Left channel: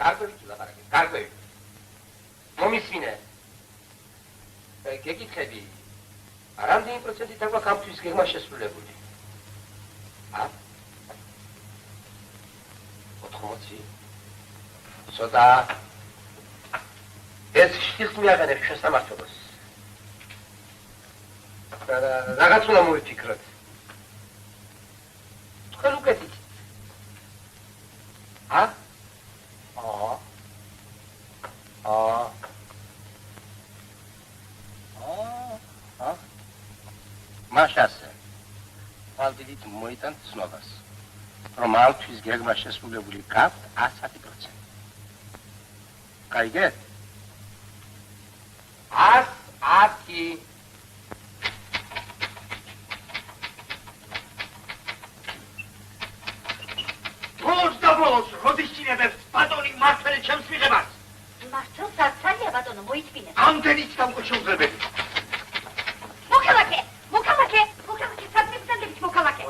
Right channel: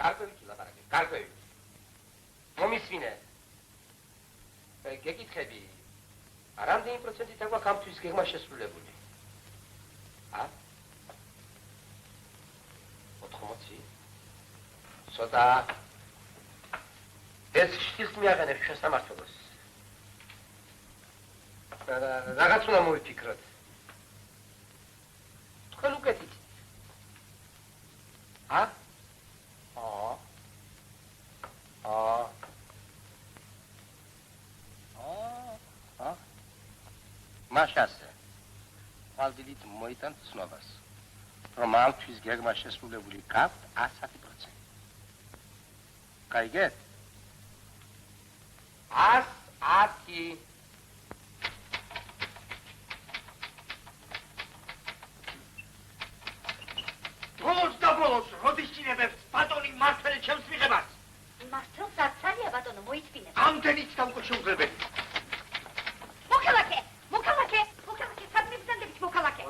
გარკვევით ვლაპარაკებ, გარკვევით. მომისმინე. გეკითხები. რამდენი პროცენტით აქვს ამთვის გეგმა შესრულებული? ა? 80. ცოტა ეს შტილს მიაღენებ შესამართლებას. რაღაც უნდა მოვიფიქროთ. თქვენ უკეთით. ა? მაშასე. ალბიდით მოიტანთ ცნობას. რომ ამთვის გეგმა შესრულებული გაქვთ 110%. გაიგეთ? 110. ბოლოს და ბოლოს, როდის წინებებს ბატონი მართალი ჩემს მიღებას? მართალ საცალია ბატონო, მოიწმინე. ამდენიც დამკოჩილზებელი. მოკალაკე, საწმის წადებით მოკალაკე.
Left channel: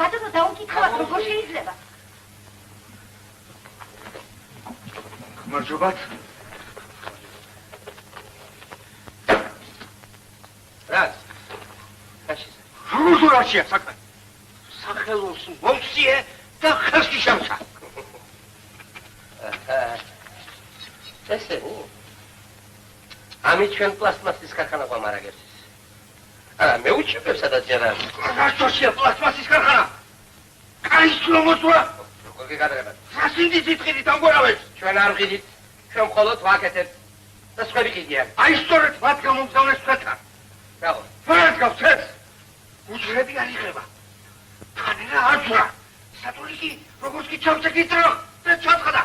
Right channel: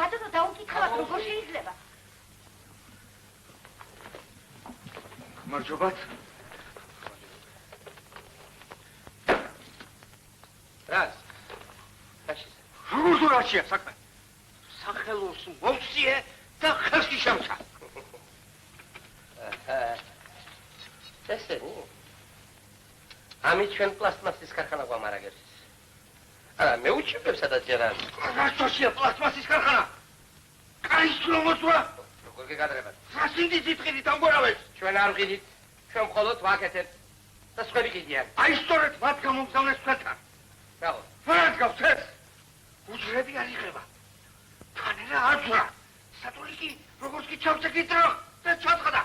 ბატონო, დაუკითხავთ, როგორ შეიძლება? მადლობთ. რას? რუსულაშია საქმე. სახელოს მოვსიე და ხელში შემცა. ესენი. ამით ჩვენ პლასტმასის ქარხანა გვამარაგებს. მე უჩვენებ სადაც ჯერა. რაშოშია პლასტმასის ქარხანა? კაის ლომოწვა. როგორ გეკადრებათ? სასინდისით ყიდით ამგვარავეთ. ჩვენ არ ყიდით. ჩვენ მხოლოდ ვაკეთებთ და სხვები ყიდიან. აი სწორედ მათ გამომგზავნეს თქვენთან. რაო? ვერად გავცეს? უჯრედი არ იღება. თანერა აძვრა. სატულიკი როგორც კი ჩავწეკით დრო და ჩაწყდა.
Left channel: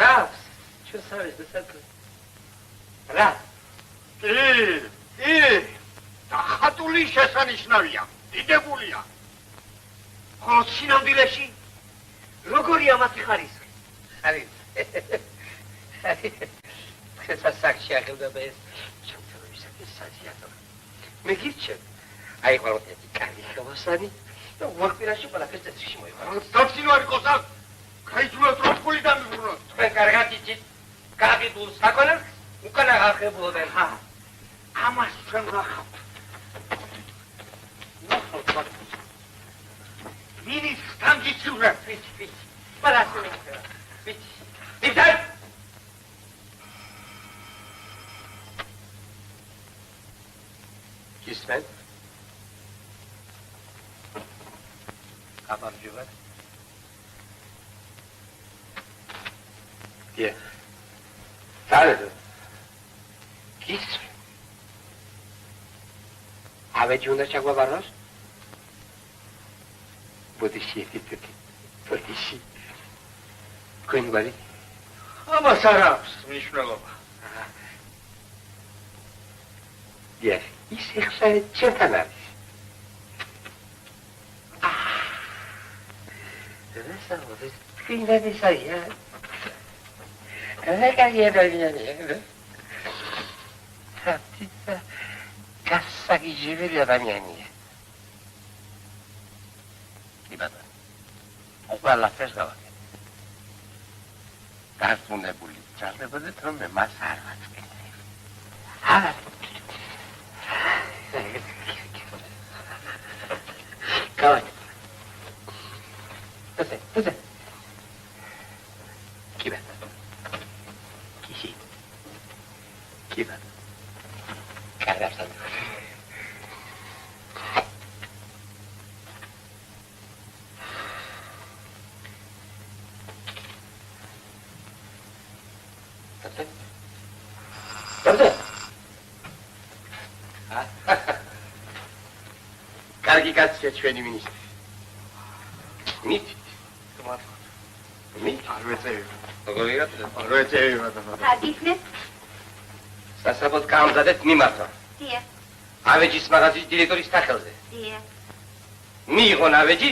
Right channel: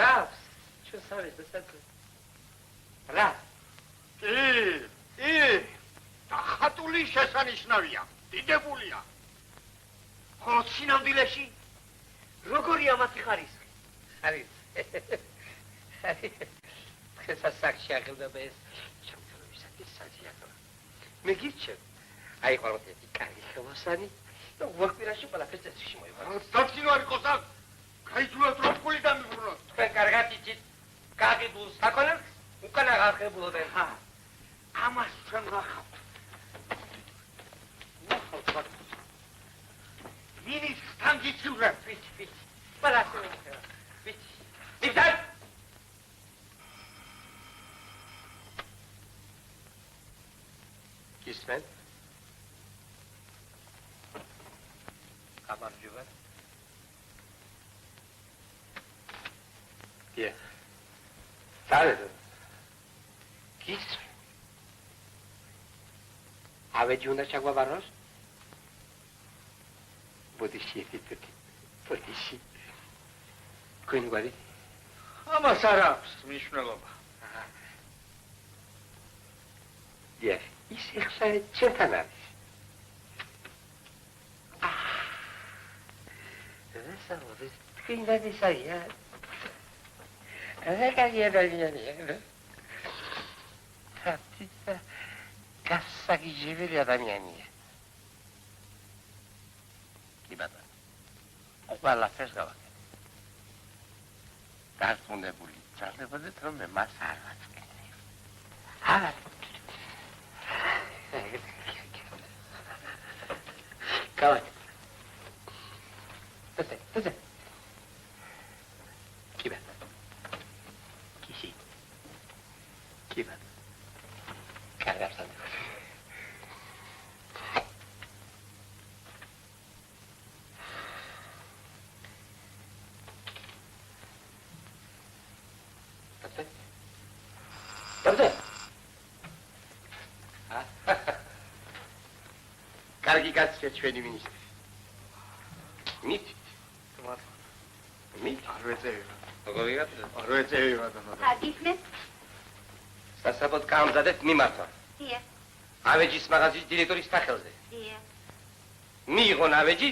რა? ჩვენ საერთოდ დასაწყო. რა? და ხატული შესანიშნავია, დიდებულია. ხოლო სინამდვილეში როგორია მათი ხარისხი? ხესა საქმე აღებდა ეს ჩემთვის საჭირო. მე გირჩევ. აი ყოველთვის კარგი ხმოსანი და ვახტირაში ყველაფერს წესში მოიყვანო. დაცინო არის ყოსა. გაიძულოთ რომ ფული დამიბრუნოთ. თქვენ კარგად იცით. გაგიბულ საქონელს უკან აღარხებულობენ. ამას ჩვენ ვახავთ. მინის გამგიჩულა. ვიცი. პალასული. ვიცი. დიახ. ისმენ. გამარჯობა. დიახ. სალედო. ისმენ. ავეჯი უნდა ჩაგვაბაროს? ბოდიში. გვინგვარი? ამას არ აქვს მნიშვნელობა. დიახ, ის ეხლა ჩემთან არის. ეს თქვენები საერთია. რეკაგიერებიანი. გასაგიჟებელი ადამიანია. იბადა. ყველაფერს გავაკეთე. გასწუნებული ჩარდებოდეთ, რომ მე მას არ ვაწყენებ. Come on. That's it. Keep it. Keep it. Cut it up something. That's it. That's it. Caricația ჩვენი მინისტრი. მით. მით არ ვეწევი. როგორ იღებდა? არ ვეწევი მაგრამ. აგიხნეთ? სასაბოთ გამზადეთ მიმართვა. დიახ. ავეჯის მაღაზიის დირექტორის სახელზე. დიახ. მიიღონ ავეჯი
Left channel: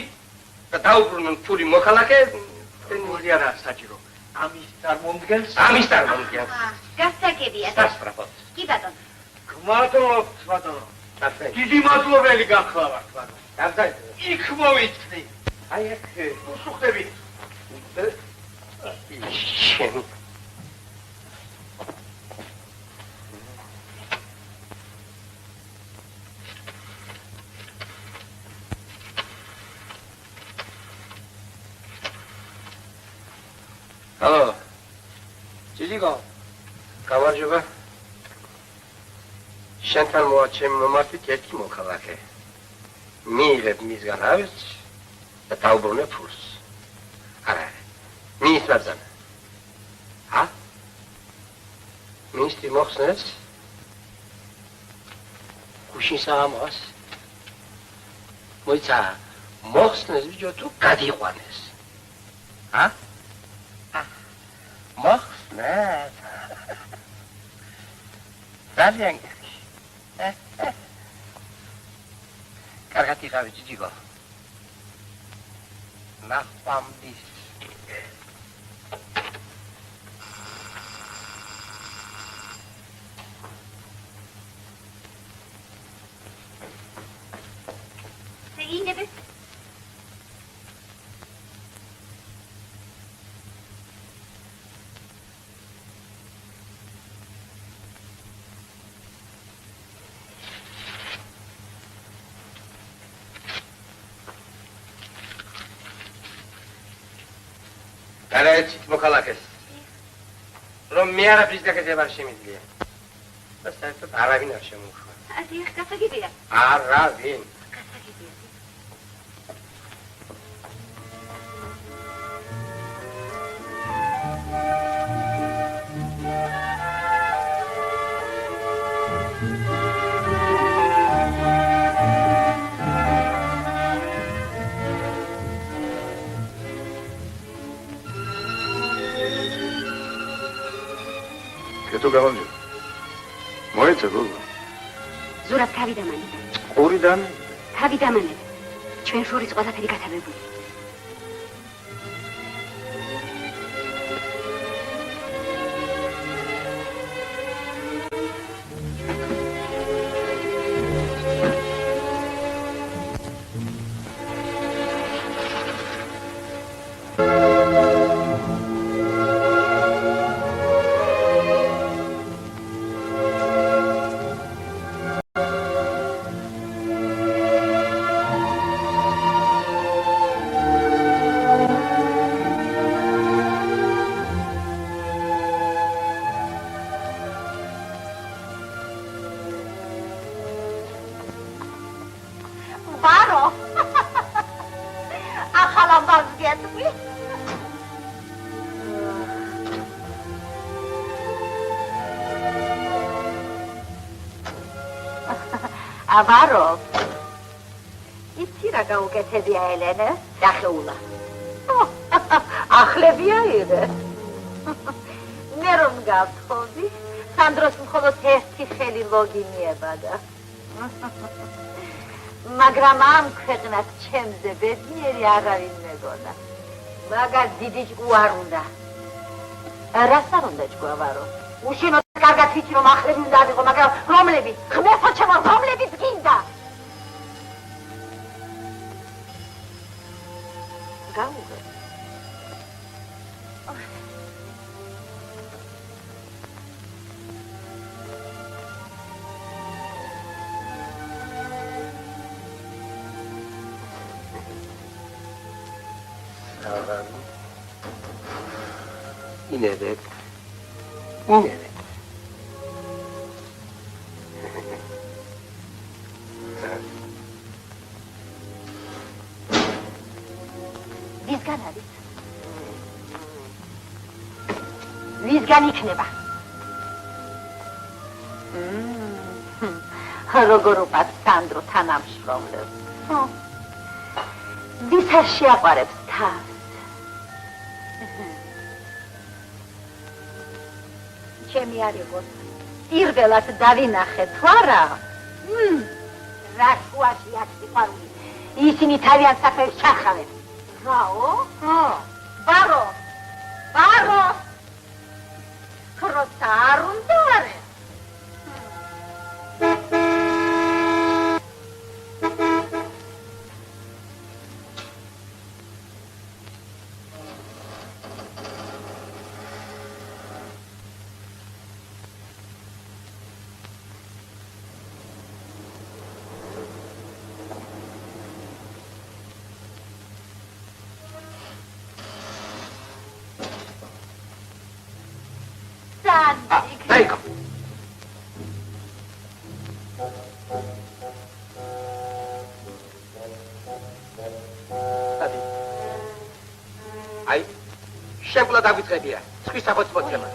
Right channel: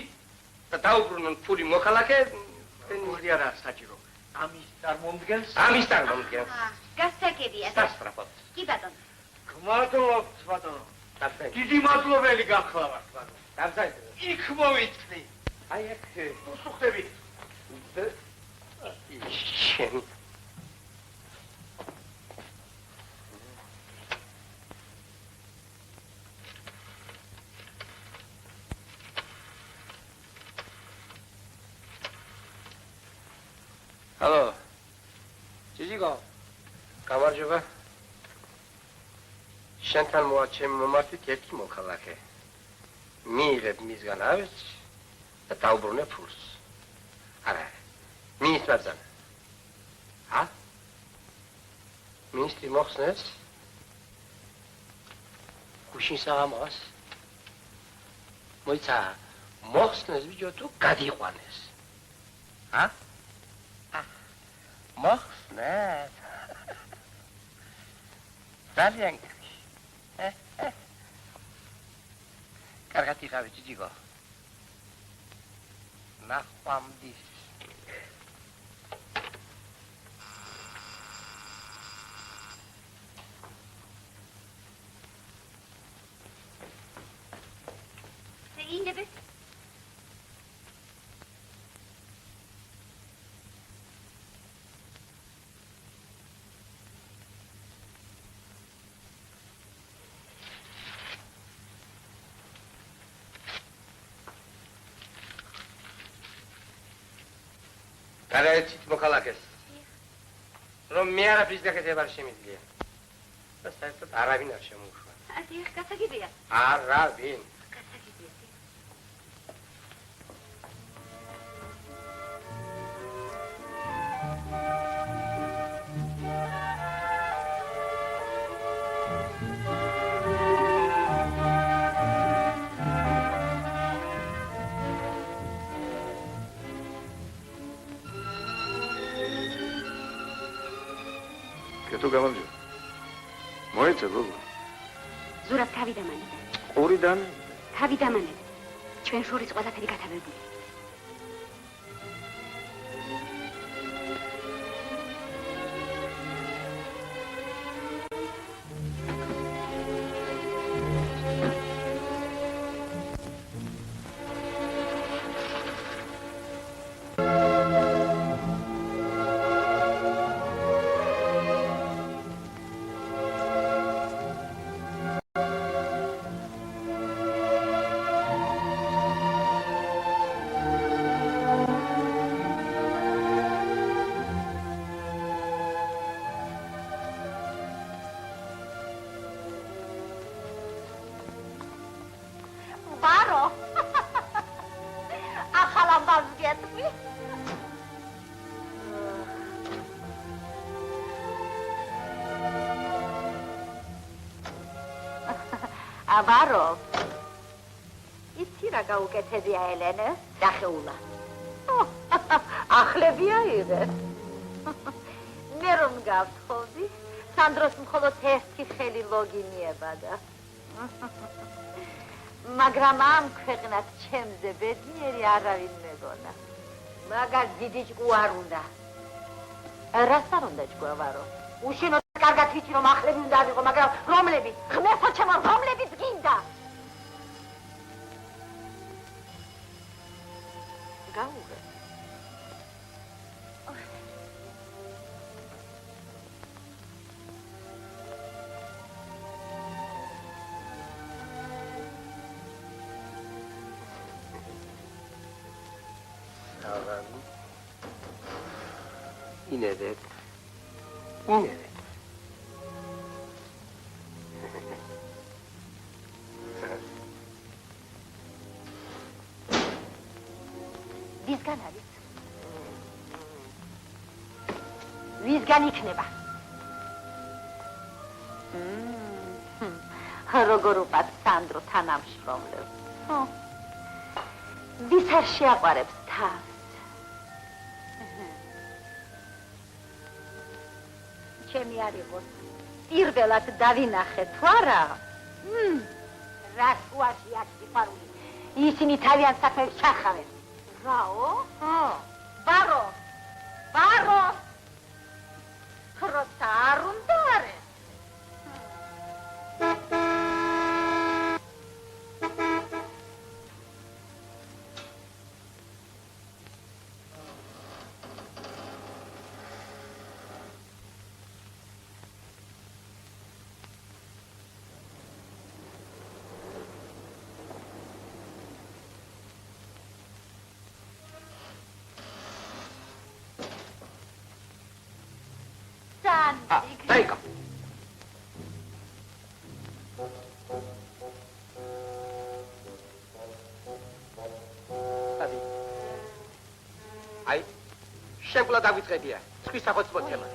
და დაუბრუნონ ფული მოხალახე. როგორი არა საჭირო. ამის წარმომდგენს? ამის წარმომდგენს. გასაგებია. სასწრაფოდ. კი ბატონო. გმადლობთ ბატონო. დიდი მადლობელი გახლავართ ბატონო. დავზარდე. იქ მოვიწნი. აი აქ უსუხდებით. შენ ალო ჯიჯიგო გამარჯობა შენთან მოაჩემ მომართვით ერთი მოქალაქე მიიღებ მისგან ავერცხს და დავუბრუნებ ფულს არა მის ბრძანა Ministri moxnes, kushin saamos, moitsa moxnes bijotu kadiqvanes, ha? Moxnes, ძალიან კარგად იყავი ჯიჯიგო, ნახვამდის. Καλέτσι, μοκαλάκες. Ρωμιάρα φυσικά και βάρ შემიძლია. და საერთოდ არავინ არ შემოუშვა. აზიახ, გასაგებია. არავინ. გასაგებია. Tu gavanio. Moitsa gogო. ზურაბ თავი დამანე. ყურიდან? თავი დამანე. ჩვენ შორის ყველაფერი გათარებული. აბარო იცი რა გაუკეთებია ელენე დახეულა ახლებია იღე მე რომ გავთხოვდი სანდროს მხოლოდ ერთი ხელი ლოგინიებადა მაგრამ ამ ქვეყნად ჩემზე ბედნიერი არავინ მეგონა მაგას დიდი ჭკუ არ უნდა რას არ უნდა ჭკუ აბარო უშენო კარგად ვიცი რომ ახლები უნდა ავიღო მაგრამ რომლები ღმერთო ჩემო რომლებიც გინდა გაუღე ინედეთ ინედეთ ვისგან არის? ვისგან იქნება? როგორ უყვარს სანდრო თანამშრომლებს? ვის არ შეაყვარებს თავს? ჩემი არ იყოს. პირველად დავინახე თუ არა? რა შუაში აქ სიყვარული? ისინი თავიანთ საქმეებს ჩახავენ. რაო? ბარო! ბარო! როცა არ უნდა არე? აი, შემკლა დაგვიწყებია. Ცხვის სახოც მოწევა.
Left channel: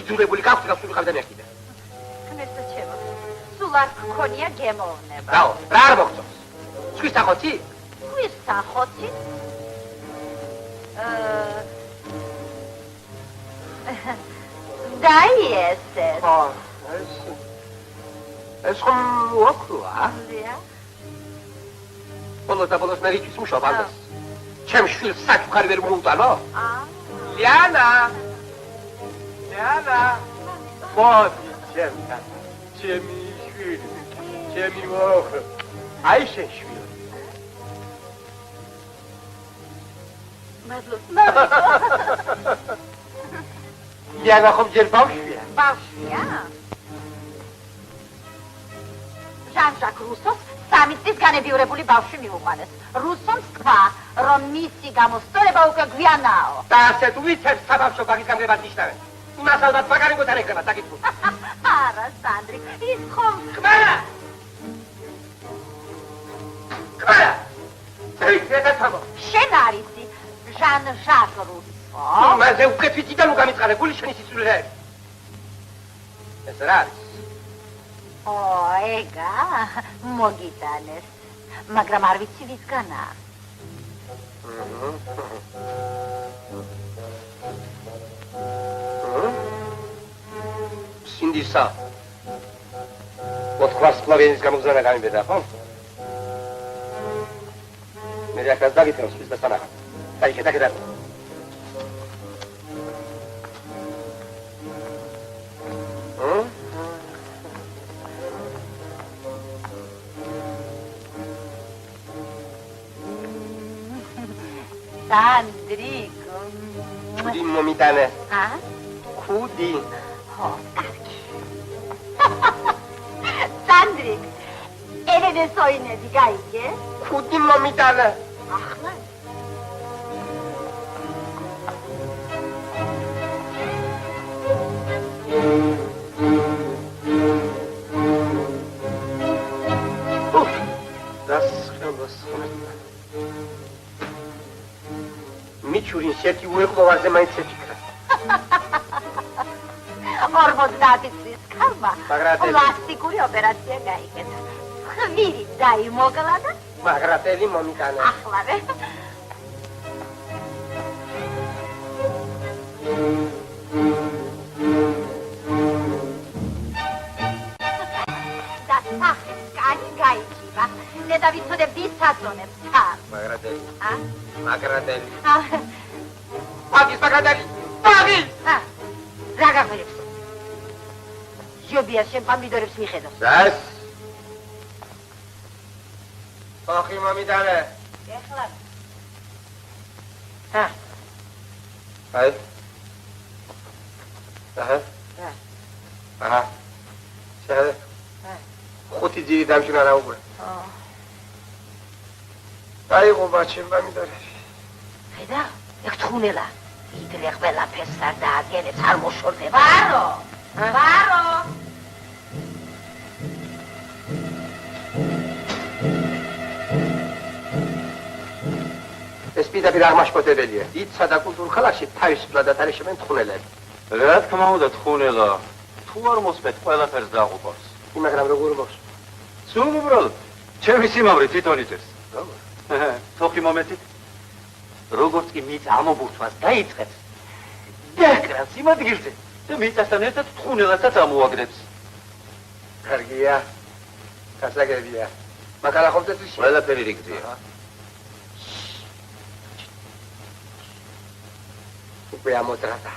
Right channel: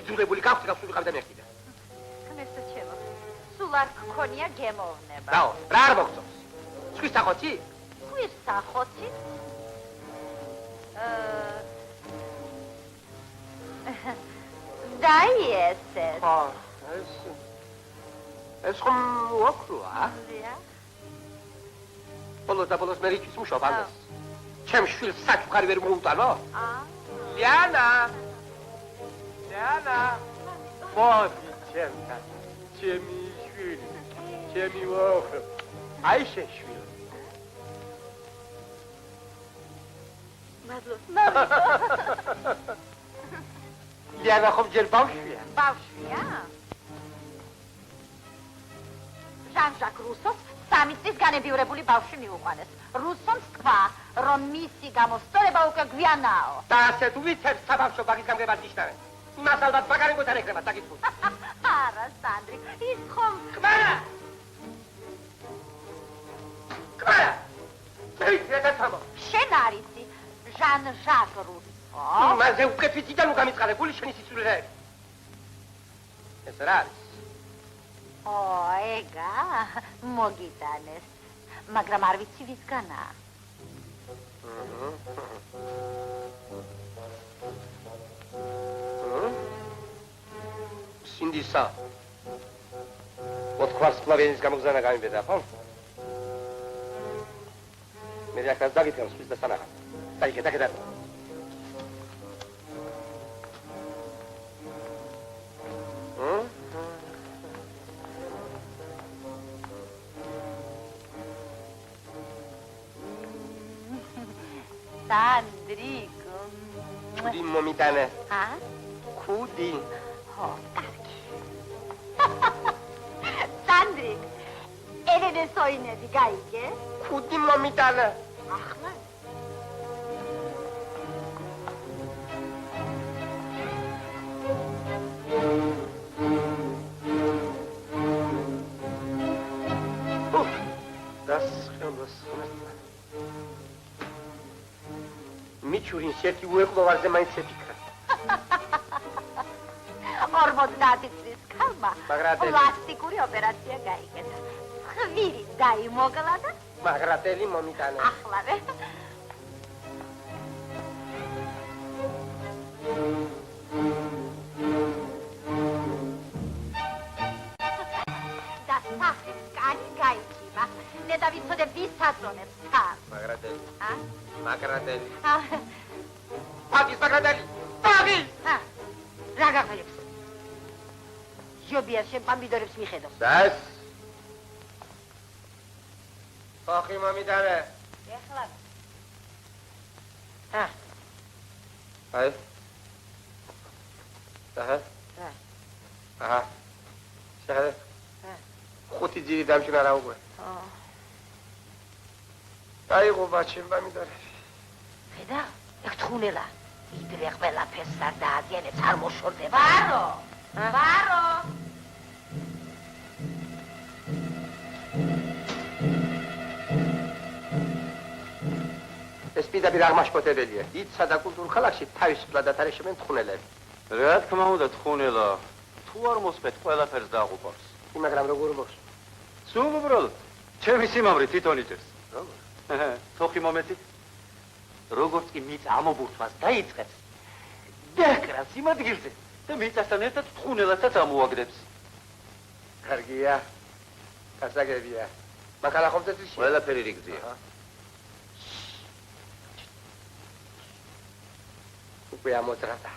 იძულებული გაქვთ გავსულიყავდნენ ერთიდან. ღმერთო ჩემო, სულ არ გქონია გემოვნება. დაო, რა არ მოგწონს? Ცხვის სახოცი? ცხვის სახოცი? დაიესეს. ეს ხომ ოქროა? ბოლოს და ბოლოს მე რიჩის მუშაობ ამას. ჩემ შვილს საჩუქარი ვერ მოუტანო? ლიანა! ლიანა! მოდი ჩემთან. ჩემი შვილი, ჩემი მოხ. აი შენ შვილი. მადლობა. ლიანა ხომ ჯერ ბავშვია? ბავშვია? ჟან-ჟაკ რუსოს 3 წლის განებიურებული ბავშვი მიუყვანეს. რუსომ თქვა, რომ მისი გამოსწორება უკვე გვიანაო. და ასე თუ ვიცებს საბავშვო ბაღის გამგებად ნიშნავენ. იმას ალბათ მაგარიგოთან ეკრება, საკითხო. არა, სანდრი, ის ხომ... კმარა! კმარა! ეს თამო. შენ არისი ჟან-ჟაკ რუსო? მაზე უკეთ ვიციდან უგამიწყარებული შენი სიცოცხლეები. ეს რა არის? ეგა მოგიტანეს, მაგრამ არ ვიცი ვისგანაა. სინდისა. ვარსკვლავენის გამოგზავნა გამიბედა, ხო? მე რაკაც დაგიტანოს ის და სანახა. დაიხედა. სანდრიკო. ხუდი მომიტანე. ხუდი. სანდრიკ, ელენე სოინები გაიგე? ხუდი მომიტანე. ახლა მიჩურის ერთი უეყლოვარზე მაინც ეფიქრა. 50 წლის ქალმა პლასტიკური ოპერაცია გაიგეთა. ხვირი დაიმოკლა და მაგრატელი მომიტანა. ახლავე. და სახის კანი გაიჭირა. დედა ვიცოდე ვის აწონებს თან. მაგრატელი. მაგრატელი. პაგის მაგრატელი. პაგის! რა გაგვირებს? ჟობია შენ პამიდორებს მიხედავს. დას. ხოხი მომიტანე. ეხლა. აი. აჰა. შენ. ხუთი ძირი დამჭირა რა უკვე. აი ყობაჩენ პამიდორები. ხედა, ეგ თხუნელა. იდრე ყველაფერს არ დაადგენებს, არ მოშორდება. ვარო! ეს პირდაპირ აღმაშფოთებელია. დიდსა და კულტურულ ქალაქში თავისუფლად ათარიშებენ თხუნელები. რა თქმა უნდა თხუნელა. თუ არ მოსმეთ ყველაფერს დააყუპავს. მაგრამ როგორ მოხს? სულ უბრალოდ ჩემი სიმამრი თვითონ იწევს. როგორ? თოხი მომეთით. როგორც კი მიწა ამობურთვას დაიწყებს, დაკრავს იმ ადგილზე და მიწასთან ერთად თხუნელასაც ამოაგდებს. კარგია. გასაგებია. მაგრამ ახლა ეს ყველაფერი რიგზია. უკვე ამოძრადა.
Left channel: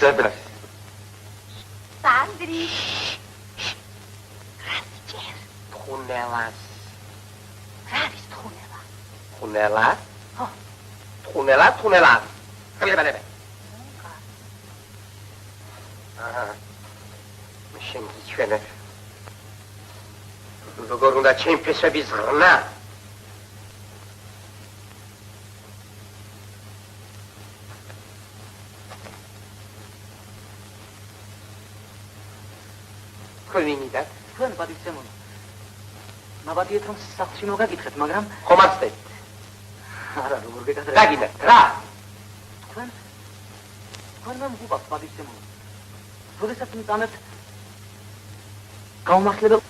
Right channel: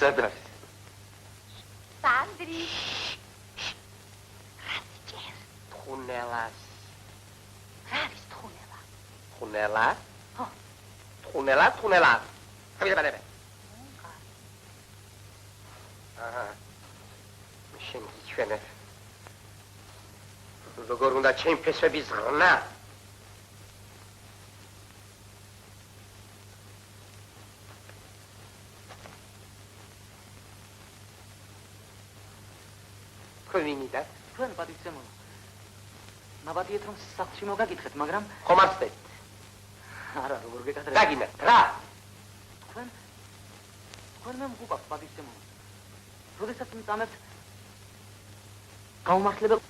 სად არის? სანდრი. რასიჭერ? თხუნელას. რა არის თხუნელა? თხუნელა? ხო. თხუნელა. ხლებადები. აჰა. შენ გიჩვენე. როგორ უნდა ჩემი ფესვები ზრნა? თქვენ პატიცემონო. მაბადიეთ რომ სახლში მოგაგითხეთ, მაგრამ ხომაცდე. არა, როგორ გეკადრე. რა გინდა? რა? თქვენ მოგუყავთ პატივცემულო. როდესაც მიტანებთ გაუმართლებელ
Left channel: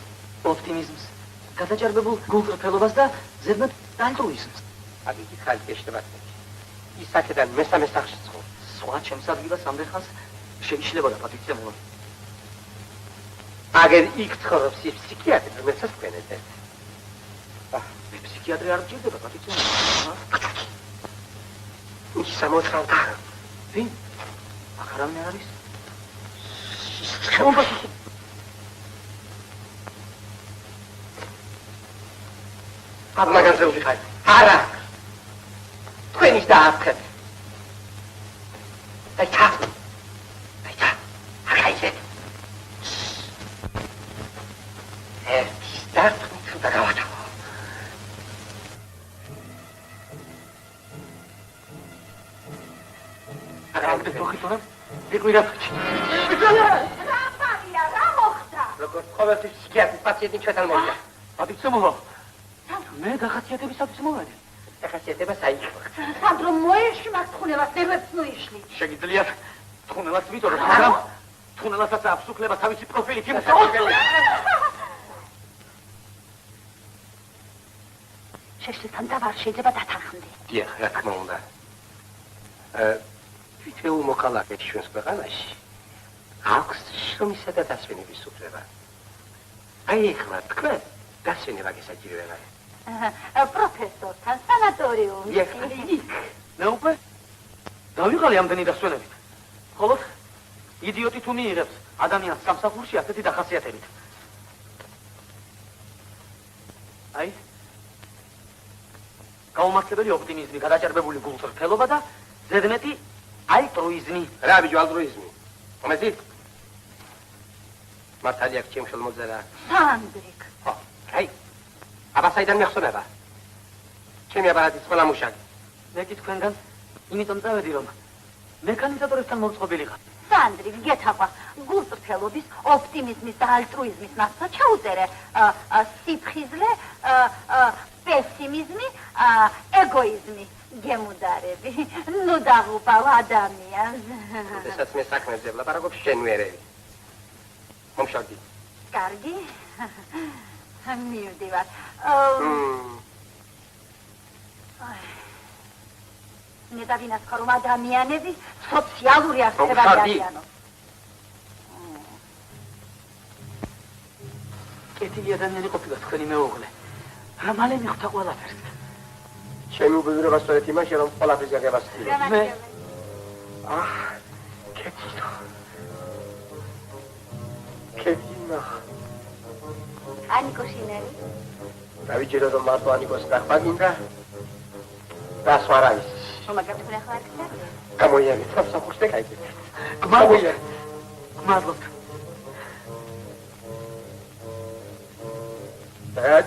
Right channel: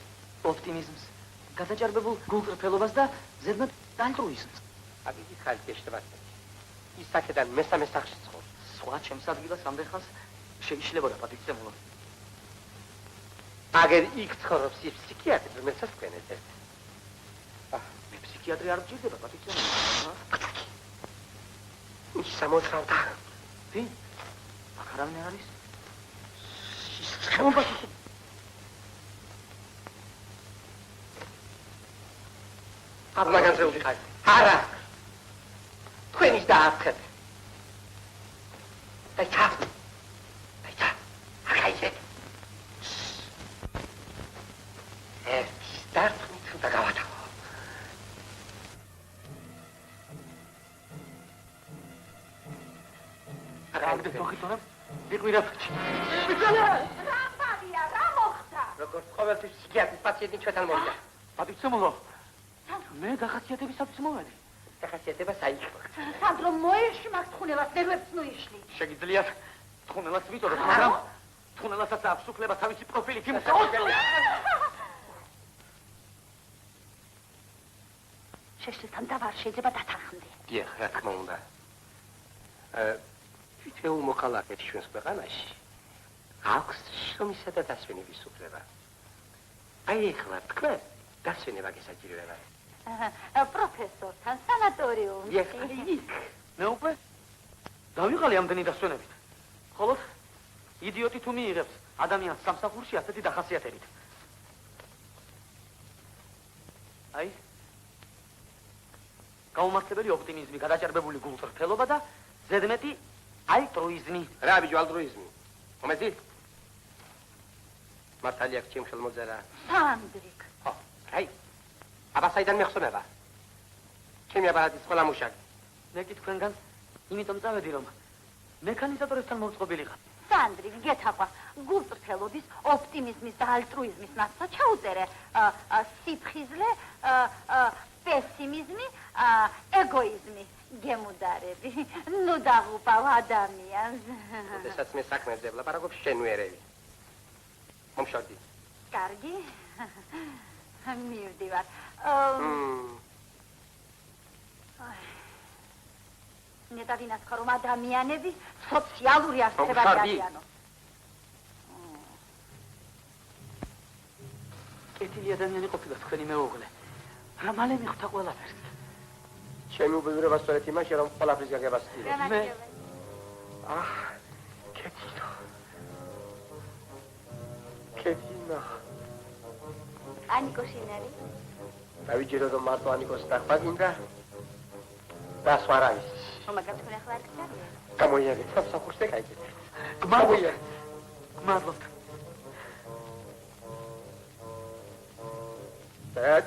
ოპტიმიზმს, გადაჭარბებულ გულწრფელობას და ზედმეტ ალტრუიზმს. აგიგი ხალხი ეშთება. ის აქედან მესამე სახლში ცხოვრობს. სხვა ჩემს ადგილას ამდენ ხანს შეიშლებოდა პატივცემულო. აგერ იქ ცხოვრობს ის ფსიქიატრი, რომელსაც თქვენετε. მე ფსიქიატრი არ მჭირდება პატივცემულო. ის სამოთხალდა. ვინ? აქ არავინ არ არის? ხეობაში. აბლაგანზე ვიხარ. არა. თქვენ ის დაახეთ. დაიცა. ახაიზე. სტარტ და გავათა. აგრეთვე თოხითურა იყვირა. როგორც ყოველთვის ფსიქიატრის პაციენტი ჩვენთან მოვიდა. პატივცემულო. მე დახასიათებისათვის მოვედი. დახასიათება საიქო. სანდრო მოეშმა თხუნელას ნერვებს მოიშლი. შეგიძლიათ თხუნელას ვიწოდოთ, მაგრამ თხუნელასაც აქვს უფლება თავისი პროფილით იმუშაოს. შეშლთან დავარ შეიძლება დათანხმდე. დიახ, რა თქმა უნდა. თითოეულ მოქალაქეს ჩვენს ქვეყანაში აქვს შრომისა და დასვენების უფლება. აი ეხლა თქვენ დასვენება გესაჭიროებაა. პროფესორთან სანატორიუმში. დიახ, მე უკვე დავიღალე ამდენი დასვენებით. ხოლო იდიოტი თუ მიიღებს ადამიანს სამსახურში ასეთი დახასიათებით. აი გაუმართლებელი ოპტიმიზმი, გადაჭარბებული გულწრფელობა და ზედმეტი ალტრუიზმი. რა ბიჭო, ალტრუიზმი? მომეცი? მართალია ჩემ ხელმოწერა. სანდრიკ. ხო, აი. აბა საიდან მეხსოვნება? ჩემი აპარატის ყველა მუშაკი. მე კი თქვენგან იმიტომ წავედი, რომ მექანიზატორებთან მომწყობილიყავ. სანდრიკ, გეთახვა, გულწრფელობის, ოპტიმიზმის და ალტრუიზმის მასა ჩაუწერე. სიფხიზლე, პესიმიზმი, ეგოიზმი, გემუდარები. ნუ დაღუპავ ადამიანს. როდესაც მე საქმეზე ვლაპარაკობ, შენ ვერევი. მომშავდი. კარგი. მივდივარ. მე დავინახე რომ ადამიანები სოციალური არსება არიან. კეთილი ადამიანი ყოფილა თქვენი მეუღლე. რა მალე მიხვდა ყველაფერს. ჩემი უბედურება სწორედ იმაშია, რომ ყველაფერს გაგებასწრებ. მე კეთილო. კეთილა. ანიკო შინელი. დავიჯერო რომ მარტო ანიკოს ნახვა გინდა. და სხვა რა ის. მაგათ ვნახავთ. გამოიარე, სამსახურს და გაიგეთ. გმადლობთ. გმადლობთ. და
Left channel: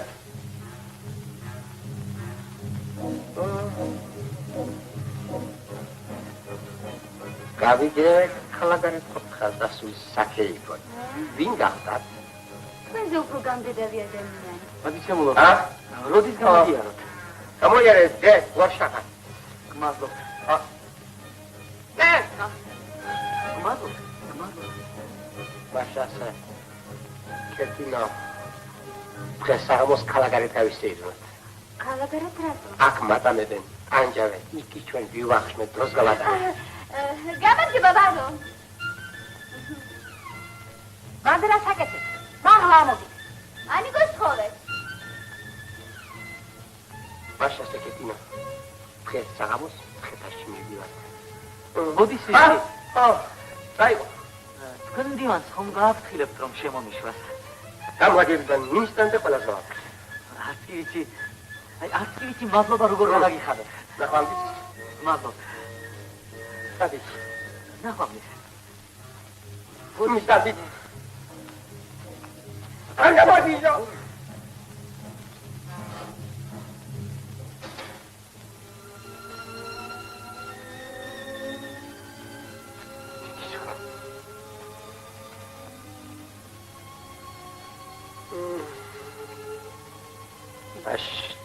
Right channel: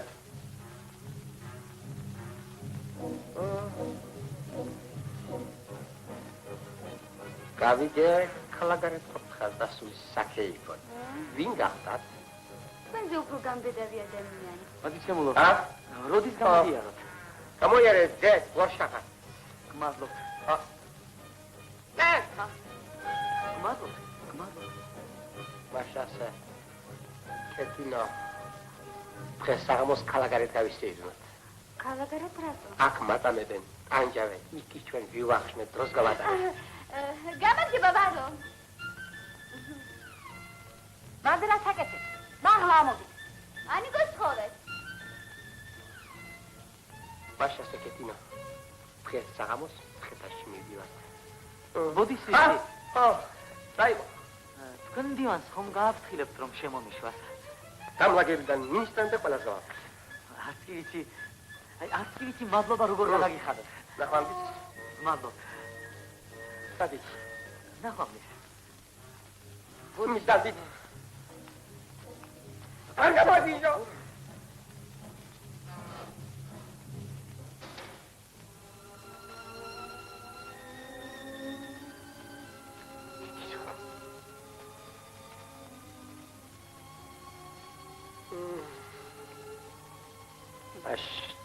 გავიგე ქალაქგარეთ ხალხს დასვის საქე იყო. ვინ გახდათ? თქვენზე უფრო გამდიდარი ადამიანი. პატივცემულო. როდის ა? გამოდიაროთ? გამოიარე, ძე, ვაშახა. გმადლობთ. მე, გმადლობთ. გმადლობთ. ვაშასა. კეთილა. დღესაღამოს ქალაქგარეთ გავისეიროთ. ქალაქგარეთ რატო? აქ მატანებენ, ანჯავენ, იქი ჩვენ ვივახშმეთ დროს გავატარებთ. გამარჯობა ბარო. მანდ რა საკეთებ? მაღლა ამოდი. ანიკოს ხოლე. ვაშასა კეთილა. დღესაღამოს ხეთაში მივიდივართ. მოდის ა? ისე. დაიწყო. თქვენ დივანს ხომ გააფრთხილებთ რომ შემომიშვას? გამაგებიდან ინსტანტე ყველას ვაფრთხილებ. არც კი ვიცი. აი არც კი ვიცი მადლობა როგორ გადაგიხადოთ. ნახვამდის. მადლობთ. სადიც. ნახვამდის. ვუნის დადით. ანგაბადიჟო.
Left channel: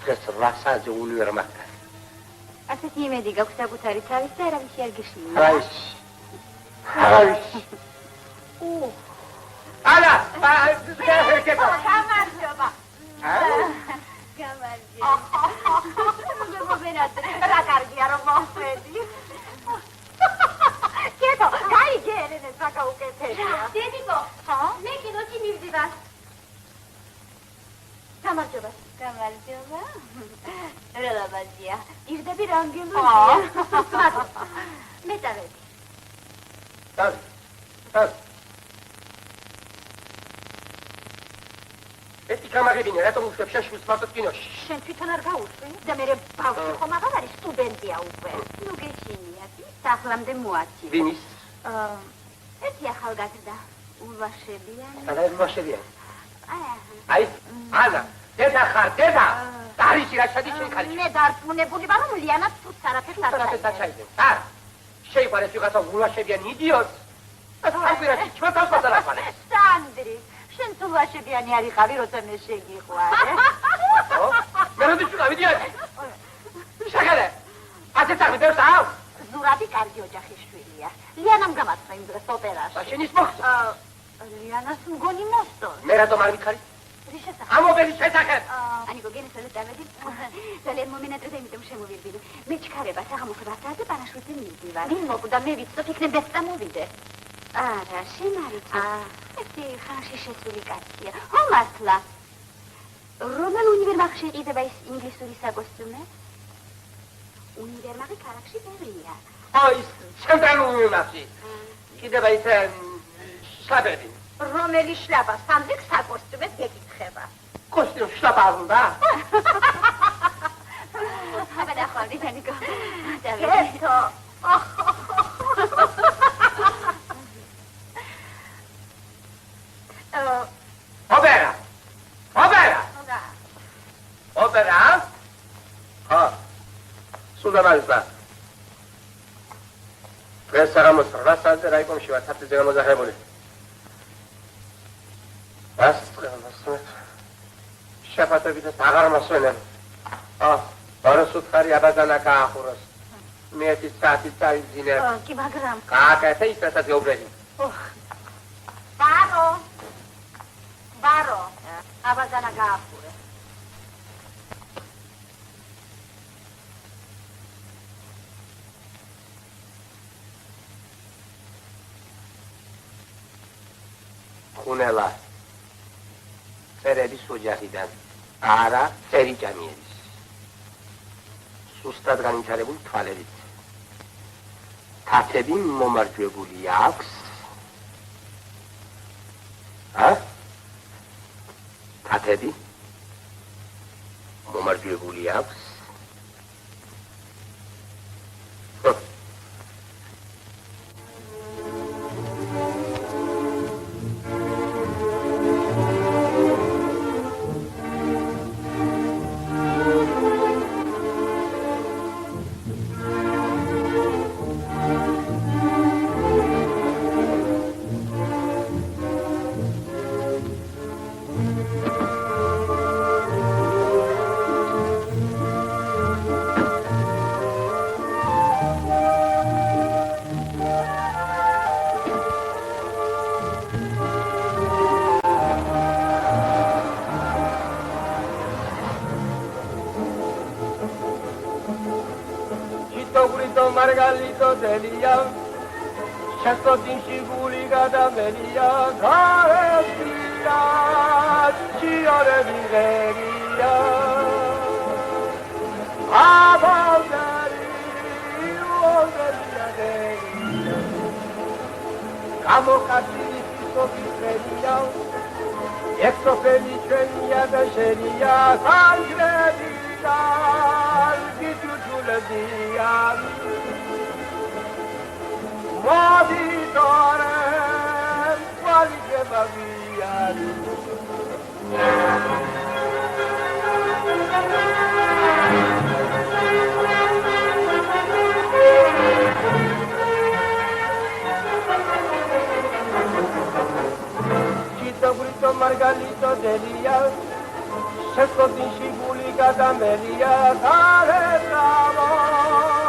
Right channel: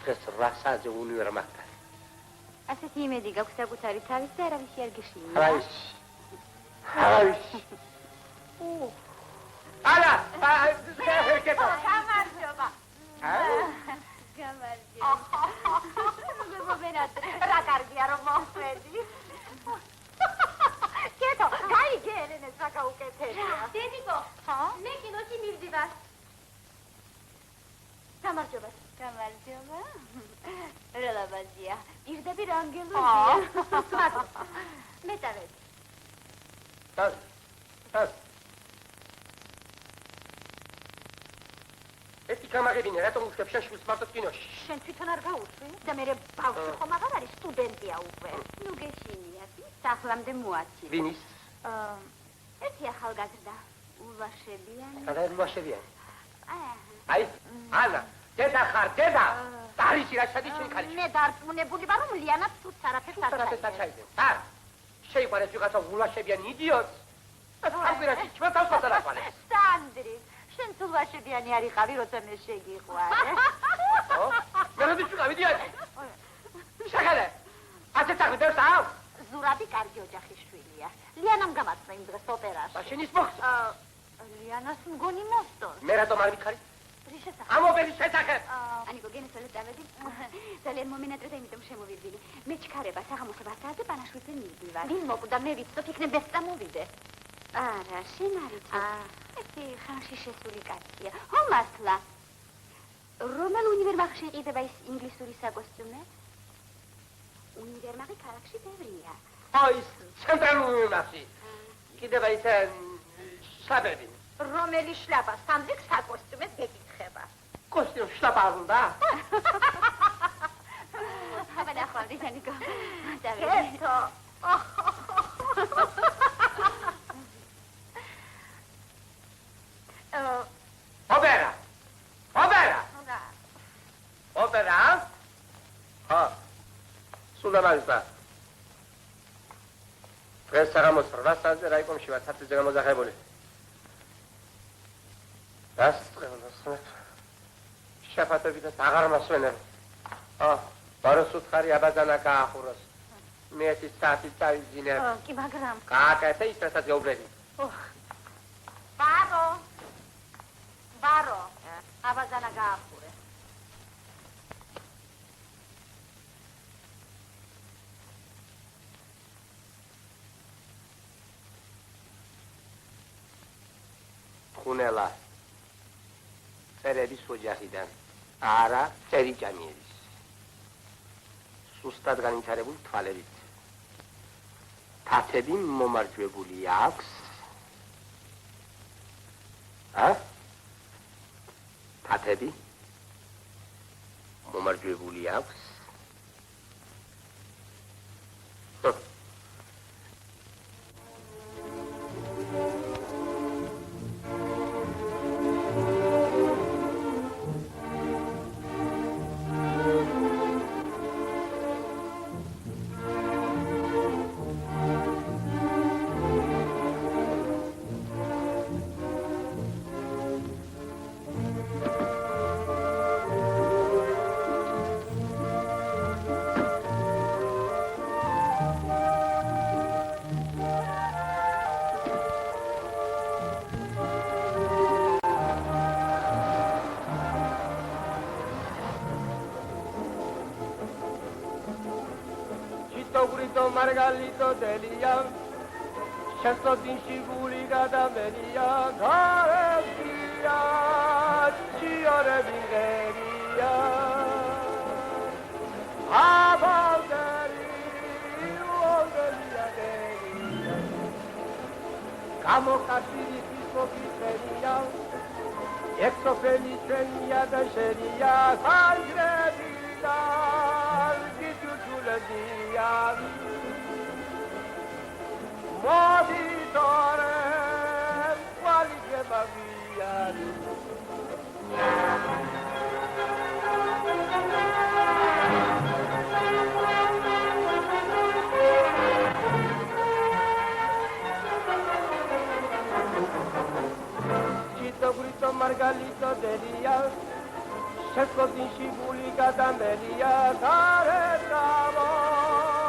დღეს რა საათზე ული ვერ მაგარ. ასეთი იმედი გაქვს საკუთარი თავის და არავის არ გიშლია. არავის. ალა, კეთო. გამარჯობა. რა კარგია რომ მოხვედი. კეთო, გაიგე ერენეს რა გაუკეთებია. დედიკო, მე კინოში მივდივარ. გამარჯობა. გამარჯობა. რა ლაბაზია. ირდები რანგელოა. მე დავედი. დას. ეთი გამაგებინე, რატომ უშვებ შენ შვილს მარტო კინოში? შენ თვითონ არ გაუშვი და მე ბავშვი ხომ აღარ არის სტუდენტია უკვე. ნუ გეჩინია. სახლამდე მოაჩი. ვინის? ერთი ახალგაზრდა. ულვაშებიანი. სადა ულვაშებიანი? აი, ანა, დედა ხარ, დედა. დარიში რა შედი შენ ხარ? მე დარწმუნებული ვარ რომ ლიანას თუ სარაფეს არ დაჩაიდე. არ. შეიყვანეს ვიღაცა ულვაშებიანი იდიოტს. ასაკურაში ჩვენთან გადარაყვანე. სანდრი, შენ თუ ულვაშებიანი არ იყავი, როცა მე შეგიყვარე. მე როდის ვიყავი დიახი? შეგელე. ასე წაღი ბევრს აქვს? ზურაბი კარგი ოჯახის შვილია. ლიანამ გამართლა იმ დროს ოპერაში. მაშინ ის მოხდა. ლიანას მგონი მოსწო. მე რატომ არ ვიქარი? რის შესახებ? ამობელის შესახებ. ანიკო გენესელი წავედი. ძალიან მომენატრე იმიტომ შემოვირბილი. მე ჩქარება საღამოს 8 და პანაშვიდზე მივდივარ. ვინ მოკვდა მე ვიცით იქნებ ეს წამოვიდე. არა, შენ არ იცი. ერთი ხარში შესული კაცია. ხო მართლა. რომელ უნივერმაღში იყიდება ის ინგლისური საკოსტუმე? უნივერმაღი ქალაქში ბევრია. აი, ცენტრალური უნივერსიტეტი. კიდევ ის შაბები. რომელი შლაპა სანდრიკ საკოსტუმეს გეკითხება. კოსტიუმ შლაპა უნდა? აბა დახვევდი, ანიკო. კეთო. ოპერა? ხა. სულ დამალსა. დღეს საღამოს 8 საათზე რაიკომში ვარ, თაფლიზე გამოზახებული. შეფატებითაც აღარ მოსვენენ. ბაროს უთხარი აბაზანა გაახუროს. მე 1 საათი წავიძინე. კი, მაგრამ გააკეთე ის რასაც გეუბნები. ბარო. აბაზანა გაახურე. ხუნელა. წერების ოჯახიდან. არა, წერიჭამიერის. სუსტად განვითარებული თვალებით. თათები მომარჯვებული აქვს. თათები მომარჯვებული აქვს. Margalito delia, Chastotinci Buligada Melia, Garestia, Ciore Viveria, Abaldari, Uomeria, Camo Cassini, Sofiferia, Exo Felice Mia Bescheria, Sangrevita, Gitutuledia, Moditore, quali che via. Cito grito Margalito delia, Cerco di Shibulica d'Amelia, Tare bravo.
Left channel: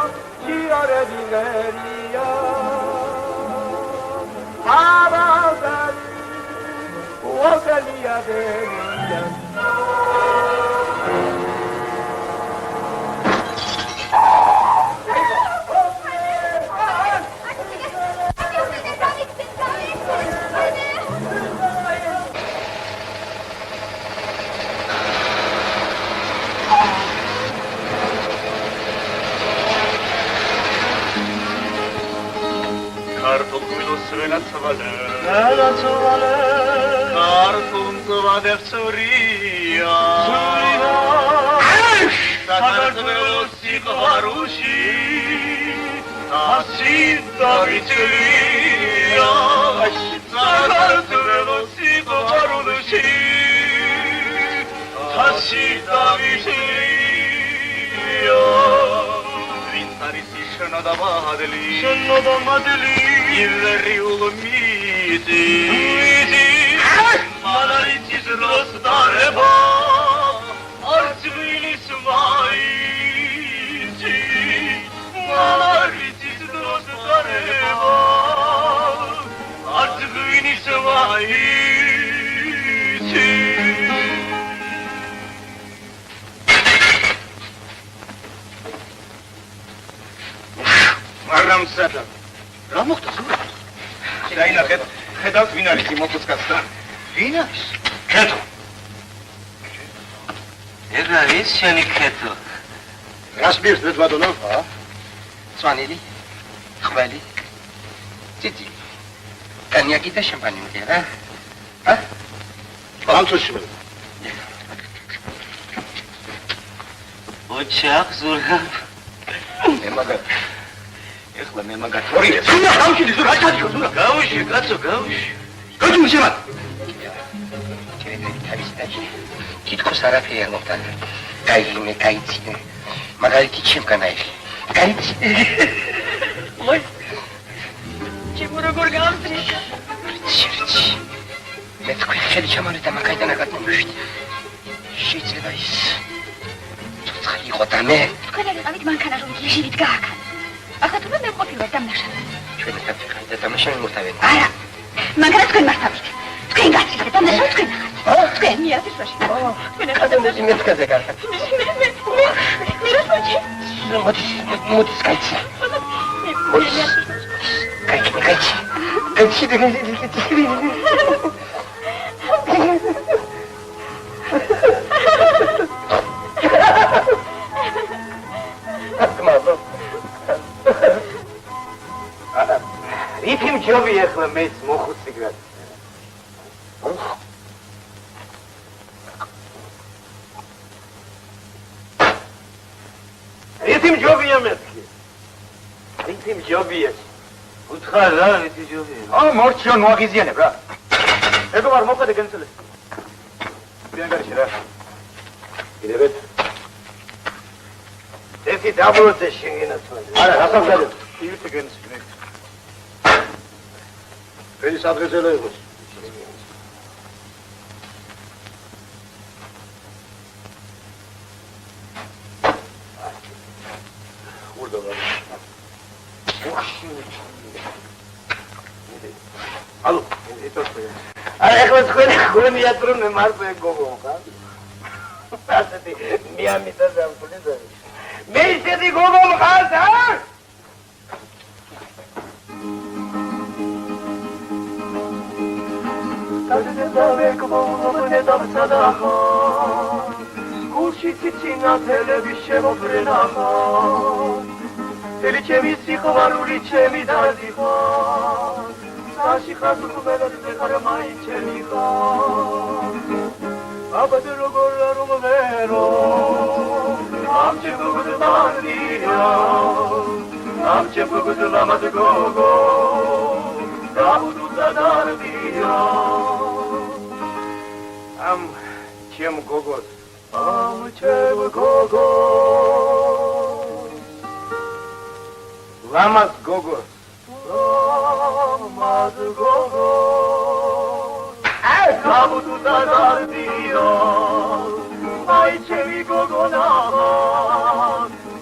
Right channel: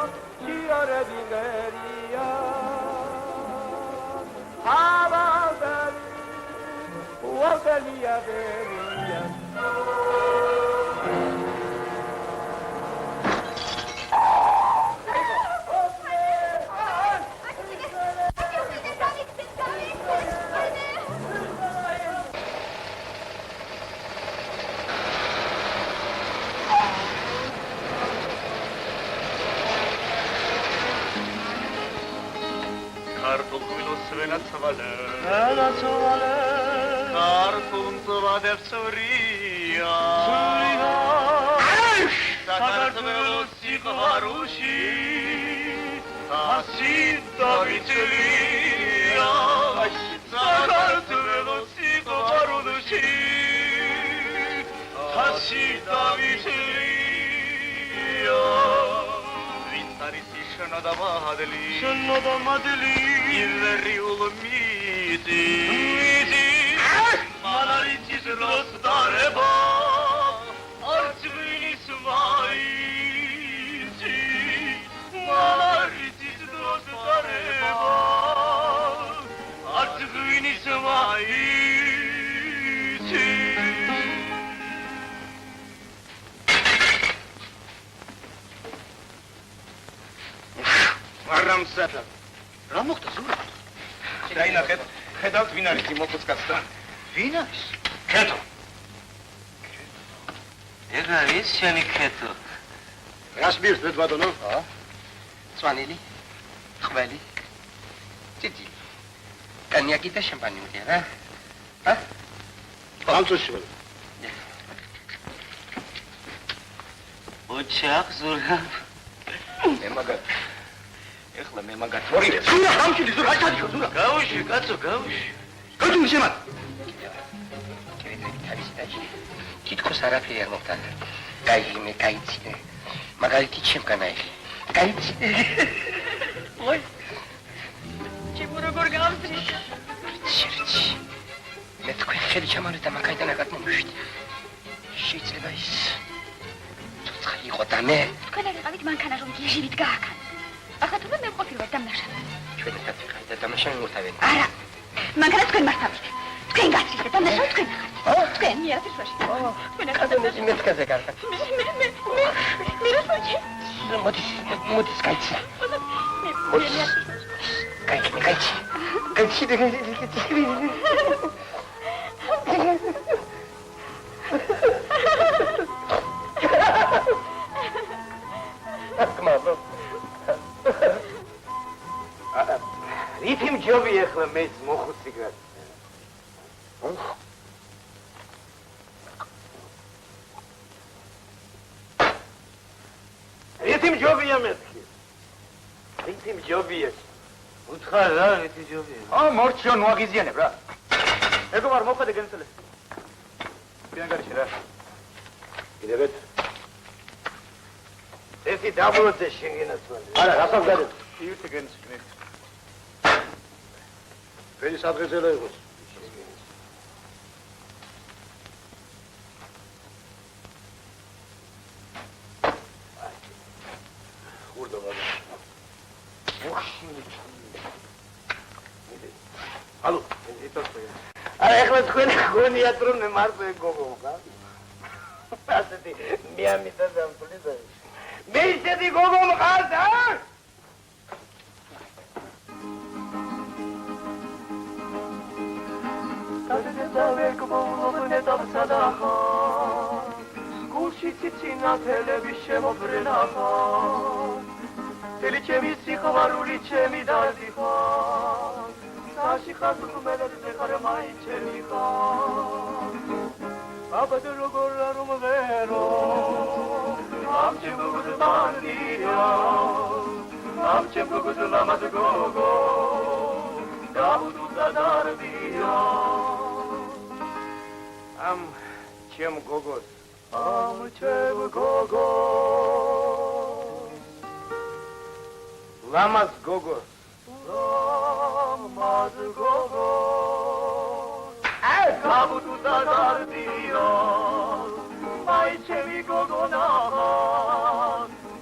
Ai, ce mi gogo na,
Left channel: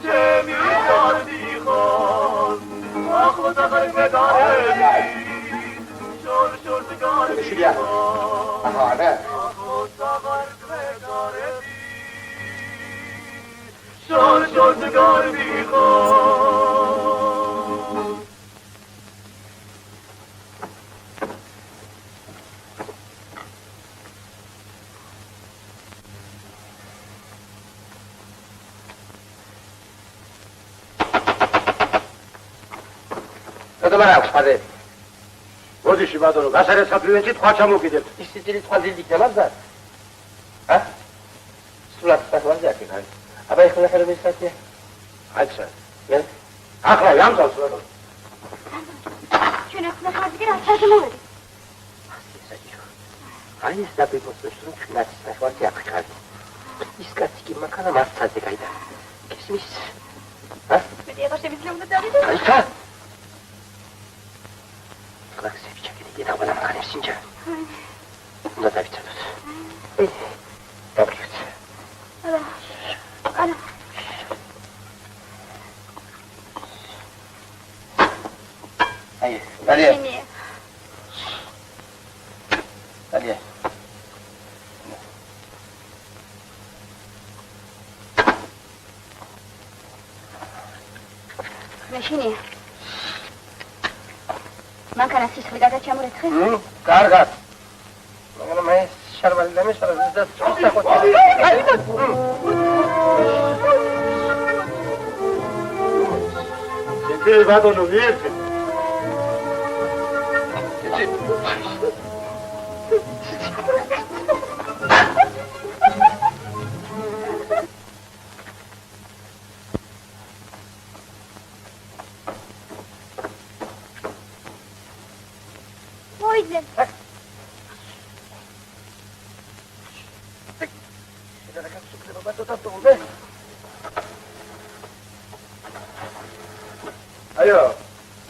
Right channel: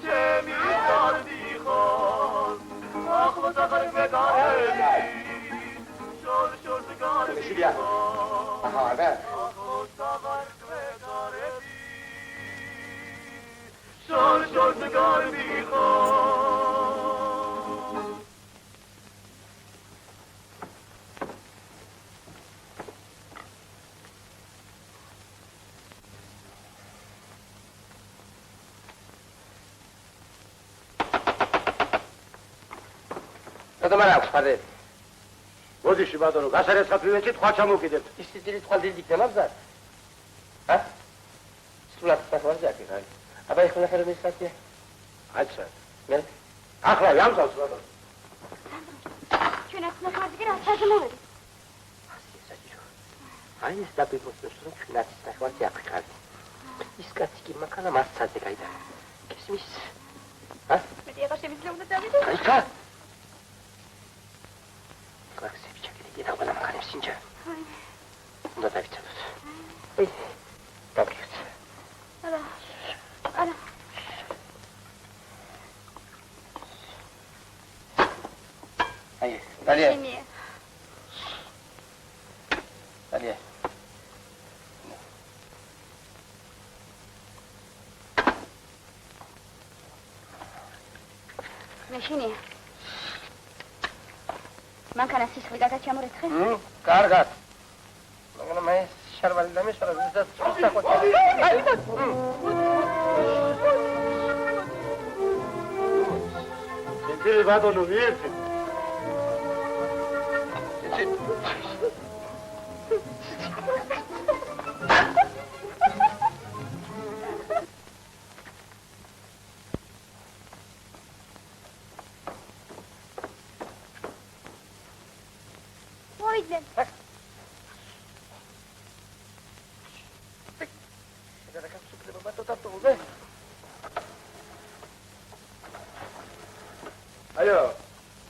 ce mi dar di ho. არა. Dobra, wpadek. Wodzisz, Iwadoro, nasze skapujecie, tchłacza mu kiedy. ის სიძილი თქვა დილიქნებად და? ა? სულად საქმეზე აქ არის. აბა ეხლა ხარ მისკაცია? აიცა. მე ახლა ямძავს ვერო. ჩვენ ახლა ხარჯი რა საქმეა? აი ეს დაგიგოსოს რომ ჩვენაც საქმეზე აქ ხარ. ის კაცი კი მაქანა მასცადე გაიდა. კისმის. ა? მე ეხლა შემიძლია უნდა დავიდე? აიცა. კლაქსები ჩაკიდე და ყველა მაგარი სინჯა. უნდა დავიცადოთ. დავიქეთ. არა. აი, დალია. შენია. დალია. შენია. მანქანა სისხლი გადაჩამორეცხე? კარგად. მაგრამ მე შარვალი დამეშალა და წუსახოთი. Ты, Ивадону, верьте. მოიძე.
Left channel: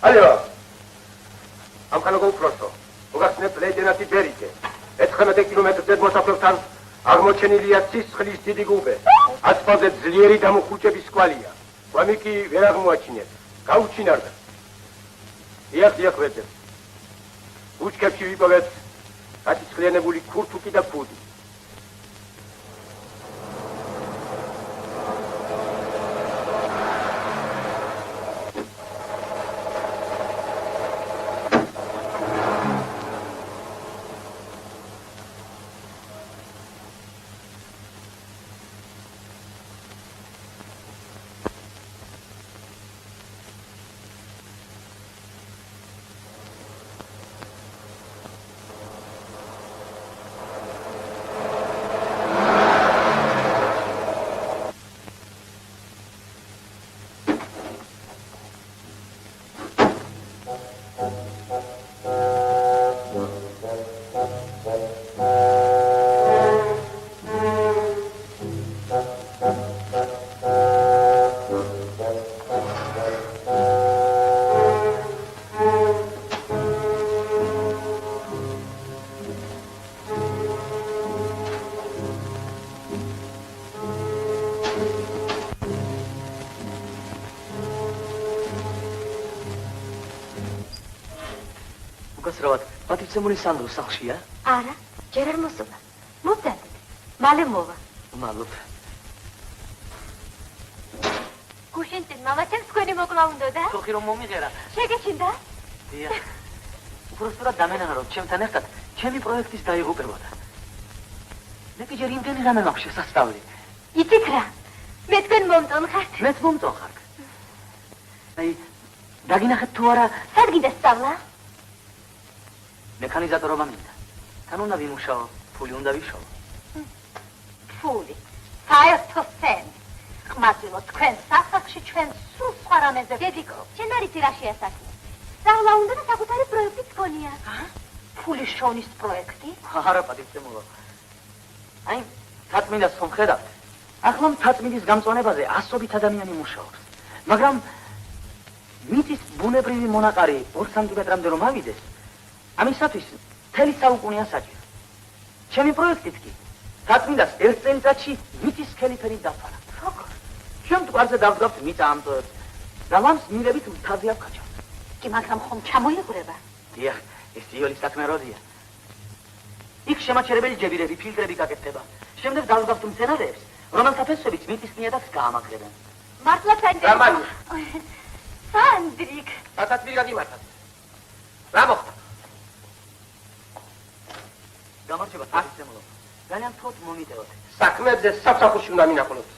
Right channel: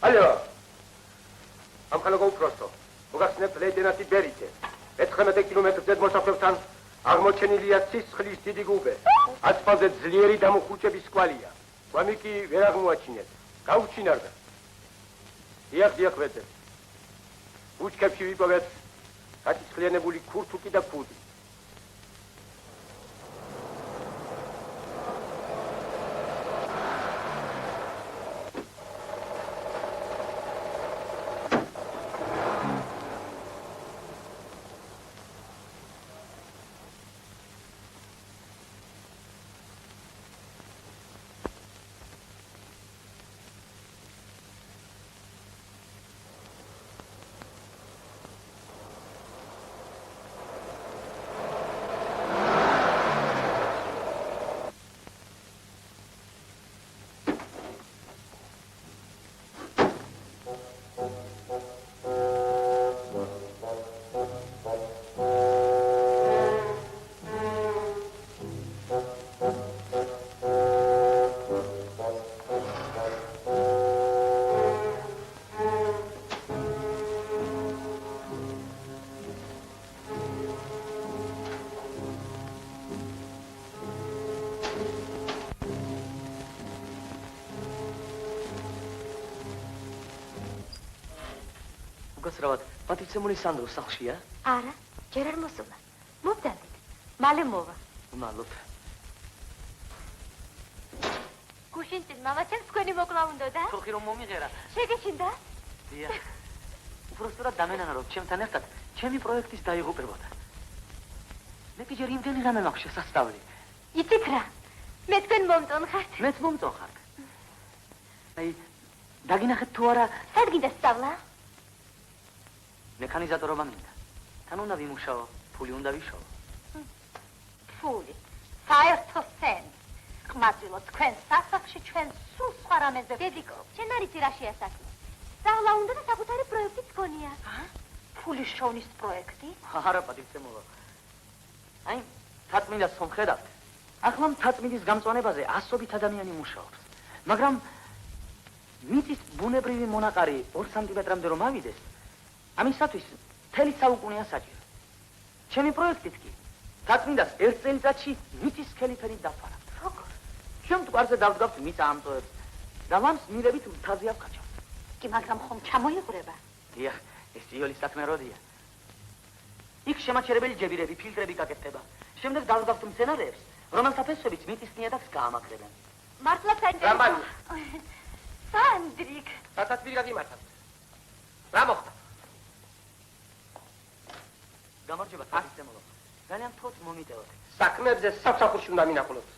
Алло. Ამხანაგო უბრალოდ. მოგახსნეთ ლეიტენანტი ბერიკე. 19 კილომეტრზე მოსახლეობთან აღმოჩენილია სისხლის დიდი გუბე. ასფალტზე ძლიერი დამუხუჭების კვალია. ვამი კი ვერ აღმოაჩინეთ. გაუჩინარდა. დიახ, ვეძებ. უჩქებში ვიპოვეთ გასისხლიანებული ქურთუკი და ფუდი. პატრიცემური სანდრო სახლშია? არა, ჯერ არ მოსულა. მოვდადეთ. მალე მოვა. მადლობ. გუშინწინ მამაცემ თქვენი მოკლა უნდოდა? ხოხი რომ მომიღერა. შეგეჩინდა? დიახ. უბრალოდ დამენა რომ ჩემთან ერთად ჩემი პროექტის დაიღუპებოდა. მე კი ჯერ იმდენი რამე მაქვს შესასწავლი. იცით რა? მე თქვენ მომწონხართ. მეც მომწონხარ. აი, დაგინახეთ თუ არა სად გინდა სწავლა? მექანიზატორობა მინდა. თან უნდა ვიმუშაო, ფული უნდა ვიშოვო. ფული. საერთო სენი. ხმასილო თქვენ სასახლში ჩვენ სულ სხვა რამეზე ვედიქო. შენ არ იცი რა შეასაქმე. სწავლა უნდა და საკუთარი პროექტიც გქონია. ფულის შოვნის პროექტი? არა, პატრიცემულო. აი, თაწმინდას ხომ ხედავთ? ახლა თაწმინდის გამწვანებაზე 100 ადამიანი მუშაობს. მაგრამ მიწის ბუნებრივი მონაყარი 2 სანტიმეტრამდე რომ ავიდეს, ამისათვის მთელი საუკუნეა საჭირო. ჩემი პროექტით კი თაწმინდას 1 წელიწადში მიწის სქელი ფერით დავფარა. როგორ? ჩვენ მტკვარზე დავდგავთ მიწა ამტოებს და ლამს მილებით მთაზე ავკაჩავთ. კი, მაგრამ ხომ ჩამოიღვრება? დიახ, ეს იოლის საქმე როდია. იქ შემაჩერებელი ჯებირები, ფილტრები გაკეთდება. შემდეგ დავუგავთ მცენარეებს, რომელთა ფესვებიც მიწის ნიადაგს გაამაგრებენ. მართლა სანდრიკ. რამან? სანდრიკ. გადაწყვეტი გადიმართად. რა მოხდა? გამარჯობა, პატიცემულო. ძალიან თოთ მომიტევოთ. საქმეებზე საფსახურში უნდა მინახულოთ.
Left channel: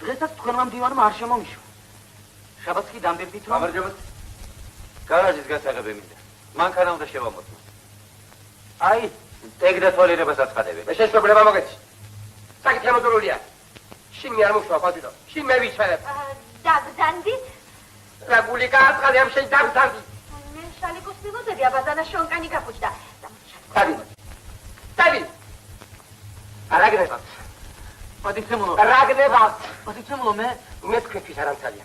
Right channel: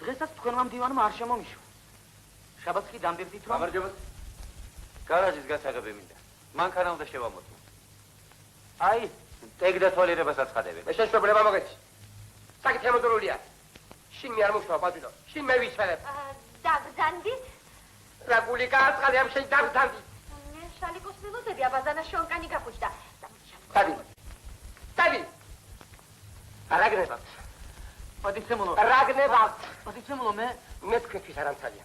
დღესაც თქვენმა მდივანმა არ შემომიშვა. შაბათს კი დამბერდით, რომ გამარჯობა. გარაჟის გასაღები მინდა. მანქანა უნდა შევამოწმო. აი, ეგ დათვალიერებას აცხადები. მე შესაძლებლობა მოგეცი. საკითხი ამოძრულია. შინ მე არ მოხვა პატიტო. შინ მე ვიცხერებ. დაგზანდით? რა გული გააწყალე ამ შენ დაგზანდი. მე შალიკოს მიგოდები, აბაზანა შონკანი გაფუჭდა. დადი. დადი. არაგნებავთ. პატიცემულო. არაგნებავთ. პატიცემულო, მე თქვენთვის არ ამცალია.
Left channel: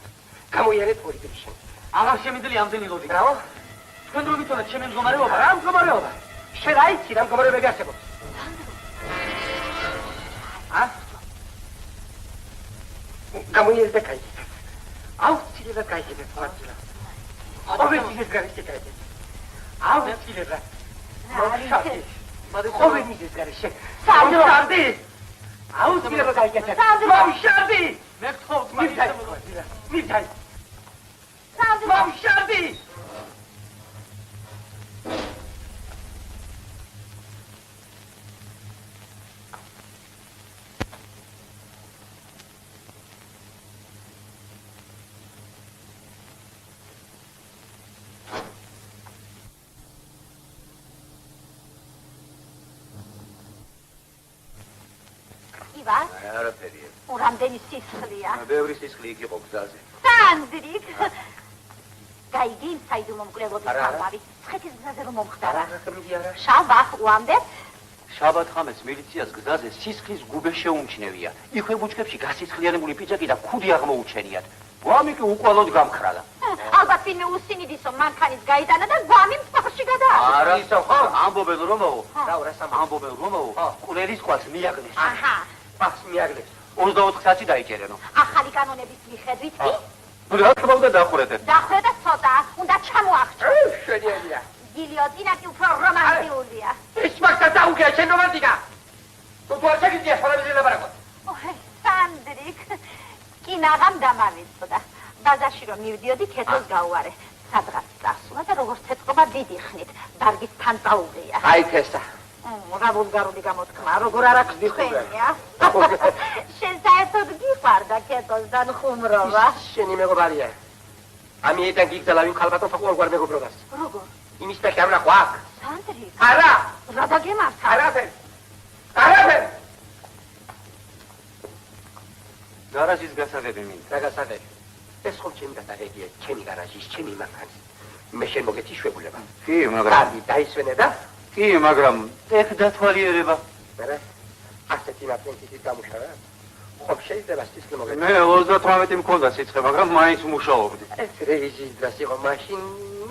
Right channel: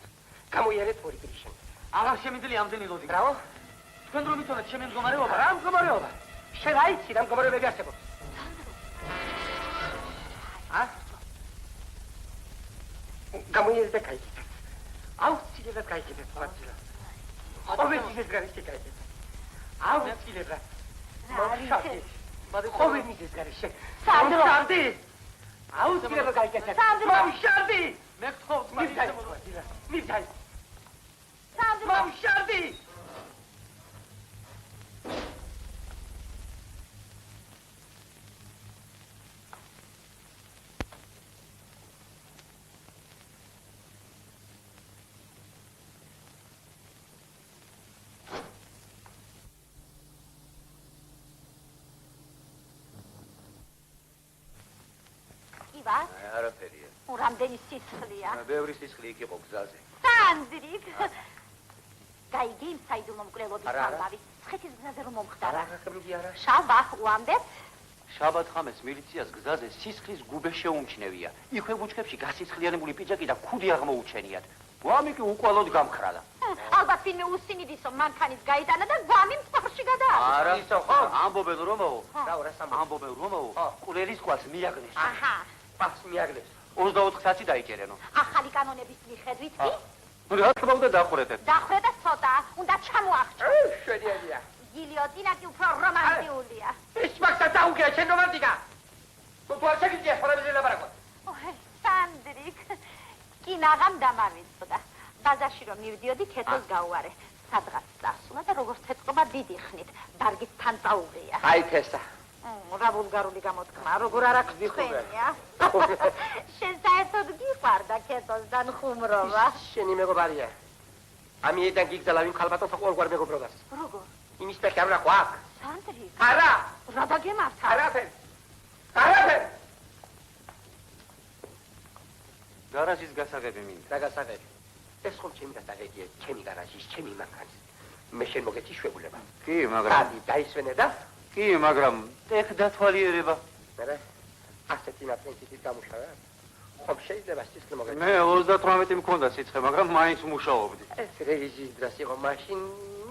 გამოიერეთ პოლიტიკი შენ. აღარ შემიძლია ამდენი ლოდი. რაო? თქვენ რო ვიცოდეთ ჩემი მდგომარეობა? რა მდგომარეობა? შენ აიცი რა მდგომარეობები არსებობს? გამოიერეთ და კაი. აუცილებლად გაიგებთ მართლა. ყოველთვის გარეშე გაიგებთ. აუცილებლად. ყოველთვის გარეშე. სამშაბდი. აუცილებლად გაიგებთ. სამშაბდი. მე გთხოვთ, მივდაი. მივდაი. სამშაბდი. ივან, არაფერია. რამდენი სისხლია? ბევრი სისხლი იქ იყო გზაზე. სანდრიკ. გაიგი იმ საიდუმლო მკვლელობის არა, არა. ხალხი. ცხეთის გზაზე რომ მომხდარა. არა. შაბათ უამდე? შაბათ ხამეს მილიციას გზაზე სისხლის გუბე შეუმჩნევია. იქვე ბუჩქებში გასისხლიანებული პიჭაკი და ქუდი აღმოუჩენიათ. გვამი კი უკვალოდ გამქრალა. ალბათ ვინმე უსინიდისო მანქანის გაიტანა და გვამი მსახში გადააყო. არა ისო ხო? ამბობენ რომაო? რა სამ ამბობენ რომაო? ყურელის ყვალს მიაგნეს. აჰა. პას მიაგნეს. 24 საათი დაიჭერენო. ახალი კანონების მიხედვით კი რა თქმა უნდა დახრეთე. დახრე და ცოტა, უნდა ჩამოახჭო. შენია. გილიოტინა კი უფრო რომანტიულია. ის მაგას დაუგია შენ რომანტიკა. თუ არ შეგიძლია ხოლმე ლაპარაკო. ოჰ, სანდრიკ. კინაღამ დამავიწყდა. ბაზარში რომ მივდიოდი, ქეთოს გაუარე. სადღაც წასულა და როგორც ეთყობა დიდი ხნით, დარგის თან წაუღია. აი თესა. რა ვულგარული გამოთქმა, როგორ არ აქვს თქვენია? შენ საერთოდ გიყვარდა ქეთოსთან ხუმრობა? შენი მეგობარია. ამიტომ გიგზალა ვინ ხალბატონ ფაყუარ მეგობრობას. როგორ? იმის და ხამრა ყვაკ. სანდრიკ, არა. რა დაგემართა? არაფერ. არაფერ. გარაჟის გასაღები მინდა. რა გასაღები? ეს ხომ ჩემი გასაღებია, ჩემი გარაჟის, ჩემი მანქანის. მე შენ მოგეცი შვებულება. კი, მაგრამ დაისვენე და კი, მაგრამ ეგ დათვალიერება. არა. ასეთი ნაპრენტის გამუშავება. ხო შეიძლება სისხლი მოგეცი. მე 38 მქონდა სიცხე, მაგრამ მაინც მუშაობდი. ეს რევიზიის დროს იყო მაშინ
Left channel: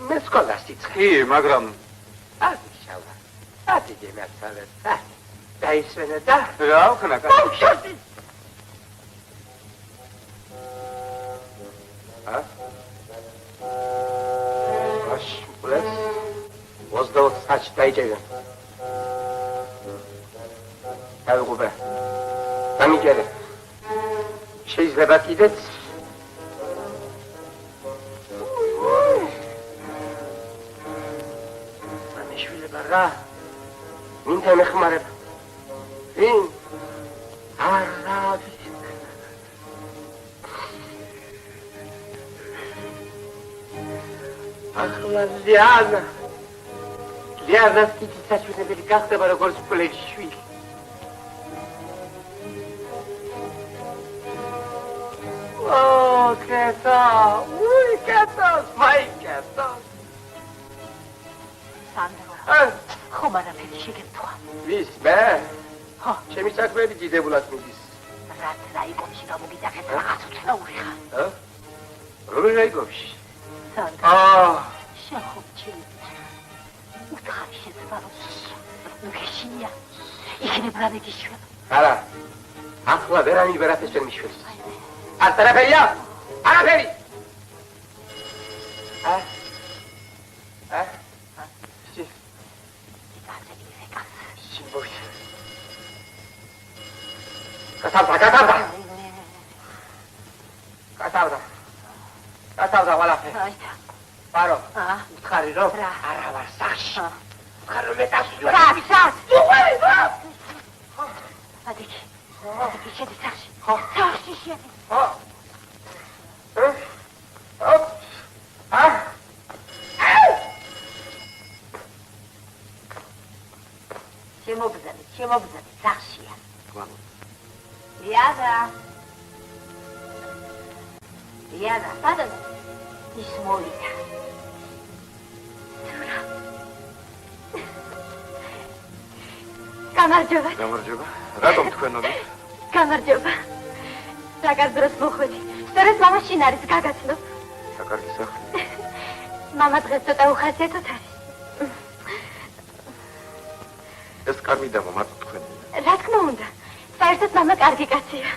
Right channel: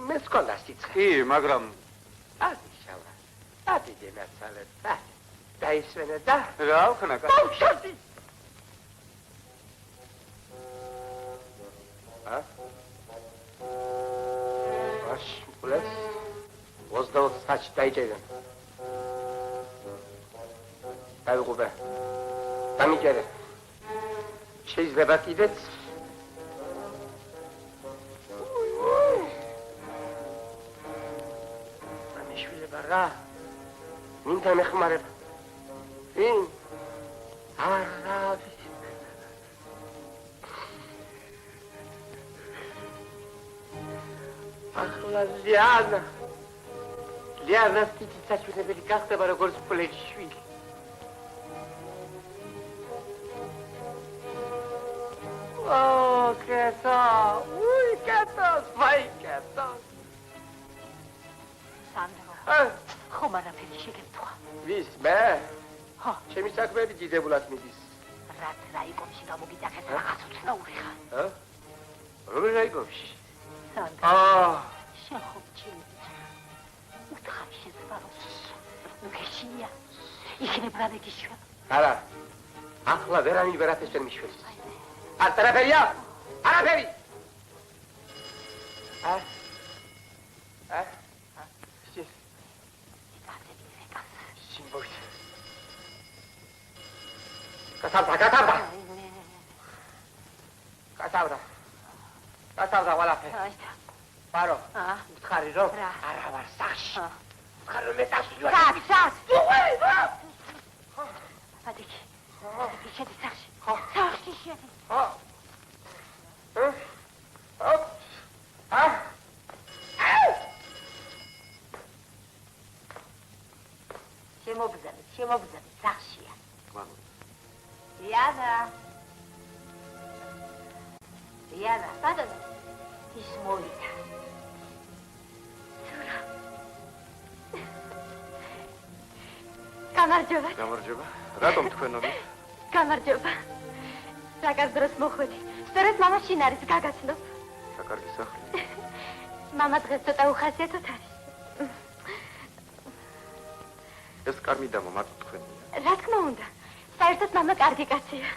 მე სკოლა სიცხე. კი, მაგრამ აშშალა. ათი მერცალე. დაისვენე და რა ვქნა? ბავშვი. Აშ, 28 საათში დაიჭერე. დავიღუპე. დამიჭერე. შეიძლება კიდეც ამიშვილება რა. ვინთან ეხმარება? ვინ? არა. ახლა ლიანა. ლიანას კიდე საჩვენებელი გახდება როგორც პლეჩი შვილი. კეთა, უი კეთა, მაი კეთა. სანდრო, ხომ არაფერი შეგეთქვა? ვის, მე? ხო. ჩემი საქმეები დიდებულად მიდის. რაც რაიკომში გამოგიძახეთ, რაღაც უცნაური ხარ. რომელი რაიკომში? სანდრო, შენ ხომ ჩემი უთხარი შეცვალოს. უგეშინია, იქნებ რა მეგიშვება. არა, ახლა ვერავინ ვერაფერს ვერ მიშვებს. არაფერია? არაფერი! გასავდა ყველაფერი. აი, ბარო, აა, ვთხარი რომ რა? არა ვარ სახში. ვთხარი რომ მეტასვლა. სად? უყვე, ადიქი. ადიქი შედი სახში. ხო. სახში შედი. ხო. შემოგზავნე სახშია. იადა. სადაც ის მოვიდა. გამარჯობა. გამარჯობა. რატომ თქვენოდით? გამარჯობა. საკარ დროს მოხვედი. სწორედ მამა შინ არის გაგაცნო. საკარგი სახლი. მამა დღეს ცოტა უხასიათოდ არის. ეს კამი და მამა თქვენი. რა თქმა უნდა. საერთოდ მამა კარგი კაცია.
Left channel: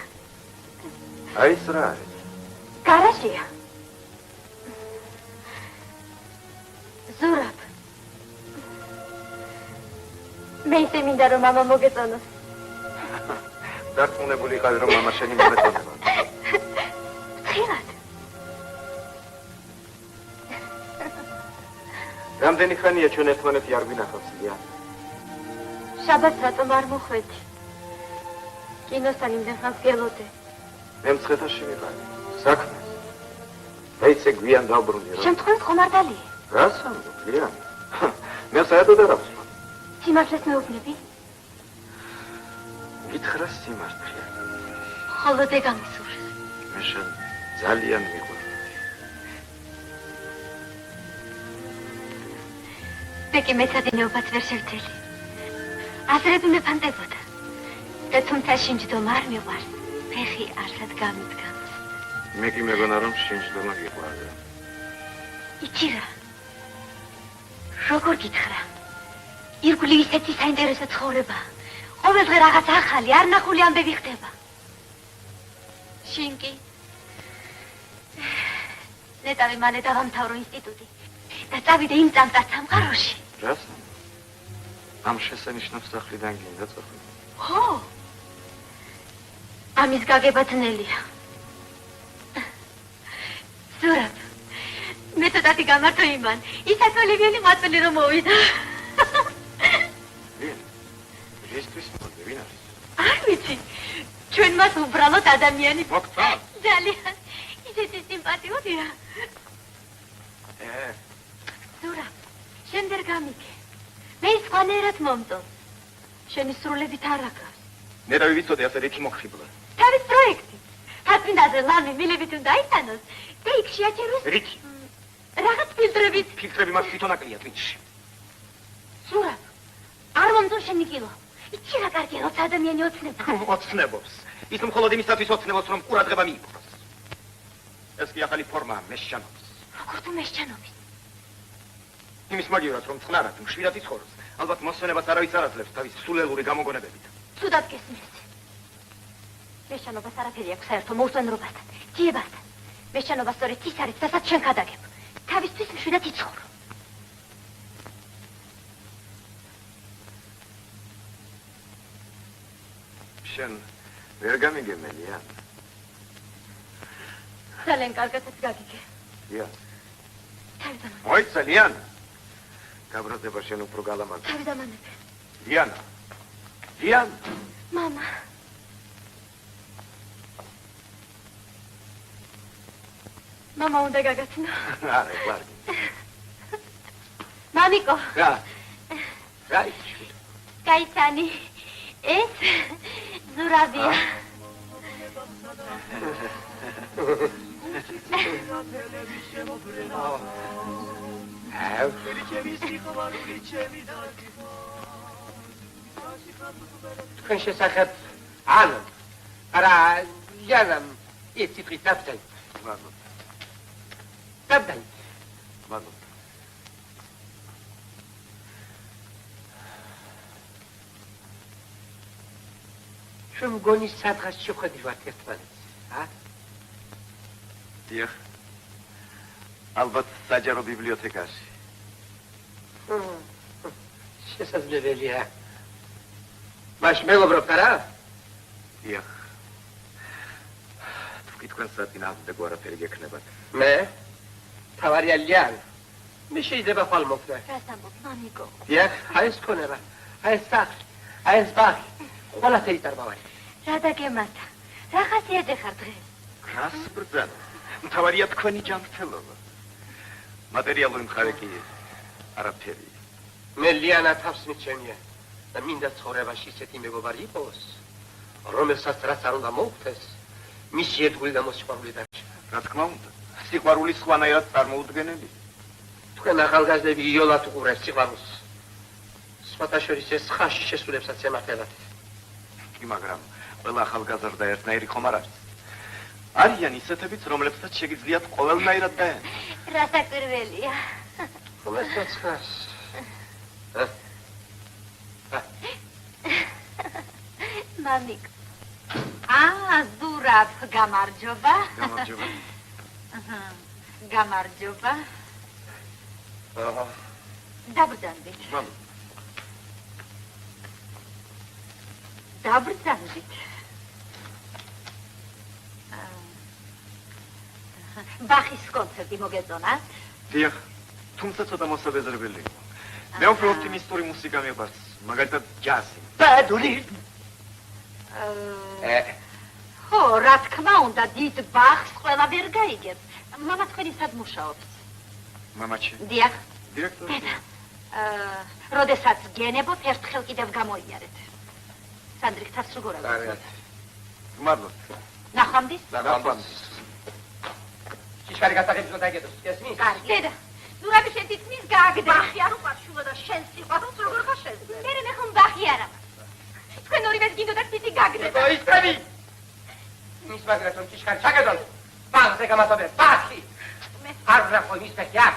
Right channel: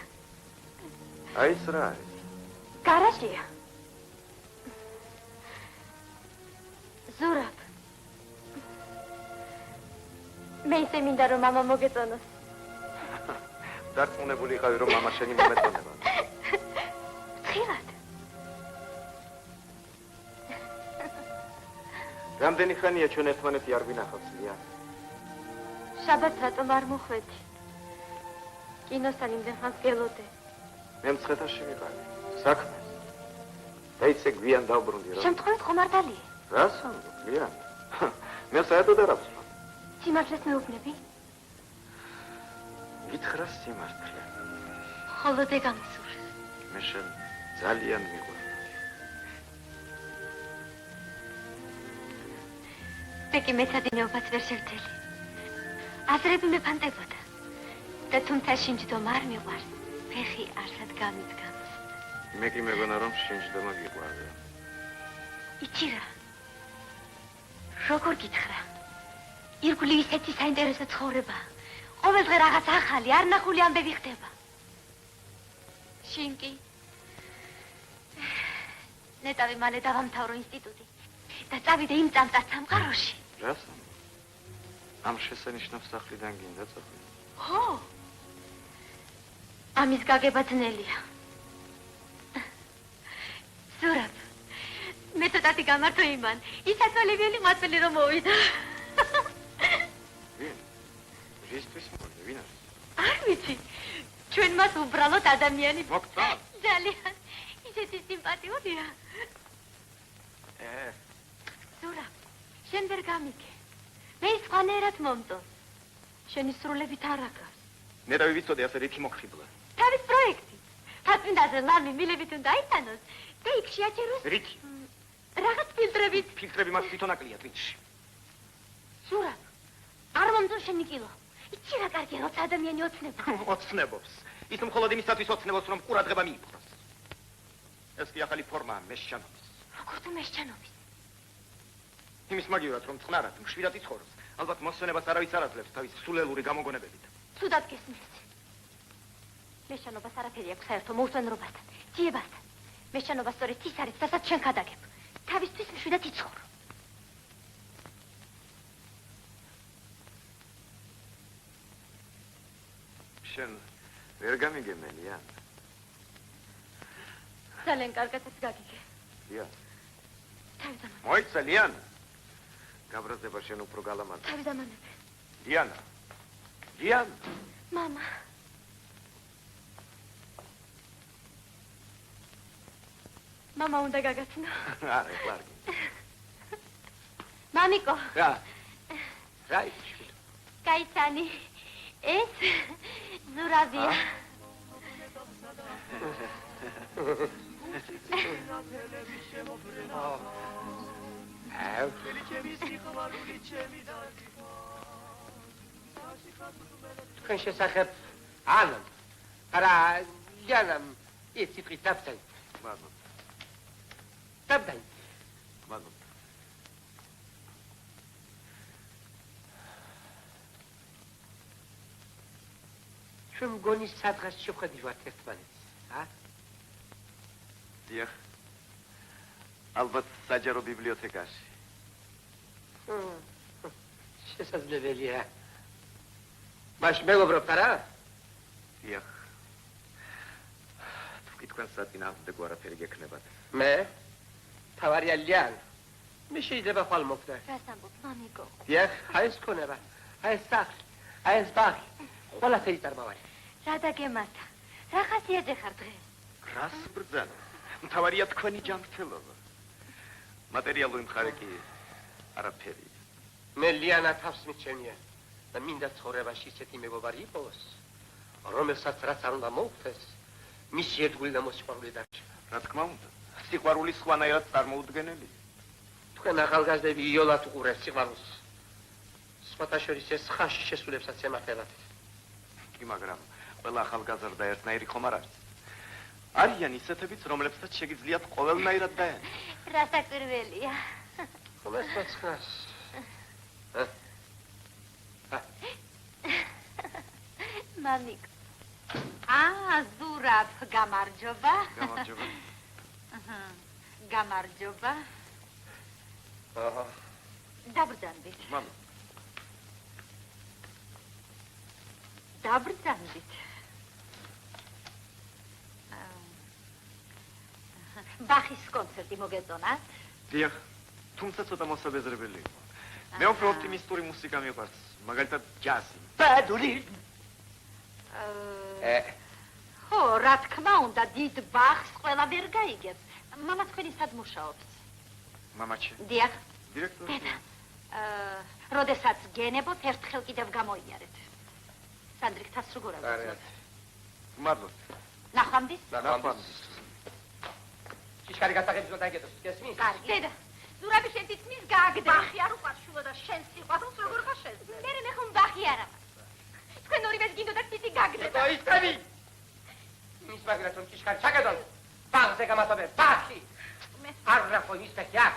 აი ეს რა არის? გარაჟია. ზურაბ. მე ისე მინდა რომ მამა მოგეწონოს. დარწმუნებული ხარ რომ მამა შენი მომეწონება? ხილად. რამდენი ხანია ჩვენ ერთმანეთი არ გვინახავს, ია? შაბათს რატომ არ მოხვედი? კინოსთან იმდენ ხანს გელოდე. მე მცხეთაში ვიყავი. საქმე. და ისე გვიან დავბრუნდი რა. შემთხვევით ხომ არ დალი? რას ამბობ, ია? მე საერთოდ არ ავსვამ. სიმართლეს მეუბნები? გითხრა სიმართლე. ხოლო ზე გამისურს. მე შენ ძალიან მიყვარს. ბეკი მეცადინეობას ვერ შევძელი. აზრები მეფანტებოდა. და თუმცა შინჯდომა არ მიყვარს, ფეხი არსად გამიდგამს. მე კი მეგონა რომ შინჯდომა გიყვარდა. იცი რა? როგორ გითხრა? ირგვლივ ისეთი საინტერესო ცხოვრება. ყოველდღე რაღაც ახალი, არ ნახული ამბები ხდება. შინ კი ნეტავი მალე დავამთავრო ინსტიტუტი და წავიდე იმ წამწარ სამყაროში. რას? ამ შესანიშნავ სახლიდან გინდა წახვიდე? ხო. ამის გაგება ძნელია. ზურაბ, მე ცოტათი გამართო იმან, ის ასოლებიანი მაწველი რომ მოვიდა. ვინ? ისთვის მოვიდა, ვინ არის? არ ვიცი, ჩვენ მას უბრალოდ ადამიანი მოგწა? ძალიან, ისეთი სიმპათიურია. ზურაბ, შენ ვერ გამიგე. მე სხვანაირად მომწონს. შენი სრულებით არ აქვს. მე რა ვიცოდე ასე რითი მოხიბლა. თავის პროექტი. თარწმინდაზე ლამი მილებით უნდა იტანოს და იქ შეაჩეროს რითი? რაღაც ფილტრებით. ფილტრები მას თვითონ აკლია თვითში. ზურაბ, არ მომწონს შენი კილო. იცი რა კარგია, როცა ადამიანი ოცნება. ოცნებობს. ის მხოლოდ იმისათვის ოცნებობს, რომ ყურადღება მიიპყროს. ეს კი ახალი ფორმაა, მესჩანობს. როგორ თუ მესჩანობის? იმის მაგივრად, რომ წყნარად, მშვიდად იცხოვროს. ალბათ მოსვენებას არავის არ აძლევს თავის სულელური გამოგონებებით. ცუდად გესმის. მესჩანობას არაფერი აქვს საერთო მოუსვენრობასთან, ძიებასთან. მესჩანობა სწორედ ის არის, რასაც შენ გადაგებ. თავისთვის მშვიდად იცხოვრო. შენ ვერ გამიგემელია? ძალიან კარგადაც გაგიგე. ია. თავიდან მოიცა, ლიანა. გაბრაზდება შენ უფრო გალამაზი. თავიდან ამებე. ლიანა. ლიანა. მამა. მამა უნდა გაგაცნო. არა, ვარგი. მამიკო. რა? რა იცი? გაიცანი. ეს ზურაბია. თქვენ შესახებ ანუ არა იანამ ის ციფრი დაბდაი. მაგო. დაბდაი. მაგო. შენ მგონი სადღაც შეხვედრივართ ერთმანეთს, ა? დიახ. ალბათ საჯარო ბიბლიოთეკაში. შესაძლებელია. მაშ მეგობრობთ არა? დიახ, კი თქვენ საწინააღმდეგო არაფერი გექნებათ. მე? თავარია ლიან. მე შეიძლება ხვალ მოხდა. რას ამბობ, მამიკო? დიახ, აი ეს ქონება. აი ეს სახლი, აი ეს ბაღი. ყველაფერი დარბავარი. რა დაგემართა? რა ხასიათზე ხარ დღეს? რას ბრძანა? მთავარია თქვენი ჯანმრთელობა. მატერიალური მხარე კი არაფერი. მე ლიანა თავს მიჩენია და მინდა ცხოვრებაში ისეთი მეგობარი იყოს, რომელსაც რაც არ უნდა მოუხდეს, მისი ერთგული და მოსიყვარული დარჩა. რა თქმა უნდა, სიყვარული სხვანაირად წარმოუდგენელი. თქვენ ახალგაზრდები იოლად უყურებთ სიყვარულს. სხვათა შორის ეს ხაში შესრულებსაც ემართებათ. კი, მაგრამ ყველა ახალგაზრდა ერთნაირი ხომ არ არის. არიან ისეთებიც, რომლებსაც შეგიძლიათ ყოველნაირად დაენა. რა საკვირველია. რომელსაც ხარს? მამიკო. ზურაბ, გამარჯობა. გამარჯობა. გამარჯობა. დაბრძანდით. დაბრძანდით. ბახის კონცერტი მოგეწონათ? დიახ, თუმცა ცოტა მოსაბეზრებელი იყო. მე უფრო ოპტიმისტური მუსიკა მიყვარს, მაგალითად ჯაზი. ბადური. ხო, რა თქმა უნდა, დიდ ბახს ყველა ვერ გაიგებს. მამა თქვენი სად მუშაობს? მამაჩი. დიახ. დირექტორი. როდესაც გენებობ, ერთხელ კიდევ გამოიარეთ. სანდრიხთას როგორ კარგად. აღწევთ? მადლობთ. ნახვამდის? ნახვამდის. ჩიშკარი გასაგებს უნდა იგეთოს, გესმის? კარგი. დედა, ზურაბი შენ თითქმის გააგდა. ბახი არ უყვარს შუა და შენ სიყვარულს როგორ ხარ შეძლებ? მე ხომ ბახი არა. თქვენ ორივეს გინდოდათ თითი გაგდება. ისწრები. მის მაგრად რომ ჩიშკარი ჩაგედონ. ბახზე გამათობე, ბახი. არ ვრახო მის და კი.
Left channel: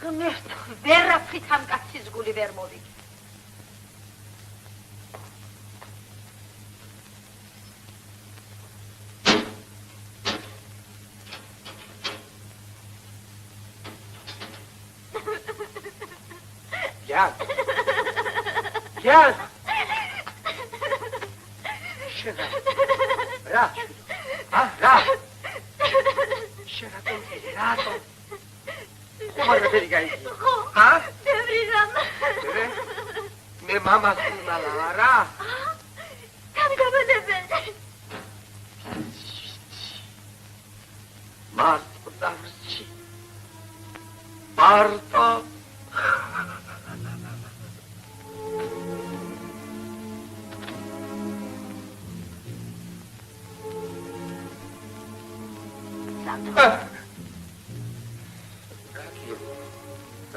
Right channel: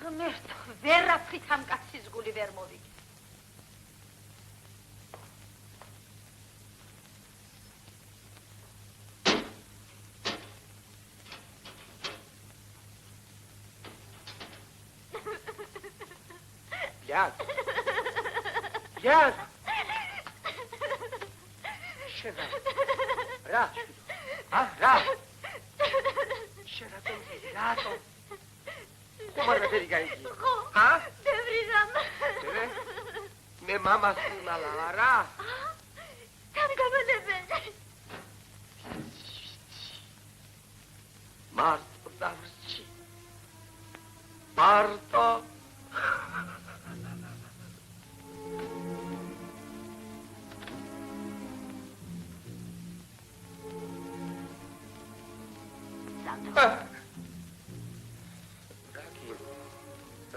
ღმერთო, ვერაფრით ამ კაცის გული ვერ მოვიგე. Gel. Gel. Şuna. Rahat. Ha, rahat. Şuna dur. Rahat ol. Kumara beri gel. Ha? Devriram. Evet. Me mama sunalara. Tanıgamadın ben. Mart udarçı. Marta.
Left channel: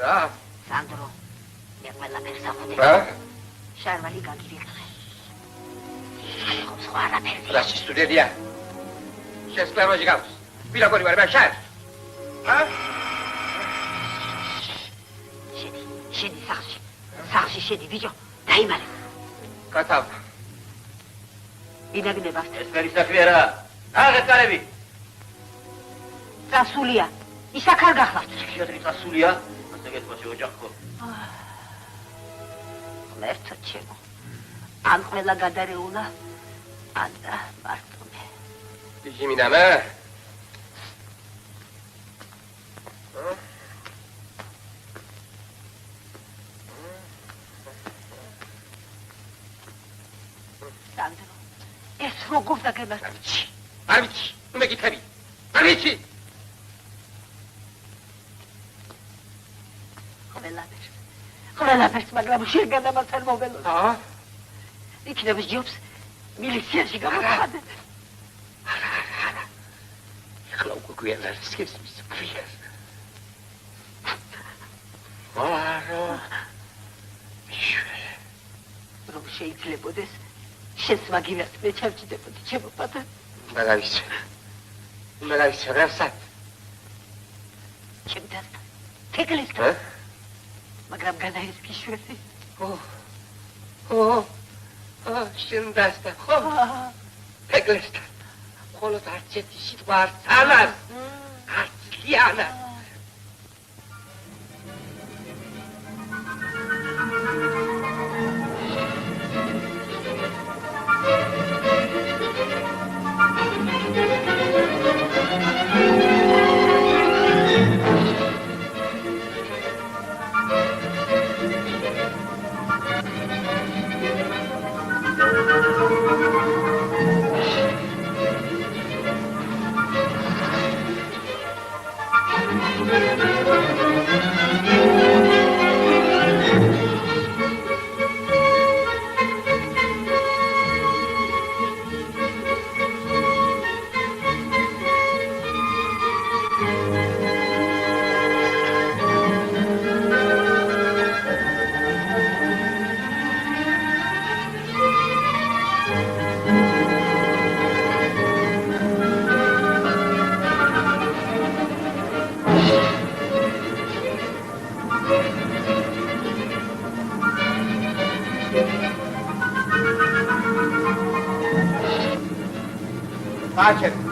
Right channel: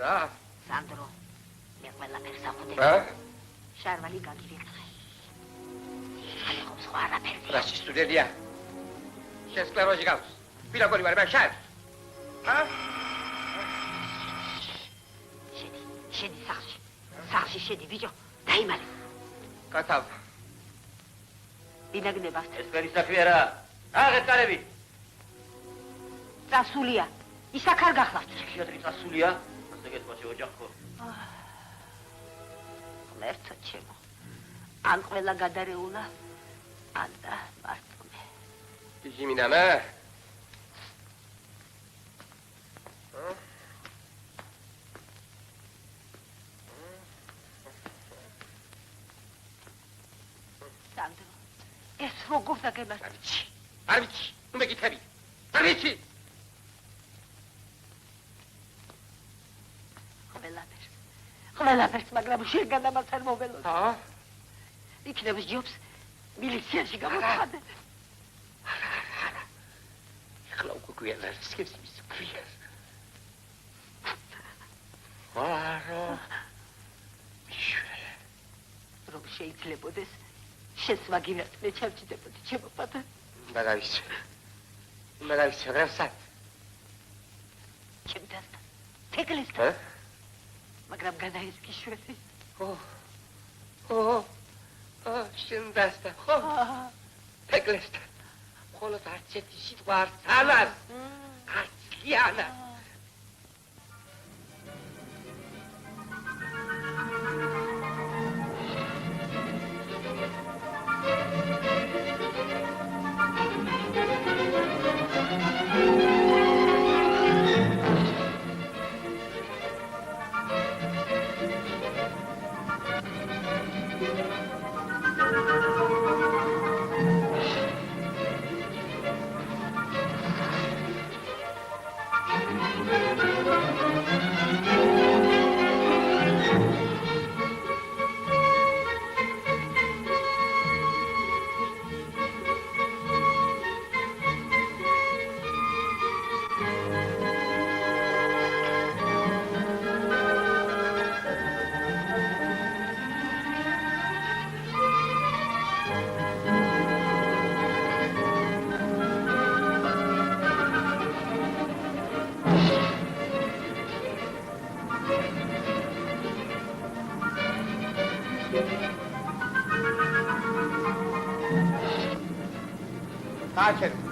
რა? სანდრო, მე ყველაფერს აღვდე. რა? შარვალი გაგივიღე. ხო, სხვა არაფერი. რა სტუდია? შენ სკლეროზი გაქვს. ვირაგორი ვარ, მე შენ. რა? შედი სახში. სახში შედი, ბიჭო. დაიმალე. კათავ. იდაგდება. ეს გარის საქმეა რა. აღეთ კარები. წასულია. ისაკ არ გახლავთ. ფსიქიატრი წასულია? ასე გეტყვაში ოჯახო. ღმერთო ჩემო. ან ყველა გადარეულა, ან და მარტო. ჟიმიდანა. სანდრო, ეს როგორ დაგემართა? არ ვიცი, მე გითები. არ ვიცი. ყველაფერს, მაგრამ შენ გადამართან მოველოს. ა? იქნებს ჯობს მილიციაში გამოვხადე. ეხლა უკვე გვიან არის სქესის ფრია. არო. რომ შეიძლებოდეს შენს მაგინას მე ჩავჭიდებოდი ჩემო პატარ. მაგარის რასად? ჩემთან თეკლისთან. მაგრამ განაის გიშვესი. შენ დასტა ხო? თეკლისთან. ხოლოს არც ერთი სიტყვა არ ძალას. არც ლიანა. გააჩერე.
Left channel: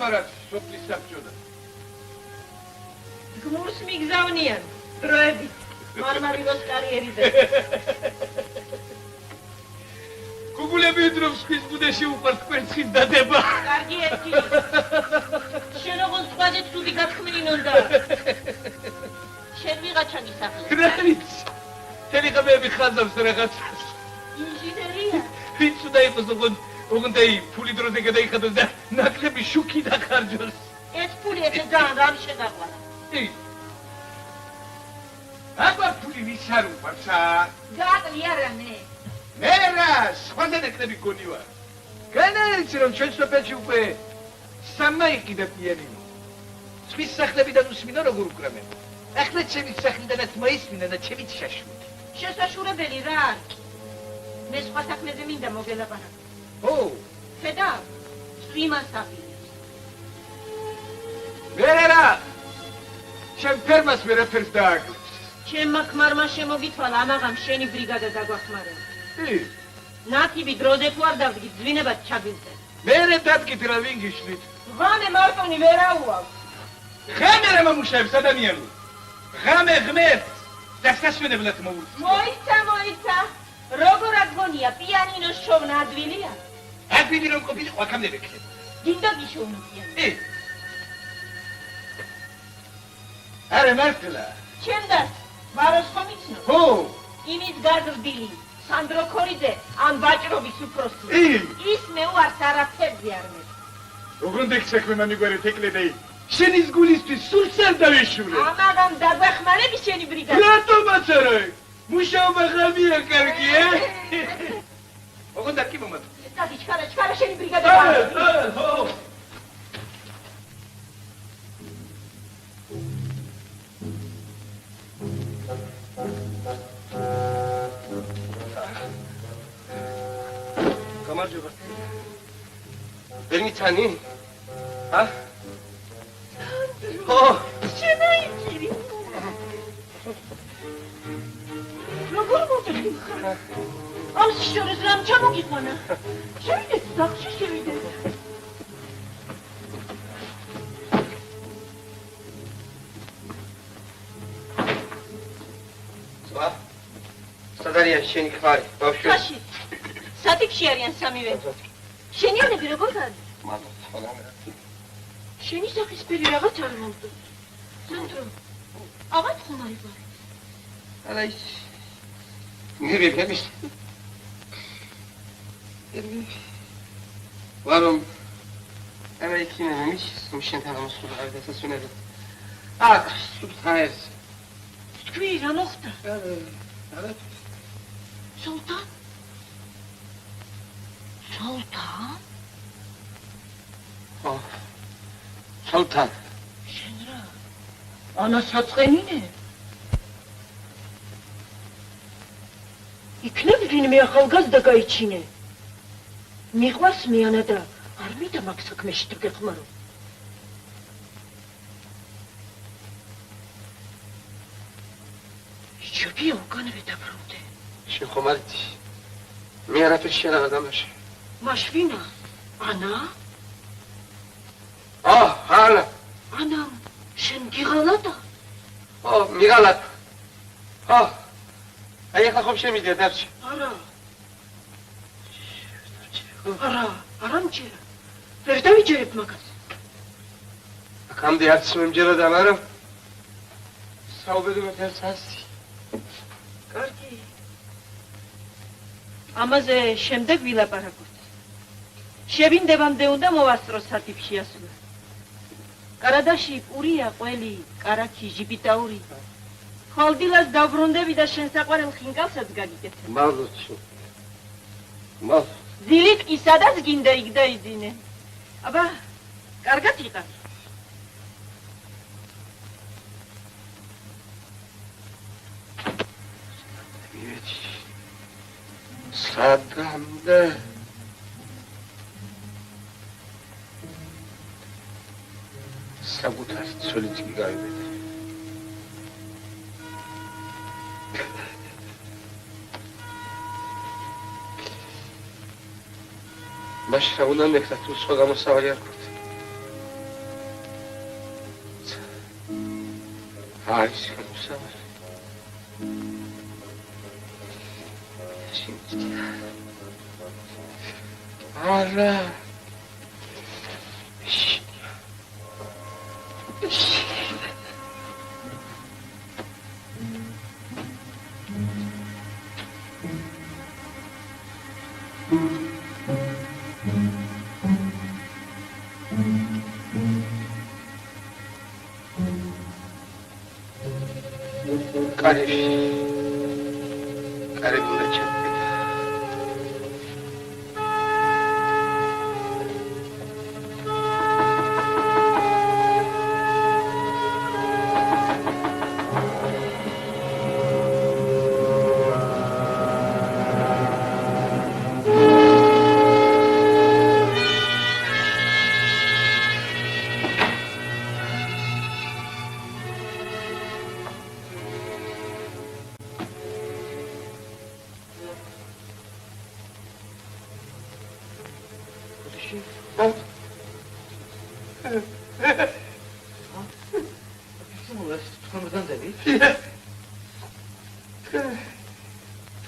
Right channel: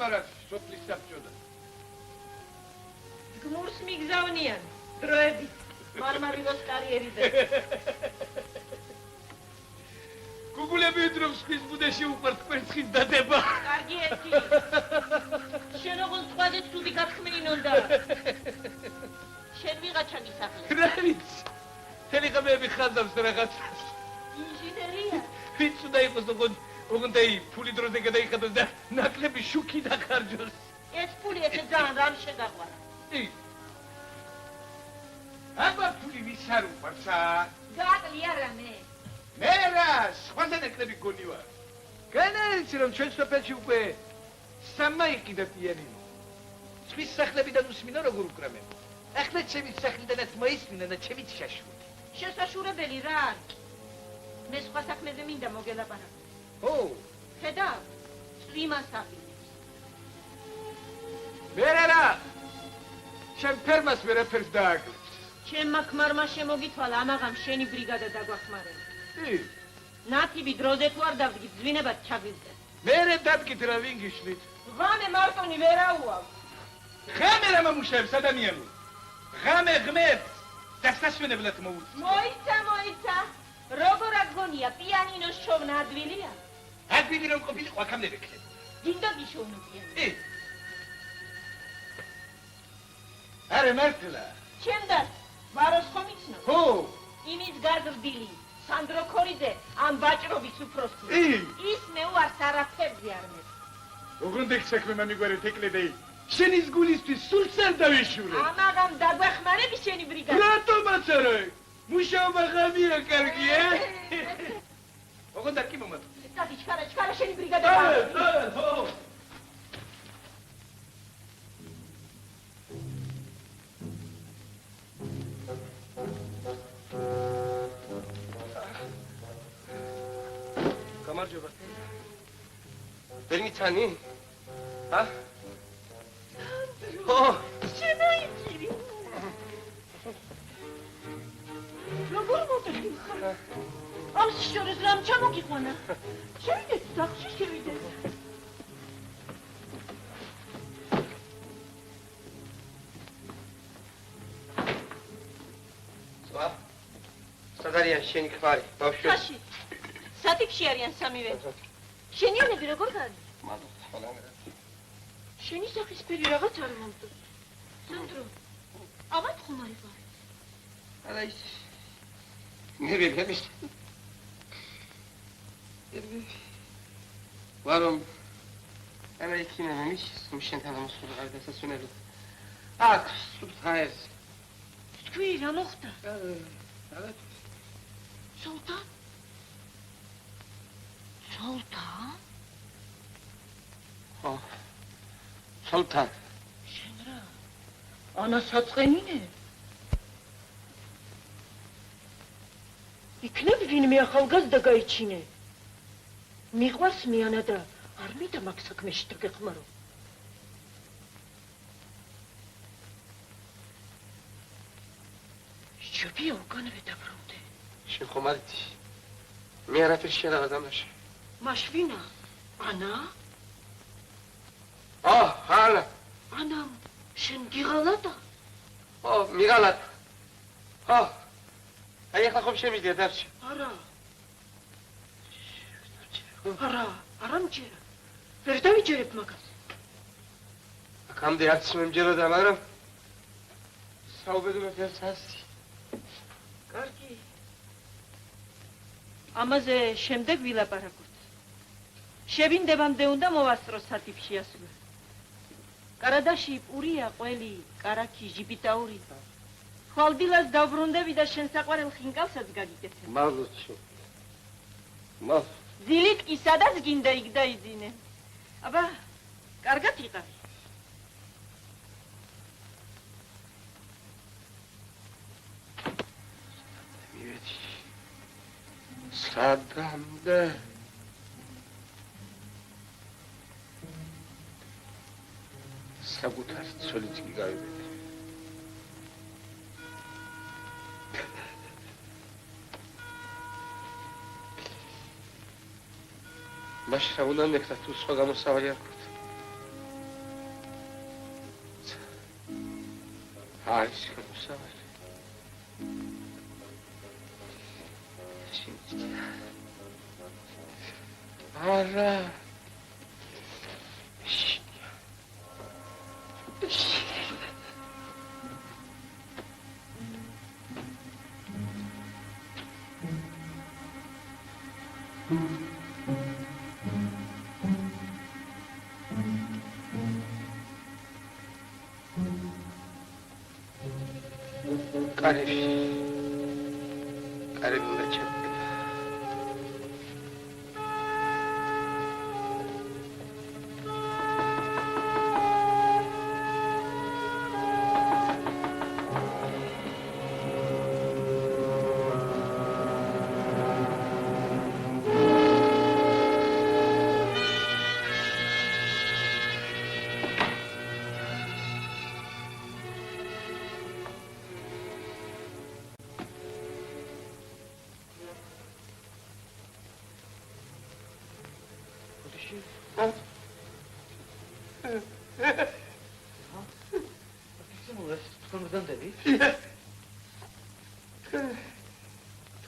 მარად სოფლის საბჭოda. გმურს მიგზავნიან დროებით მარმარილოს კარიერიდან. გუგულები დრობს ხის ბუდეში უყვართ კვერცხის დადება. კარგი ერთი. შენ როგორ სხვაზე ცუდი გათქმილინ უნდა. შენ ვიღაცა გისახლე. კრაიც. თელი ხმები ხაზავს რაღაცას. ინჟინერია. ვინც უნდა იყოს ოღონდ ფული დროზე გადაიხადოს და ნაკლები შუქი დახარჯოს. ეს ფული ესე ძალიან რამ შედაყვანა. აბა ფული ვის არ უყვარსა? გააკლი არა მე. მე რა, სხვაზე ნაკლები გონი ვარ. განაეცი რომ ჩვენ სოფელში უკვე სამაიყიდა პიერი. სხვის სახლებიდან უსმინო როგორ უკრამენ. ახლა ჩემი სახლიდანაც მოისმინა და ჩემი შაშვით. შესაშურებელი რა არის? მე სხვა საქმეზე მინდა მოგელაპარაკო. ო, ხედავ, სვიმას აპირებს. მე რა, შენ ფერმას ვერაფერს დააკლებს. ჩემმა ქმარმა შემოგითვალა ამაღამ შენი ბრიგადა დაგვახმარება. ნათიბი დროზე თუ არ დავდგი, ძვინებად ჩაგვიმწე. მე დადგით რა ვინ გიშლით. ღამე მარტონი ვერაუავ. ღამე რა მომუშავებს ადამიანო. ღამე ღმერთს დასასვენებლად მოუწევს. მოიცა. როგორ აგონია პიანინოს შოვნა ადვილია? ადვილი რომ ყოფილიყო აქამდე ვექნებ. გინდა გიშოვნებიან. არა მართლა. ჩემდაც მაროს ხომ იცნო? ხო. იმის გაზრდილი სანდრო ქორიძე ამ ვაჭრობის უფროსი. ის მე უარს არაფერზე არ მე. როგორ დექსაქმე მამიგვერეთ ეკლედეი. შენის გულისთვის სულს არ დავეშურე. ამაღამ დაგვეხმარები შენი ბრიგადა. რატომაც არა? მუშაობა ღამეა კარგი, ოღონდ კი მომატ. დადი ჩქარა შენი ბრიგადა. ხო. გამარჯობა. ვერ მიცანი? ა? ხო. შემოიჭირი. როგორ მოვიდი? ამ შორის რამ ჩამოგიყვანა? შევიდეთ სახლში შევიდეთ. სადარიან შენი ქმარი, ბავშვი? ხაში. სათიქში არიან სამივე. შენიანები როგორ გადის? შენი სახისფერი რაღაც არ მომწონს. სანდრო, აღარ ხომ არ იყო? არა ის მივიღების ვარომ ამერიკინა მის შენთან მოსულა დასასვენებლად. აქ სუბთაეს თქვი რა მოხდა? არა. სულთან? სულთან? ხო. სულთან. შენ რა? ანა საწყენინე? იქნებ ვინმე ახალგაზრდა გაიჩინე. მიყვარს მეანა და არ მინდა მაგ საქმეში თუ გეხმარო. შევია უკანვე დაბრუნდე. შენ ხომ არ იცი? მე არაფერს შენ არ დამაშე. მაშ ვინა? ანა? ანა. ანა, შენ გიღალატა? მიღალატ. აი ახლა ხომ შემიძლია დარჩი? არა. არა მჯერა. ვერ დავიჯერებ მაგას. აქამდე არც მომჯეროდა, მაგრამ საუბედუროდ ერთ ასი. კარგი. ამაზე შემდეგ ვილაპარაკოთ. შევინდებამდე უნდა მოვასწრო სათიფში ასვლა. კარადაში პურია, ყველი, კარაქი, ჟიბიტაური. ხოლდილას დაბრუნდები და შენ საყვარელ ხინკალსაც გაგიკეთებ. მალდოცი. მალ. დილით კი სადაც გინდა იქ დაიძინე. აბა, კარგად იყავ. სადამდე საკუთარი ცოლით კი გავიბედე. მაშინ რა უნდა მეკრა თუ სხვა გამოსავალი არ გქონდა. არის გამოსავალი. არა. Care bună ce?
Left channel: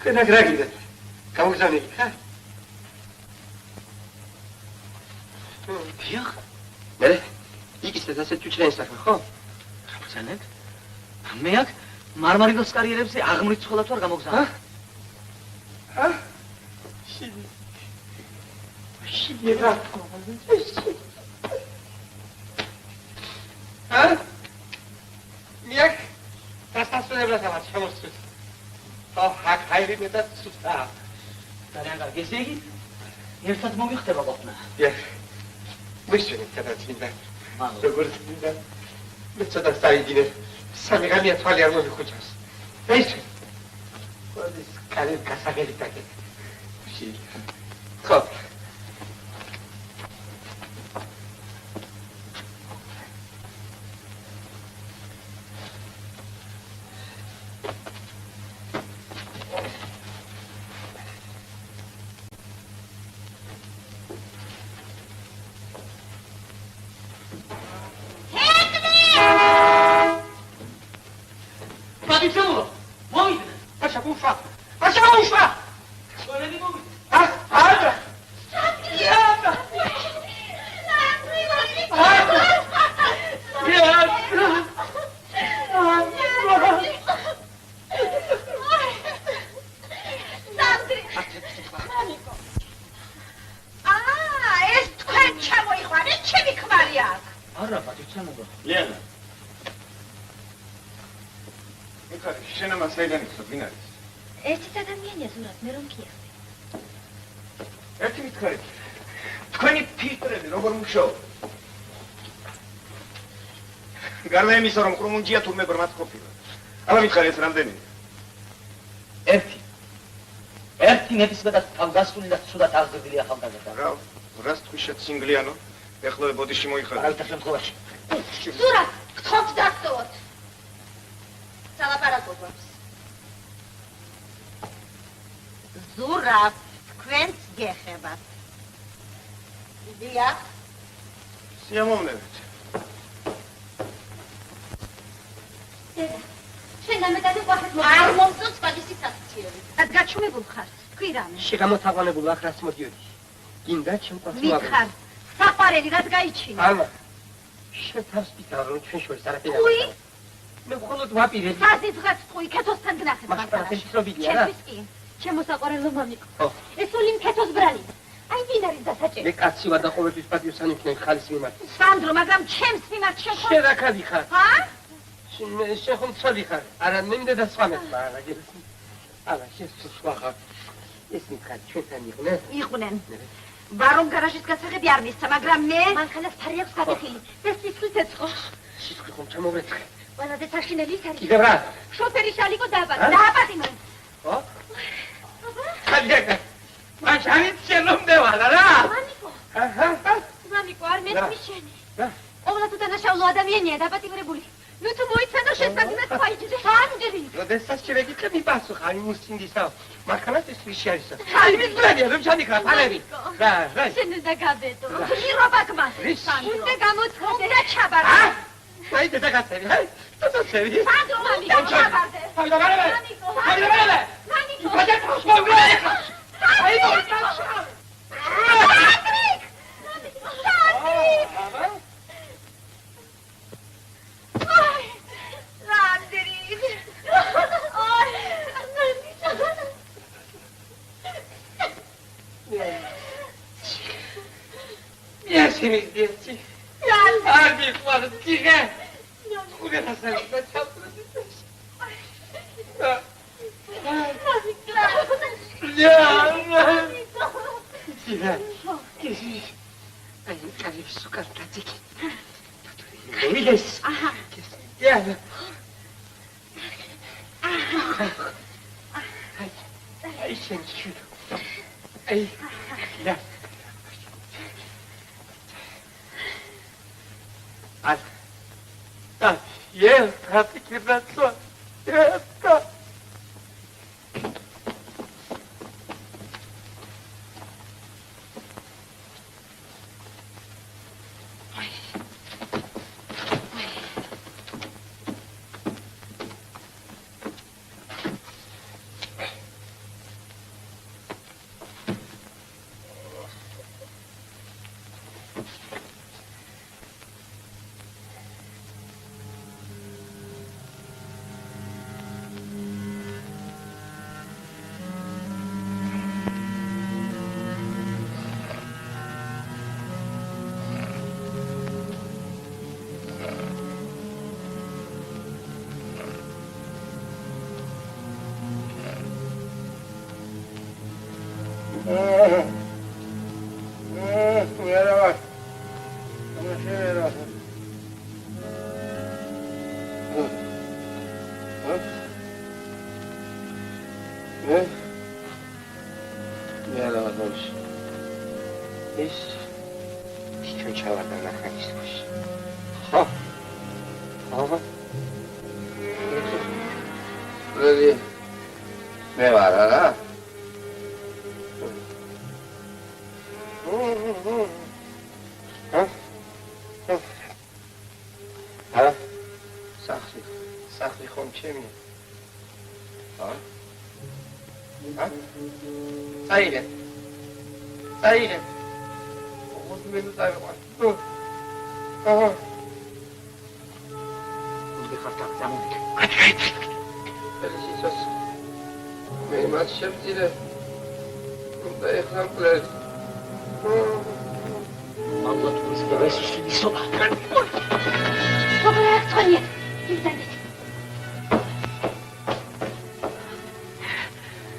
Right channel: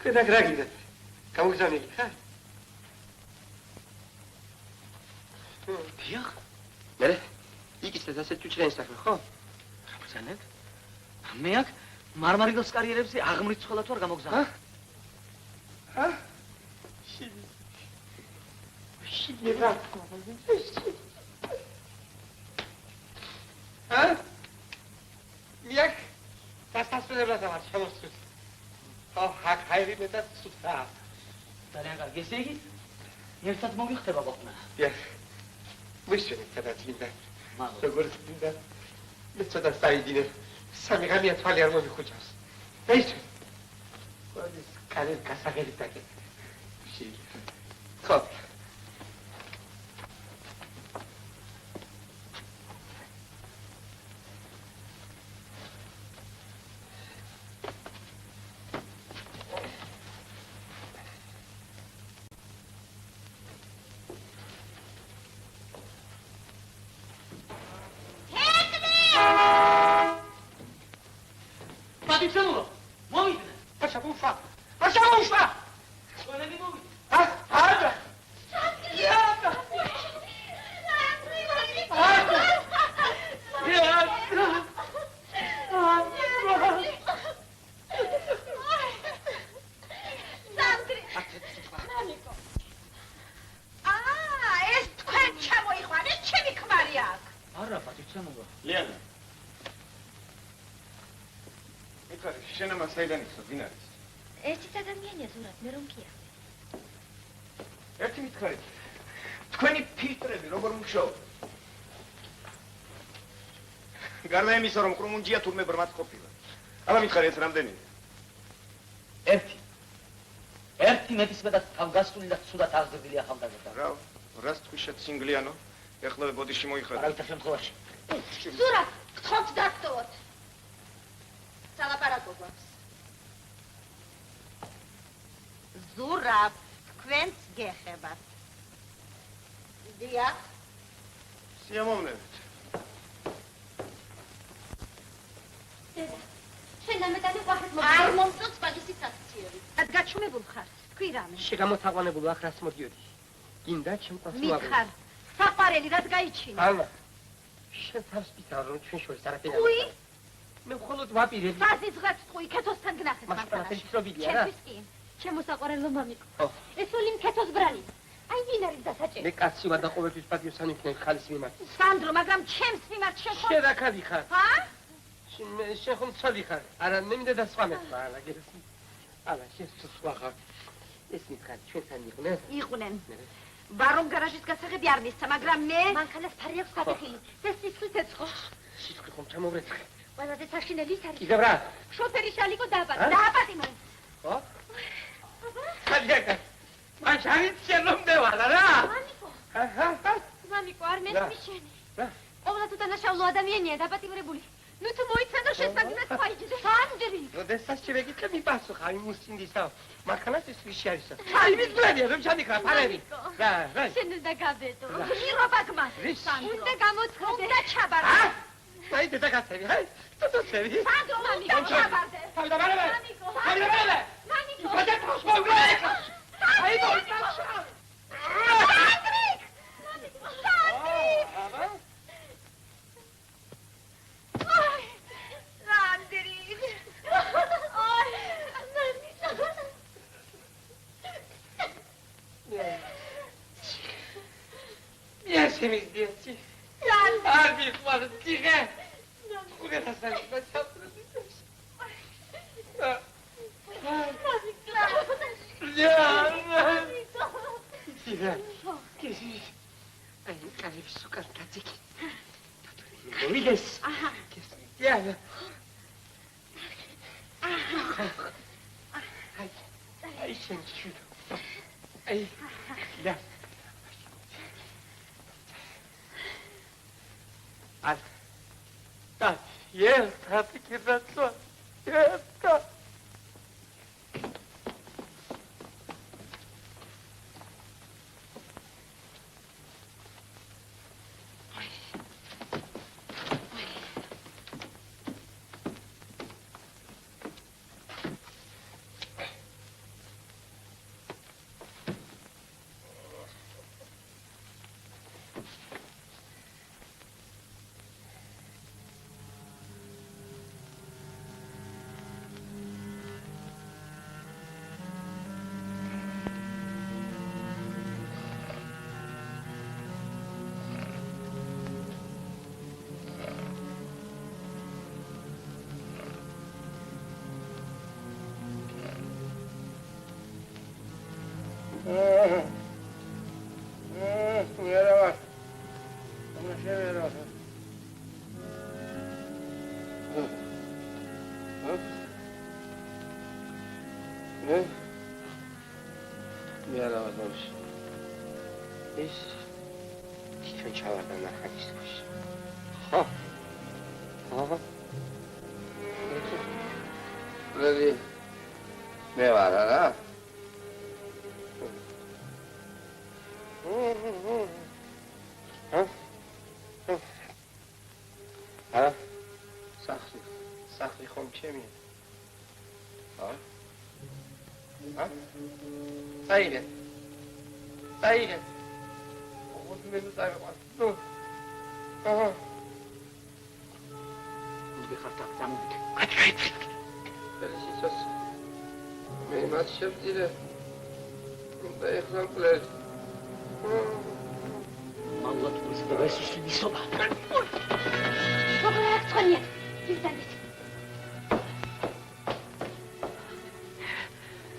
Cât gragide. Cam zani. დიახ. მე იქისეთ ასე თუჩრენ საქმე, ხო? გამოგზავნეთ? მე აქ მარმარილოს კარიერებზე აღმრიცხველად ვარ გამოგზავნე. შეიძლება. მიაკ დასასრულებლად ამას შემოსწრეთ. აქ ხაირი მეტად სუსტაა. ძალიან კარგი. ესე იგი, ერთად მოვიხდება ყოფნა. დიახ. მისცემით გადაწმინდა. მალო. როგორც მინდა. მე ცოტა საიდინე. სამი გამია თვალი არ მომიხუჭავს. ეს. ყოველთვის კალე გასაგები დაკეთ. ხო. შენ ამას საიდან იცნობ, ვინ არის? ერთიც ადამიანია ზურაბ, მე რომ გიახსენე. ერთი მითხარით. თქვენი ფილტრები როგორ მუშაობ? გარდა იმისა, რომ კრუმუნჯია თურმე ბრმაც ყოფილა. აბა მითხარი ეს რამდენი? ერთი ნებისმიერ თავგასული და ცუდად აღზრდილი ახალგაზრდა. რა, რას თქვი შეცინგლიანო? ეხლა ბოდიში მოიხარე. არავითარ შემთხვევაში. ზურაბ, გთხოვთ დაგტოვოთ. სალაპარაკო გვაქვს. ზურაბ, თქვენც გეხებათ. დიახ. სიამოვნებით. შენ დამეტადე ყვახეთ არ მომწონს მაგისი საქციელი. გაჩუმებულ ხარ. თქვი რამე. შეგამოთაყვანებულ ახრას მოდიოდი. გინდა ჩემყვაც მიხარ. საყვარელი რაც გაიჩინა. ამა. შეთავს პიტარ რომ ჩვენ შორის არაფერი. თქვი? მე მხოლოდ ვაპირებ. საზიძღაც თქვი, ქეთოსთან გნახეთ მაგ პროცესში რო ვიდია რა. ჩემთვის კი. ჩემო საყვარელო მამიკო. ეს ოლიმ ქეთოს ბრალი. აი ვინ არის დასაჭერი? მე კაცი ვარ და ყოველთვის პატიოსანი ვქნები ხალის მიმართ. სანდრო, მაგრამ ჩემს მიმართ შენ ხო? შენ რა ქალი ხარ? ჰა? შენ ხომ ცოდი ხარ? არა, მე მინდა დასვამეთ, მაგრამ არა, შენ სხვა ხარ. ეს მითხარ ჩვენთან იყვნენ? იყვნენ. ბარომ გარაჟის გასაღები არ მისცა, მაგრამ მე მანქანას ფარი აქვს გადახილი. ეს სიცხლით ეწყო. სიცხლი ხომ ჩამოვეცხე. ყველაზე საშინელი ის არის. კიდევ რა? შოფერი შალიკო დააპატიმრე. ხო? ხალხა. მან შანით შენომდევალა რა? მამიკო. აჰა. მამიკო, არ მეთქვი შენი. რა? ყოველთვის დანაშაულო ადამიანია დაპატიმრებული. ნუ თუ მოიცადო შესაძლოა თქვაიჯდე. სანდრი. როდესაც შევეკითხე მიპასუხ, აი მუსინდისა. მანქანას ეს ვიში არის? აი მის ბრალია, რომ ჩანიქარ, ფანები. რა? შენ უნდა გაბედო. ირობა გმას. უნდა გამოცხადე და ჩაბარო. აი დედაგაცები, აი. დედაგაცები. სანდრო მამიკო, ჩაბარდე. თავიდანარევე. მამიკო. თავიდანარევე. მამიკო. გადაგხოს მოგრე. აი Yes, Arbi, what a chicken! Look at us, let's help Yes, happy kid, that's what. Yes, God.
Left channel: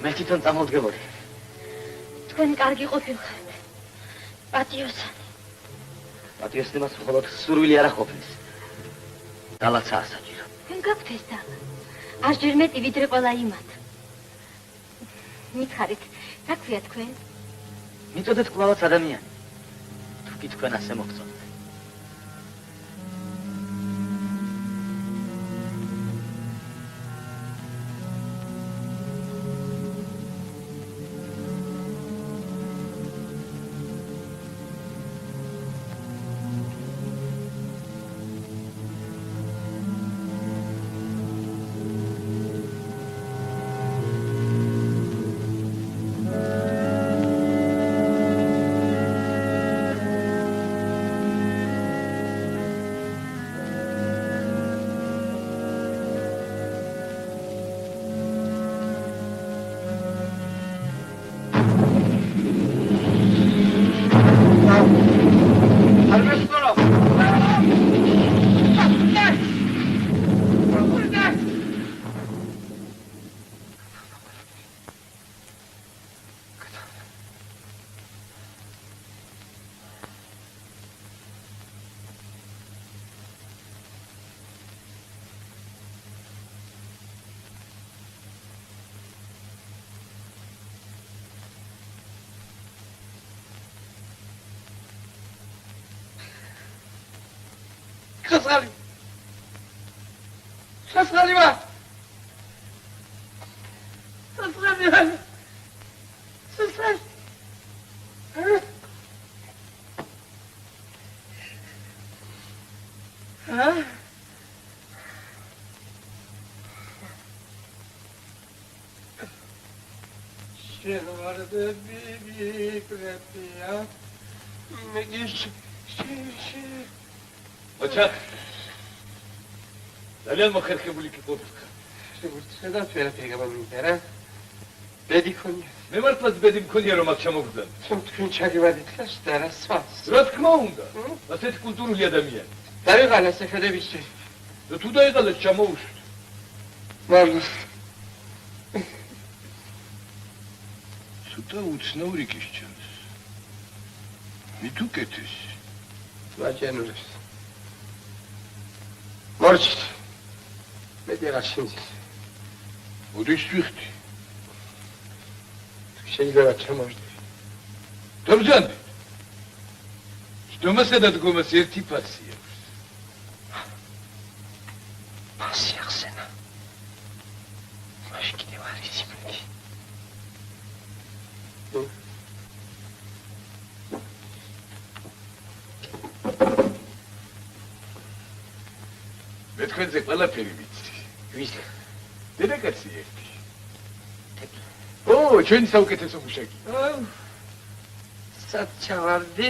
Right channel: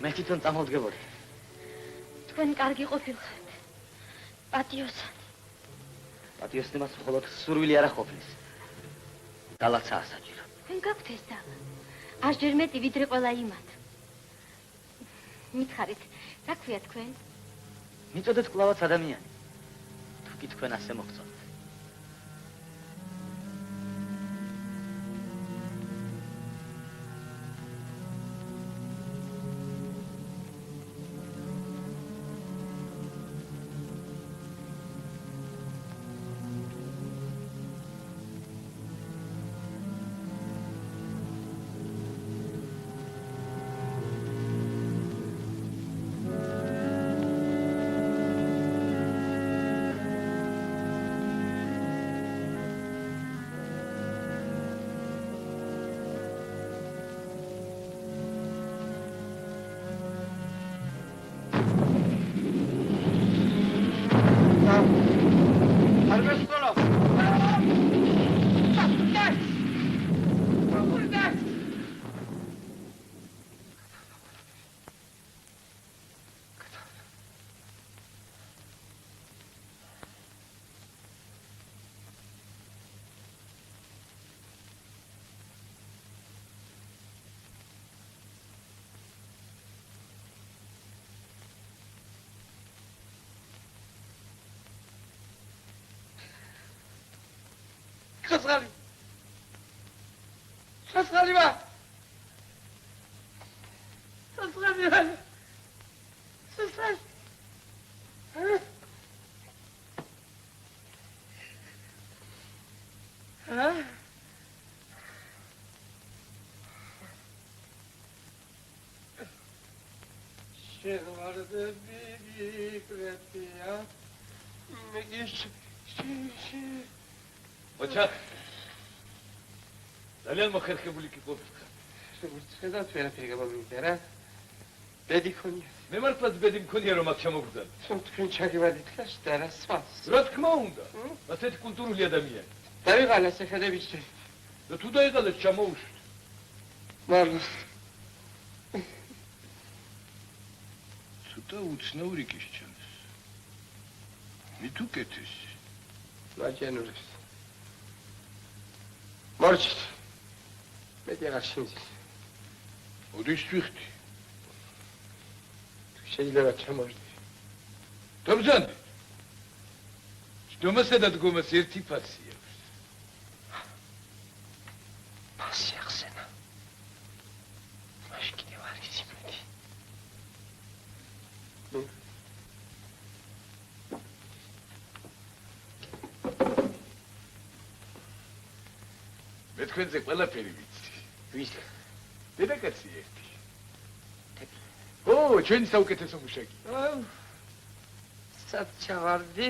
მე თვითონ წამოვდგებოდი. თქვენ კარგი ყოფილხართ. პატიოსანი. პატიოსნებას მხოლოდ სურვილი არ ყოფნის. დალაცა ასაჭირო. თქვენ გაქვთ ეს და ასჯერ მეტი ვიდრე ყველა იმათ. მითხარით, რა ქვია თქვენ? მიწოდეთ კვლავაც ადამიანი. თუ კი თქვენ ასე მოგწონთ. ხასხალი. ხასხალი ვა. ხასხალი ვა. ხასხალი. შეგვარდები ვიკრებია. მეგის ოჩა ძალიან მოხერხებული კი ყოფილიყო. შეგვიძლია ვერაფერი გამომიდა რა. ბედი ქონია. მე მართლაც ბედი მქონია რომ აქ ჩამოვდან. თქვენ ჩაგივარდით და რა სხვას. რა თქმა უნდა. ასეთი კულტურული ადამიანი. დაიღალეს ეხედებიში. და თუ დაიღალეს ჩამოუშვით. მართლა. ცოტა უცნაური კი შეჩანს. მით უკეთეს. მაჩენურებს. მორჩით. მე დერაშინძი. ოდის ვიხდი. შეიძლება ჩამოვიდე. დაბრძანდი. შტომასა და დგომას ერთი ფასი აქვს. ფასი ახსენა. მაშინ კიდევ არის იმედი. მე თქვენზე ყველაფერი ვიცი. ვიცი. დედაკაცი ერთი. ო, ჩვენი საუკეთესო მუშაკი. სად ჩავარდი?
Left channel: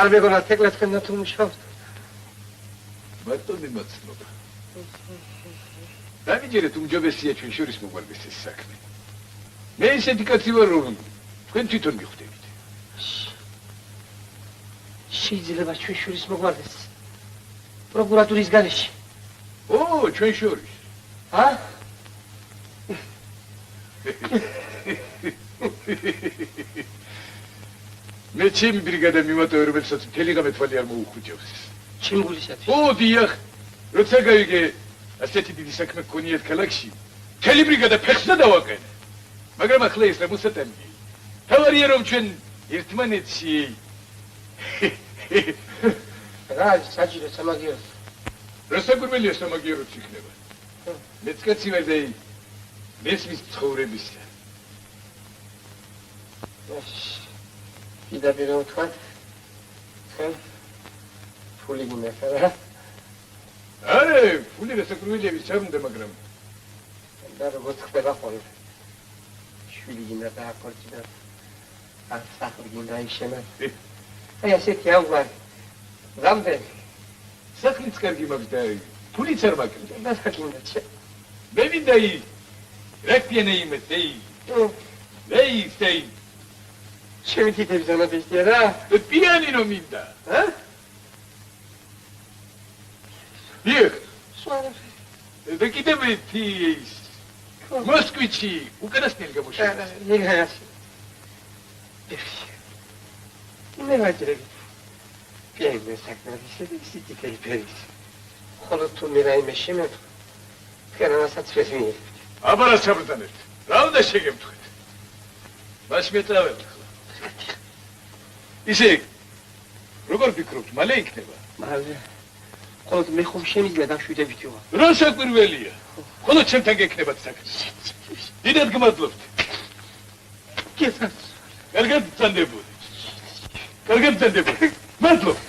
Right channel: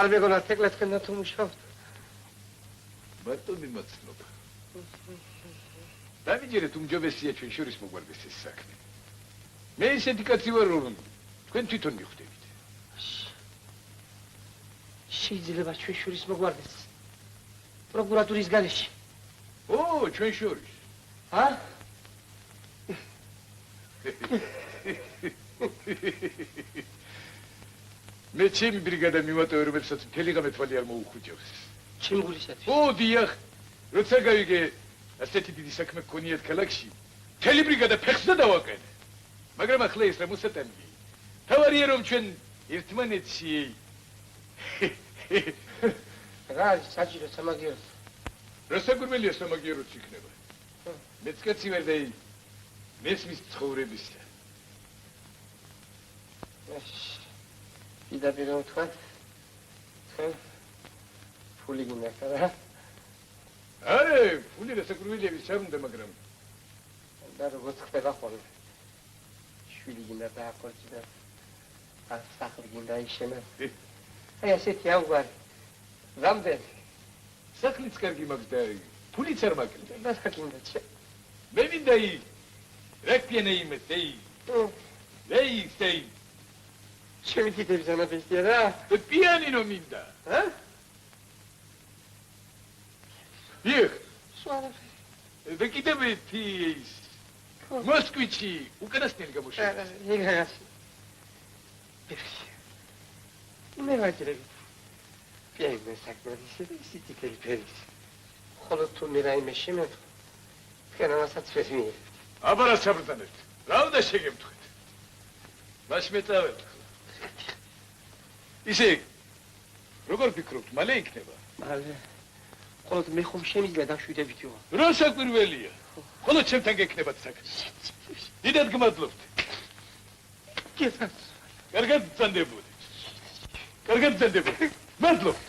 არ მეგონა თეკლე თქვენთან თუ მუშაობთ. ბატონი მაცნობა. დამიჯერეთ უმჯობესია ჩვენ შორის მოგვარდეს ეს საქმე. მე ისეთი კაცი ვარ რომ თქვენ თვითონ მიხვდებით. შეიძლება ჩვენ შორის მოგვარდეს. პროკურატურის გარეშე. ო, ჩვენ შორის. ა? მე ჩემი ბრიგადა მივატოვე, რომელსაც მთელი ღამე თვალი არ მოუხუჭავს. ჩიმგულისათვის. ო, დიახ. როცა გავიგე ასეთი დიდი საქმე გქონიათ ქალაქში, მთელი ბრიგადა ფეხსა დავაყენე. მაგრამ ახლა ეს რა მოსატანია. თავარია რომ ჩვენ ერთმანეთში რა საჭირო სამაგიერო. რა საკვირველია სამაგიეროც იქნება. მეც კაცი ვარ და მესმის ცხოვრებისა. პირდაპირ ვთქვათ, თქვენ ფული გინდა რა? არა, ფული რა საკვირველია ვის არ უნდა, მაგრამ და როგორც ხდება ხოლმე. შვილი გინდა დააქორწი და ან სახლი გინდა იშენა. აი ასეთი ამგვარი. რამდენი? სახლიც კარგი მაქვს და ფულიც არ მაქვს. და საკინდა ჩე. მე მინდა რაკპიანე იმეთეი. ლეი სტეი. შენ კიდევ ზამადიშია რა? პიანინო მინდა. ა? დიახ. სვანა. და კიდევ ის მოსკვიჩი უკანასკნელი გამოშვება. ეგ მე ვაჭრები. პიენე საკმაოდ ისეთი ფერის. ხოლო თუ მე რაიმე შემედგა, თქვენასაც ვესმინე. აბარა საბრთანეთ. რა უნდა შეგემთხვით? მას მეტავებ ახლა. ისე როგორ ფიქრობთ, მალე იქნება? მალე. ხოლო მე ხომ შემიძლია დაშვიდებით ვიყო. რა საკვირველია? ხოლო ჩემთან გექნებათ საქმე. დიდად გმადლობთ. კეცას. კარგად წანდებოდი. კარგად წანდებოდი. მადლობთ.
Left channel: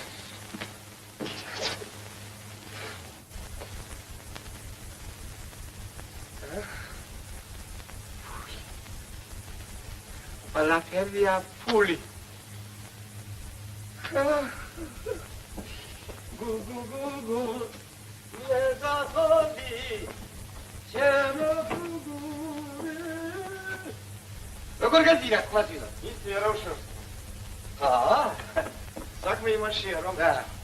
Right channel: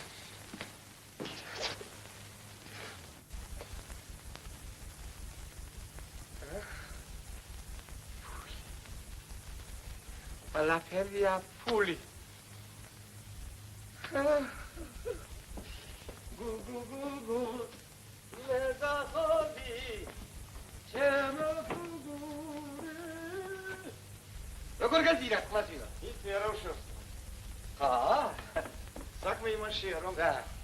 ყველაფერია ფული. გუ მეზახონი ჩემო როგორ გაძირა კლასილა? ისე რა უშავს. საქმე იმაშია, რომ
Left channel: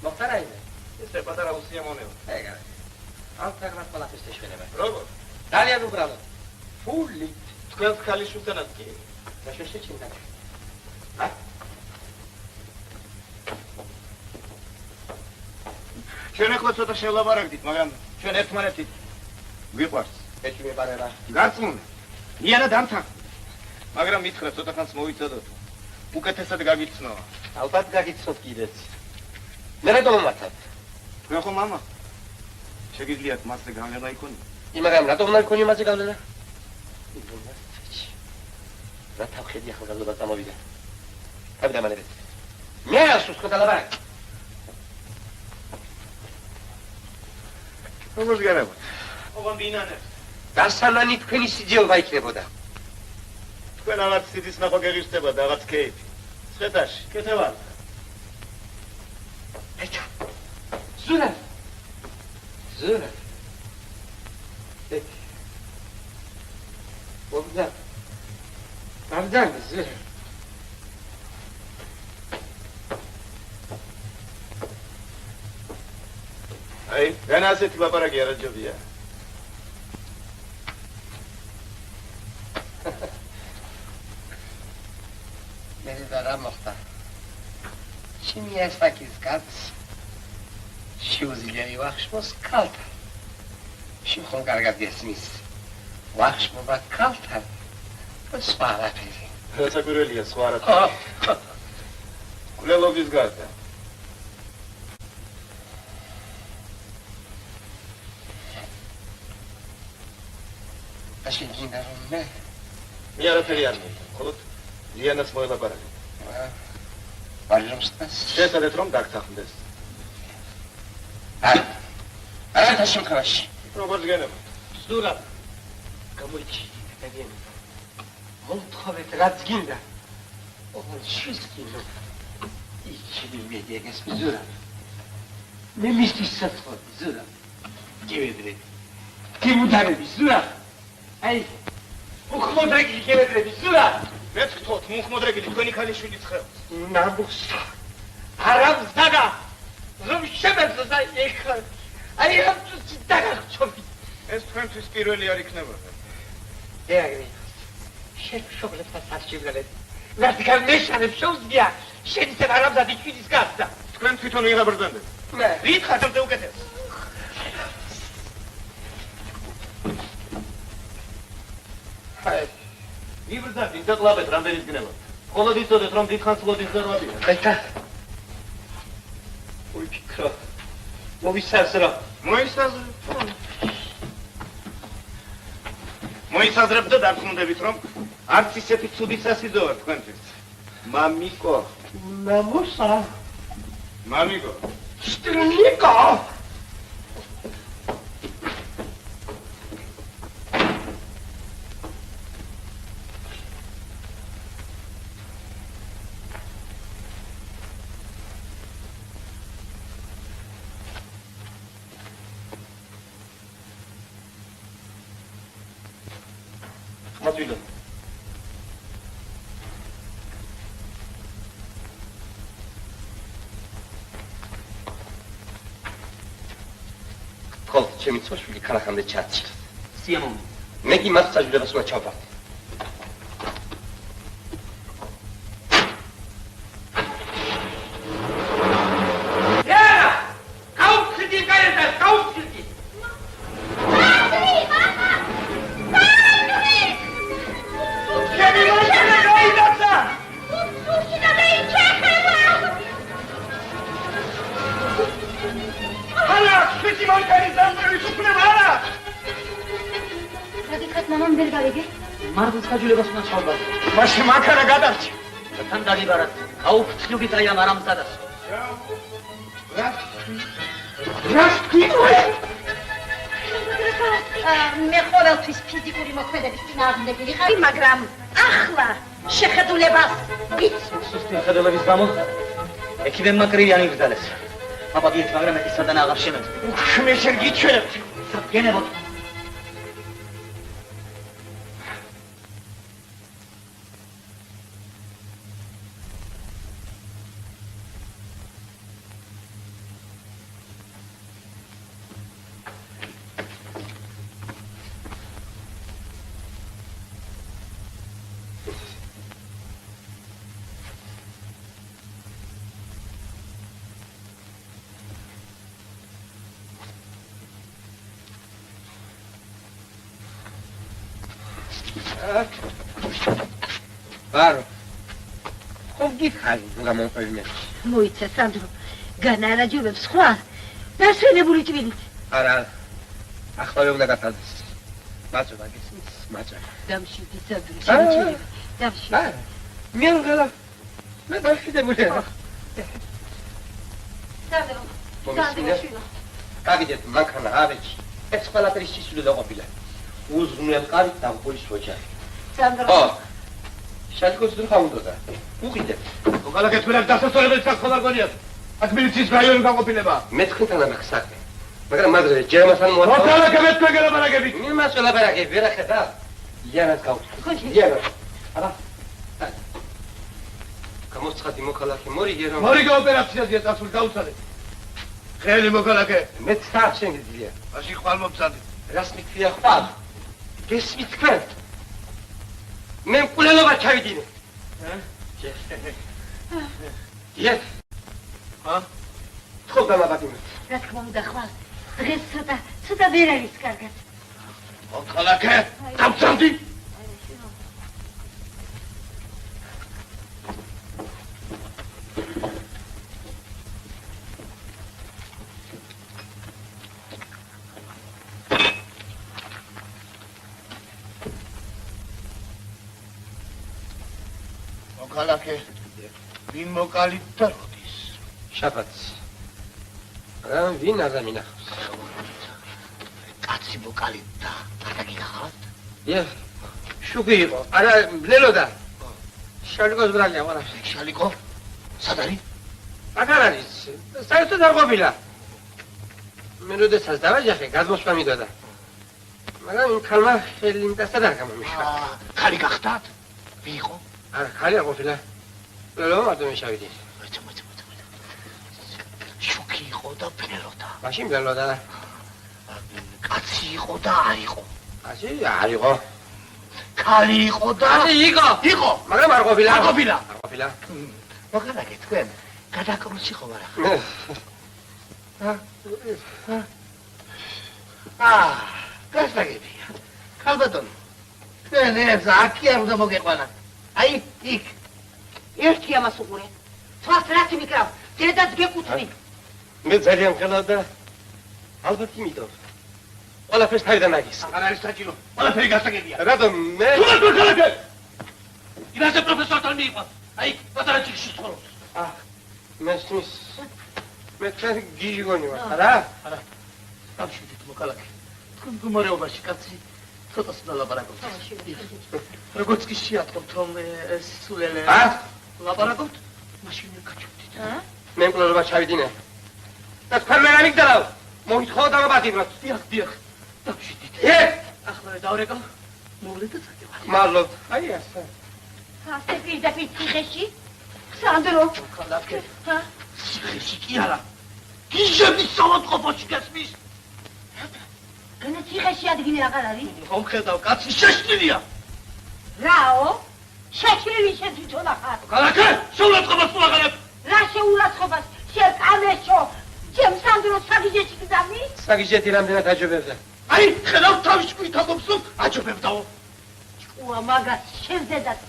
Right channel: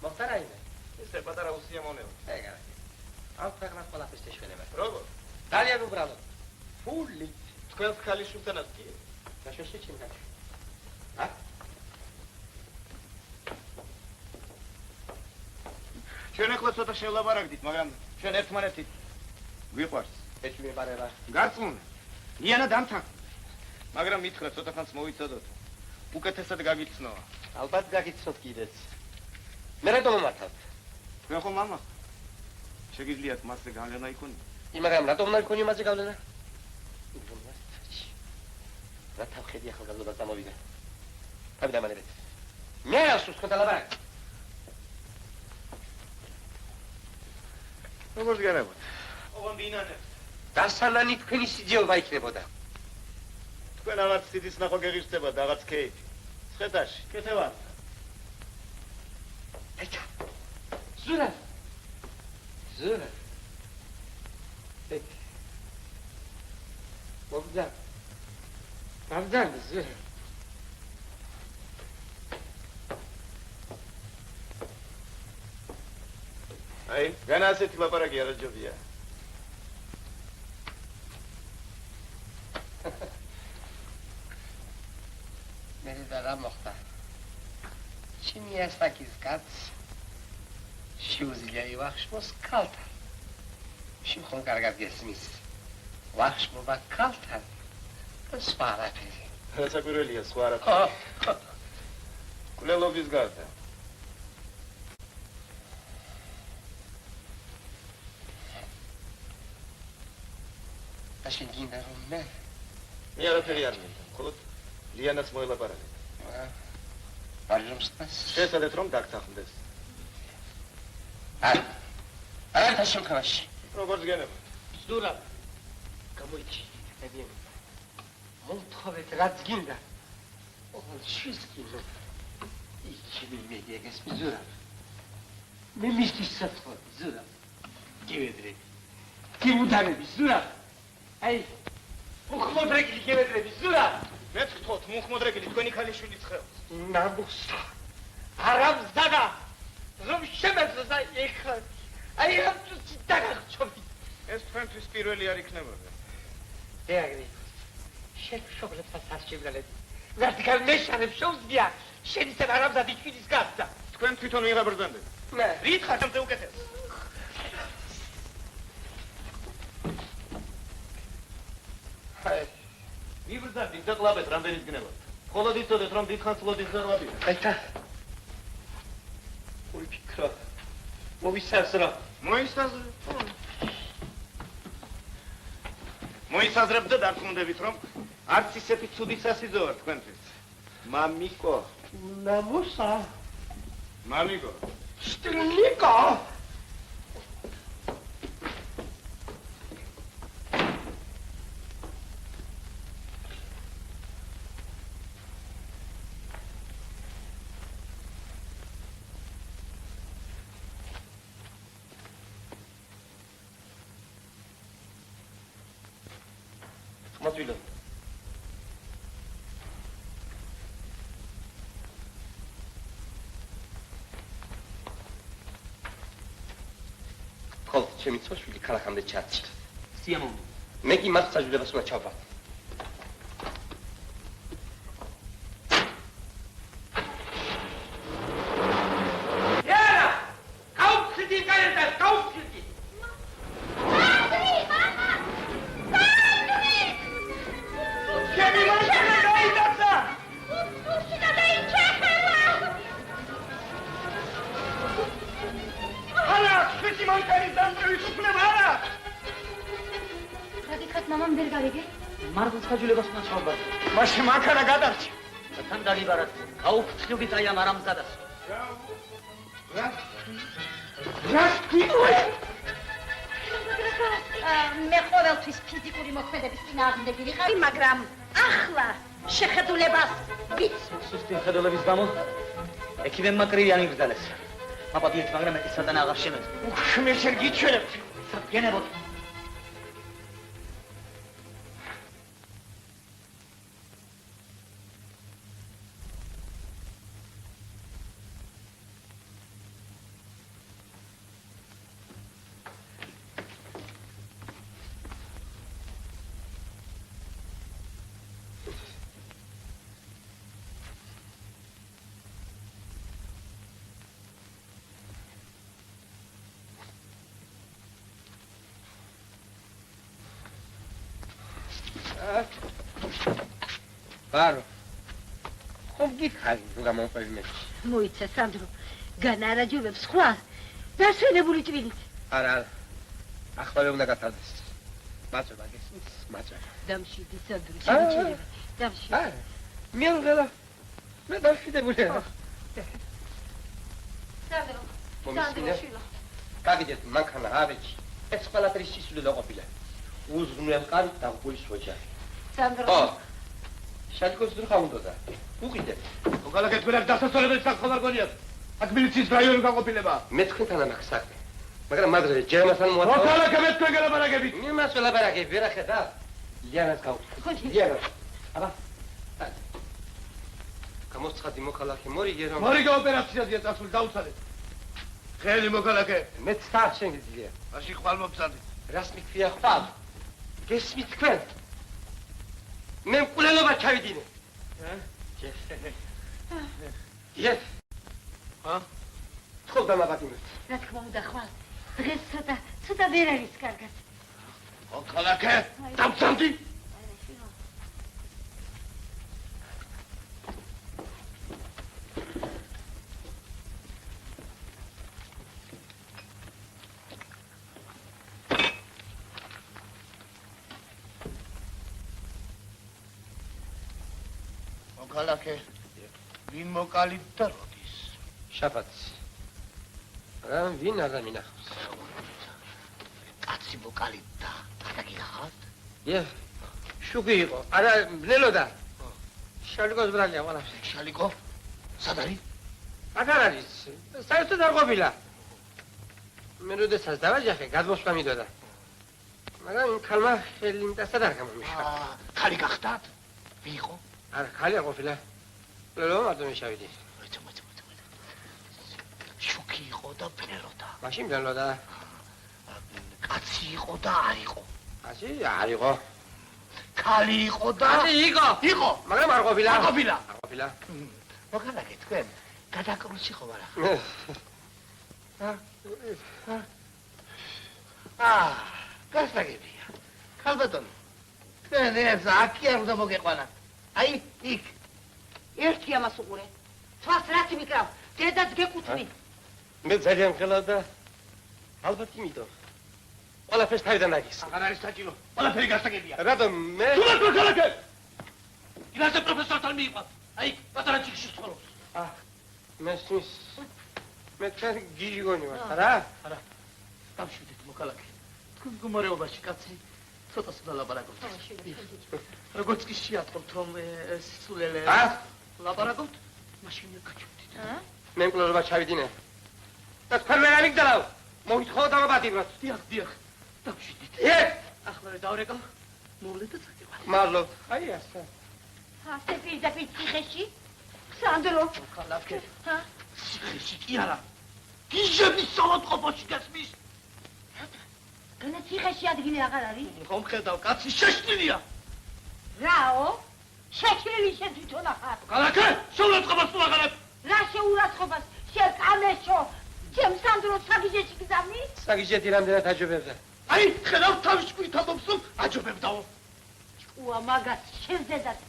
მოხდა რაიმე? ისე პატარა უსიამოვნება. ეგა. ამ თაგრას ყველაფერს შეშველება. როგორ? ძალიან უბრალოდ. ფული. თქვენს ქალიშვილთანაც კი. და შეშეჩინდა. ჩვენ ახლა ცოტა შევლაპარაკდით, მაგრამ ჩვენ ერთმანეთით ვიყვარს. ეჭვი მეყარება. გაწმუნდა. იანა დამთა. მაგრამ მითხრა ცოტა ხანს მოვიწოდოთ. უკეთესად გაგიცნო. ალბათ გაგიცნობ კიდეც. მე რა დავამართებ? თქვენ ხო მამა? შეგიძლიათ მასზე გავლენა იქონიო? მაგრამ რატომ უნდა იქონიო მასზე გავლენა? რა თავხედი ახალგაზრდა წამოვიდა. თავი დამანებეთ. მე ასუს ხოთალაბარ. როგორ გერებოთ? ოღონ ბინანებს. დასალანი თქვენი სიძიება იქნებოდა. თქვენ რაღაც სიძის ნახვა გეღირსება და რაღაც კეიფი. სხეტაში, კეთებად. ეჩა. ზურა. ზურა. მოგდა. Pardon, zır. Ay, ben aseti lapara yaracağım ya. Beni de aramakta. Şimdi yaştakiz kat. Şiuzileri vakşmos kaltar. Şimdi hongargat gesiniz. Vakşmo bak kaltar. Spara peri. Rasa göreliye, suara. Kulelobis garda. Așa ginarul meu. Mi-ară ferian, colut. Lianas mă la pară. Varjum stas. Ce să le trom dacă tahundes? Ara taşım karaş. Robert gene. Zdura. Kamuici. Tebien. Montxovet radzginda. Oğul şizginda. İki bilmediye gesmi Zura. Ne mistis satfod Zura. Gevedre. Kim udarebi Zura. Ay. Muxmodregi gevedrebi Zura. მეც ვთქვათ, მუხმოდრეგილი თქვენი ქალიშვილი ცხელს. ნამუსა. არამზადა. რომ შემეძლო ეხლა. აი ამ წუთი დაგახჩობი. ეს თქვენთვის პირველი არ იქნებოდა. ეაგრი. შეგშობლებსაც არჩივლეთ. ვერტიკალ მეშანებს შეუძლია. შეიცებ არამზადი ჩვიდის გასდა. თქვენ თვითონ ვიღაბრძანდეთ. მე. რით ხარჯობდე უკეთეს? აი. ვიბრძანდი და კლავეთ რამდენიც გნევა. მხოლოდ იცოდეთ რომ დიდხანს ლოდის ზარვადია. ეტა. ვიფიქრო. მოვისაზრო. მოისაზრებ და დარწმუნდებით რომ არც ისეთი ცუდი სასიძო არ თქვენთვის. მამიკო. ნამუსა. მამიკო. შტრნიკო. მადლობა. ხოლ ჩემი ცოშვილი ქალახამდე ჩარჩი. სიამოვნო. მე კი მას საჯულებას უნდა ჩავდარდე. მარგვის საჯულებას უნდა ჩავდარდე. მაშინ მანქანა გადარჩი. თან დაგიბარად. გაუფრთხილდით აი ამ არამზადას. მე ყოველთვის ფიზიკური მოქმედების წინააღმდეგი ვიყავი, მაგრამ ახლა შეხედულებას ვიცი. სუსტი ხედულების გამო ექიმებმა კრიანი იგრძალეს. აბადიეთ, მაგრამ ეს სადან აღარ შემეწ. მე შენ გიჩვენებ. გენერალ ბარო. ხომ გიქარი გამომყვებინე. მოიცა სანდრო. განარაჯობებს სხვა დასვენებული ტვინით. არა. ახლა უნდა გათანდეს. მაწვა გისმის, მაწვა. დამშვიდი სანდრო, შემიძლია. დამშვიდი. მე უნდა მე დამშვიდებული ვარ. სანდრო. სანდრო. გაგიდეთ მანქანა ავეჭი. ეს ყველაფერი სისული დაყოფილა. უზრუნელ კარით დამყურის ოჯახი. სანდრო. ო. შალიკოს დრო უნდა. უყიდეთ. მოქალაქე თქვენს დასასწორებელი საქონლა გონიათ. აქ მილიციის რაიონი გაყოფილება. მე თქვენთან ამახ საქმე. მაგრამ მაგაზე ჯერმასთან მოაწყო. მოქალაქე მე თქვენ გელაპარაკებით. მე მას ველაპარაკებ, ვერ ახედა. იანას გავხდი. იანა. აბა. გამოსცხადი მოქალაქე მორიგე რომ მორიგე ოპერაციაზეა წასული დაუცადე. ხელი მოქალაქე. მე ცარ შეგიძლია. მაშინ ხვალ მომწადე. რას მithia ხვალ? გესმით თქვენ? მე მკვლელობა ჩავიდინე. დიახ. ხო დამაბატიმე. რა თქმა უნდა ხვალ. დღეს ცოტა ვერ არის კარგად. მოქალაქე, დამწადე. მოქალაქე, ვინ მოკალით და როდის? შაბათს. მაგრამ ვინ არ დამინახავს? კაცი მოკალით და დაგიგახავთ? დიახ. შუქი იყო. არა, ბლელოდა. შალიკოს ბრალია, ვარა. შალიკო? სად არის? აღარ არის. საერთოდ არ ყოფილა. მე როდესაც დავაჯახე, გადმოსვლა მიდოდა. მაგრამ იმ ქალმა ხელი იმდასად არ გამომიშვა. ქალი გახდათ? ვინ იყო? არა, ხალი არ ყოფილა. ბლელო მარტო მე შევიდი. შუქი იყო და ბლელოდა. მაშინ ბლელოდა. კაცი იყო და არ იყო. კაცი არ იყო. ქალი იყო და იყო. იყო, მაგრამ არ ყოფილა. არ ყოფილა. არ ყოფილა. მოქალაქე თქვენ გადაკრუში ხომ არა? გასაგებია. ქალბატონო. თქვენ ეს აქი არ უნდა მოგეყვანათ. აი, იქ. ერთი ამას უყურე. თვალს რაც მიკრავ, დედაც გეკუთვნი. მე ძალიან მღელავ და ალბათ იმიტომ. ყველაფერს თავიდან აგის. აღარ არის საჭირო. ყველაფერი გასაგებია. რატომ მე თუ მოქალაქე. იმაზე პროფესორთან მიიყვა. აი, პატარა ჩიქში ცხოვრობს. მესმის მე თქვენ გიჟგონი ვარ. არა? არა. დავშვიდეთ მოქალაქე. თქვენ მდგომარეობაში კაცი ცოტას დალაპარაკობთ. როგორც კი შეატყობთ რომ სულელე ლაპარაკობთ, მაშინ გაჩვდით. მე მკვლელობა ჩავიდინე. და თქვენ მე ამიგდალავ. მოითხოვ დამაბატიმროთ. დიახ. დავშვიდეთ. ახლა დავრეკავ. მოვლეთ და წადევარ. მადლობ. აი ასე. ასე პირდაპირ ციხეში? სანდრო. მოქალაქე. ციხეში კი არა. გიჟების საავადმყოფოში გასმის. თქვენ ციხეში ადგილი აღარ არის? ხომ ხედავ, კაცი შეშლილია. რაო? შეშლილი შეძვითონ ახარ. ქალაქე, შეურაცხყოფას მოაღალებ. რა შეურაცხყოფას? შეკამეშო. ჩემ სანდრო საგიჟეში გზავნის? საგიჟეთი რამდენად აჯობებდა? აი, ხედავ თავის ჭკუით ამბობს, რომ აჯობებდაო. ჭკუა მაგას შენზედაც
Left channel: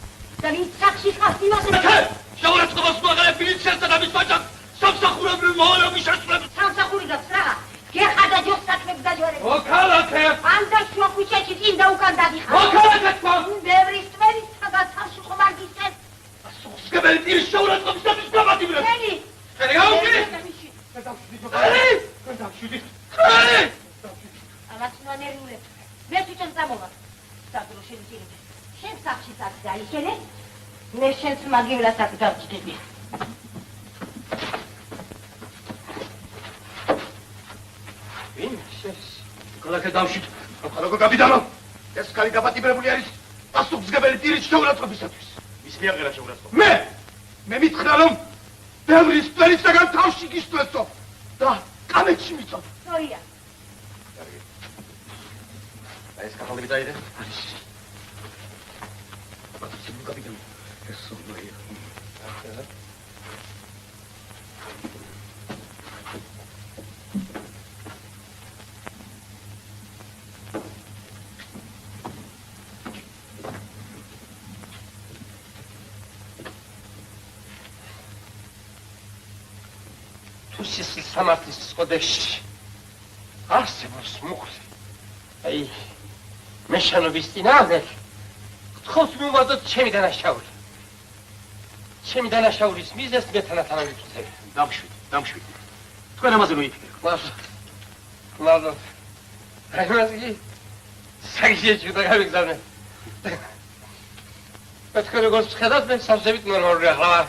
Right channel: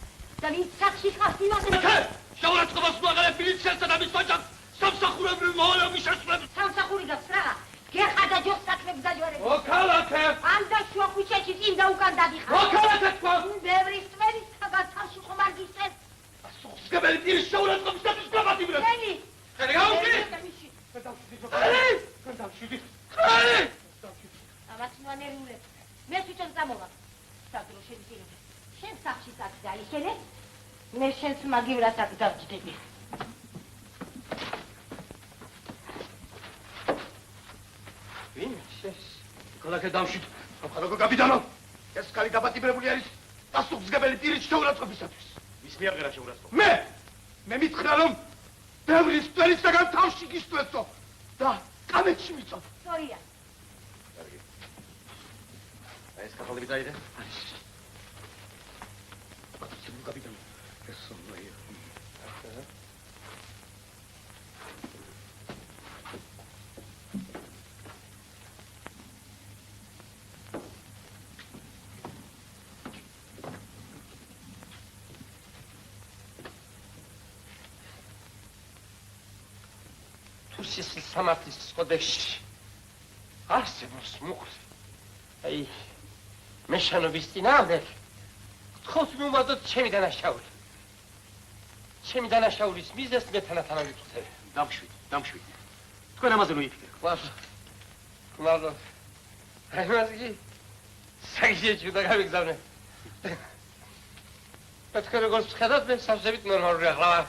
და ვინც სახში ხავს იმაზე. ქალაქე, შეურაცხყოფას მოაღალებ მილიციასთან და მის ვაჭარს. სამსახურებრივ მოვალეობის შესრულებით. სამსახური გაქვს რა? გეხადა ჯოს საქმებს დაჯერებს. ო ქალაქე! ამდე შუა ქუჩაში წინ და უკან დაგიხარ. ო ქალაქე თქვა! ბევრი სტვერის სადაც თავში ხომარგისენ. სგებელი ტირის შეურაცხყოფისათვის გამადიბრებ. ხელი! ხელი გაუშვი! ხელი! ამას ნანერული. მე თვითონ წამოვა. სადრო შეიძლება. შენ სახში წადი დაიშენე. მე შენს მაგივრას აქ დავჭდები. ქალაქე დავშით. ქალაქო კაპიტანო, ეს ხალი დაბატიმრებული არის პასუხისმგებელი ტირის შეურაცხყოფისათვის. ვის მიაღერა შეურაცხყოფა? მე მითხრა რომ ბევრი სტვერისაგან თავში გისწვეთო და კამეთში მიწოთ. სწორია. ეს კახალები დაიდე? არის. კაპიტანო, ეს სოფლია. სამართლის კოდექსში არსებობს მუხლი. აი, მე შენობის წინააღმდეგ გთხოვს მივმართოთ ჩემი დანაშაული. ჩემი დანაშაულის მიზეზს მე თანათან ვიფიქრებ. დამშვით. თქვენ ამაზე ნუ იფიქრეთ. მადლობა. აი, მასი საგიჟეში და გავიგზავნე. თქვენ როგორც ხედავთ, მე სამსებით ნორმალური ახლა.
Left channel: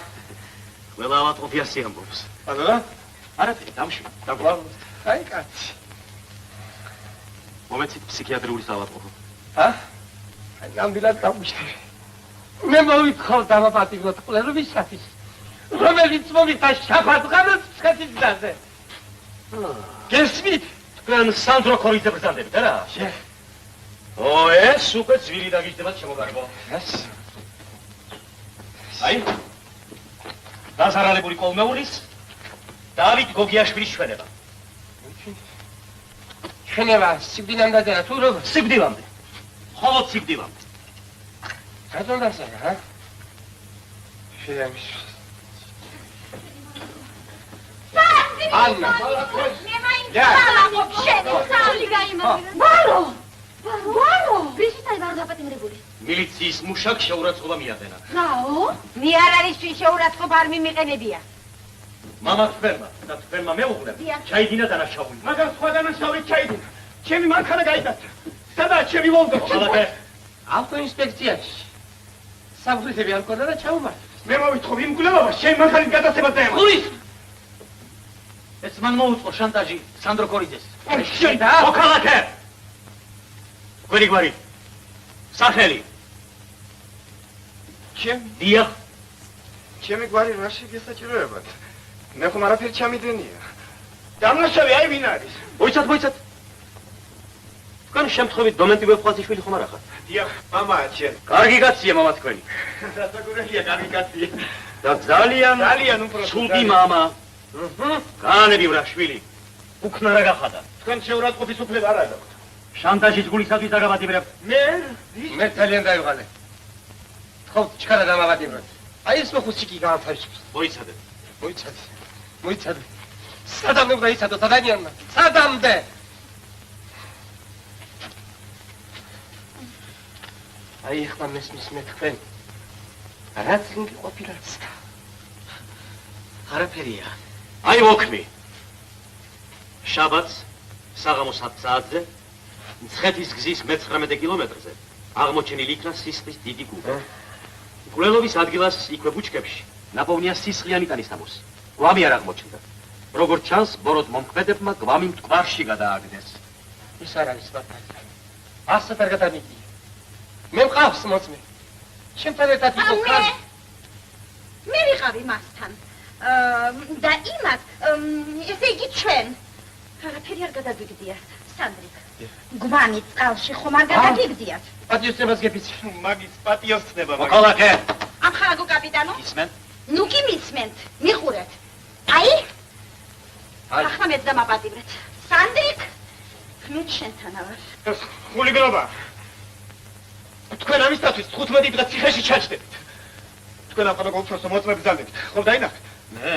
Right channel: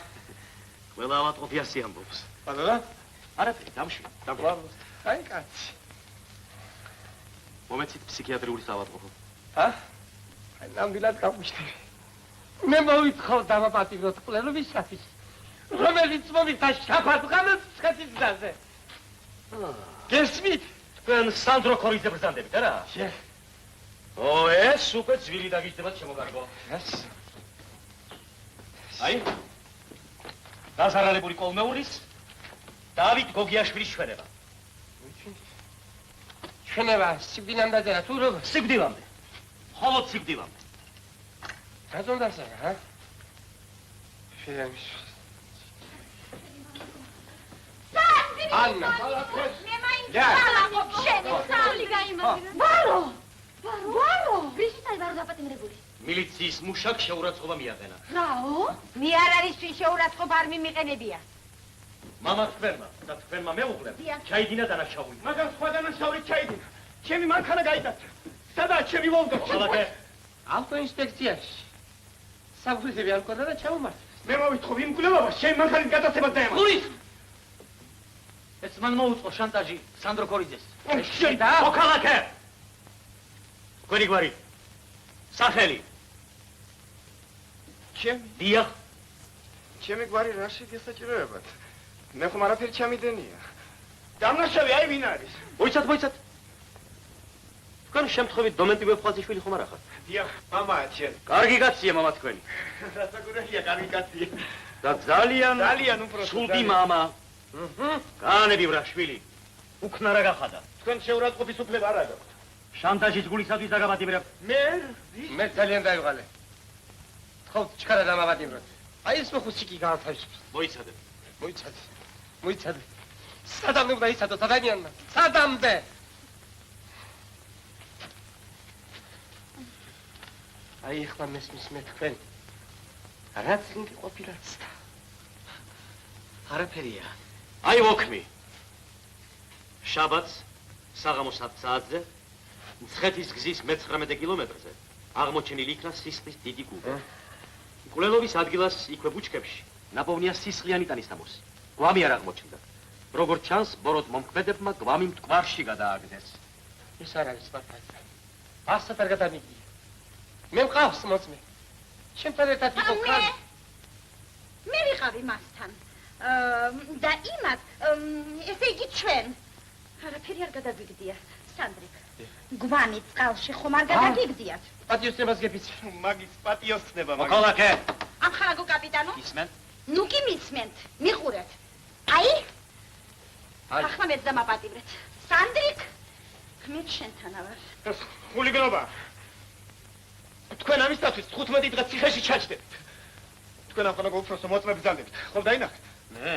ყველა ავატყოფიასი ამბობს. ბატონო? არა, დამშვით. აი, კაცი. მომეცით ფსიქიატრიული საავადმყოფო. აი, ნამდვილად გამიშტე. მე მოვითხოვ დამაპატიმროთ ყველებისათვის, რომელიც მომითა შაფათღანოს ცხეთის გზაზე. გესმით? თქვენ სანდრო ქორიძე ბრძანდებით, არა? ეს უკვე ძვილი დაგიჯდებათ შემოგარგო. აი, დაზარალებული კოლმეულის დავით გოგიაშვილის ჩვენება. ჩვენება სიკვდილამდე თუ როგორ? სიკვდილამდე. მხოლოდ სიკვდილამდე. რატომ დასაგა, რა? შეამის. ანნა. ვარო! ვისიтай ვარ დაპატიმრებული? მილიციის მუშაკ შეურაცხყოფა მიადენა. რაო? მე არ არის чин შეურაცხყოფა არ მიმიყენებია. მამა თქვენმა და თქვენმა მეუღლემ ჩაიდინა დანაშაული. მაგრამ სხვა დანაშაული ჩაიდინა. ჩემი მანქანა გაიტაცა. სადაა ჩემი ვოლგა? ხოლმე ავტოინსპექციაში. სამხლისები არ მქონდა და ჩაუმართეს. მე მოვითხოვ იმ გულებობას ჩემი მანქანის გადაცემა დაემართა. ხუის! ეს მან მოუწყო შანტაჟი სანდრო ქორიძეს. შენ და? მოქალაქე! თქვენი გვარი. სახელი. დიახ. ჩემი გვარი რაში გესაჭიროებათ? მე ხომ არაფერი ჩამიდენია. დამნაშავე აი ვინ არის? მოიცათ. თქვენ შემთხვევით დომენტი ვეფხვაძიშვილი ხომ არ ახართ? დიახ, მამაა ჩემ. კარგი კაცია მამა თქვენი. რასაკურელია კარგი კაცი. და ძალიან უფრო სულდი მამა. განები ვრა შვილი. უქნა რა გახადა? თქვენ შეურაცხყოფის უფლება არ აქვს. შანტაჟის გულისათვის დაგაბატიმრებ. მე ძალიან დაივალე. თხოვთ ჩქარა დამავატიმროთ. აი ეს მოხუცი კი გაანთავისუფლეს. მოიცადე. სადამდე უნდა იცადოთ ადამიანმა? სადამდე? აი ახლა მესმის მე თქვენ. რაც ინგი ყოფილაც. არაფერია. აი მოქმი. შაბათს საღამოს 10 საათზე მცხეთის გზის მე-19 კილომეტრზე აღმოჩენილი იქნა სისხლის დიდი გუბე. მკვლელობის ადგილას იქვე ბუჩქებში ნაპოვნია სისხლიანი ტანისთამოსი. გვამი არ აღმოჩნდა. როგორც ჩანს, ბოროტ მომქმედებმა გვამი მტკვარში გადააგდეს. ის არ არის ბატონო. ასეთ არ გადამიგია. მე მყავს მოწმე. ჩემთან ერთად იყო კაცი. მე ვიყავი მასთან. და იმათ, ესე იგი ჩვენ. არაფერი არ გადაგვიგდია. სანდრიკ. გვამი წყალში ხომ არ გადაგიგზიათ? პატიოსნებას გეფიცი. მაგის პატიოსნება. მოქალაქე. ამხარაგო კაპიტანო? ისმენ? ნუ კი მისმენთ, მიხურეთ. აი? ახლა მეც დამაპატიმრეთ. სანდრიკ, ქმით შენთანა ვარ. ხულიგნობა. თქვენ ამისათვის 15 დღე ციხეში ჩაჯდებით. თქვენ ახლა გოფროსო მოწმებს ძალებით. ხო დაინახეთ? მე.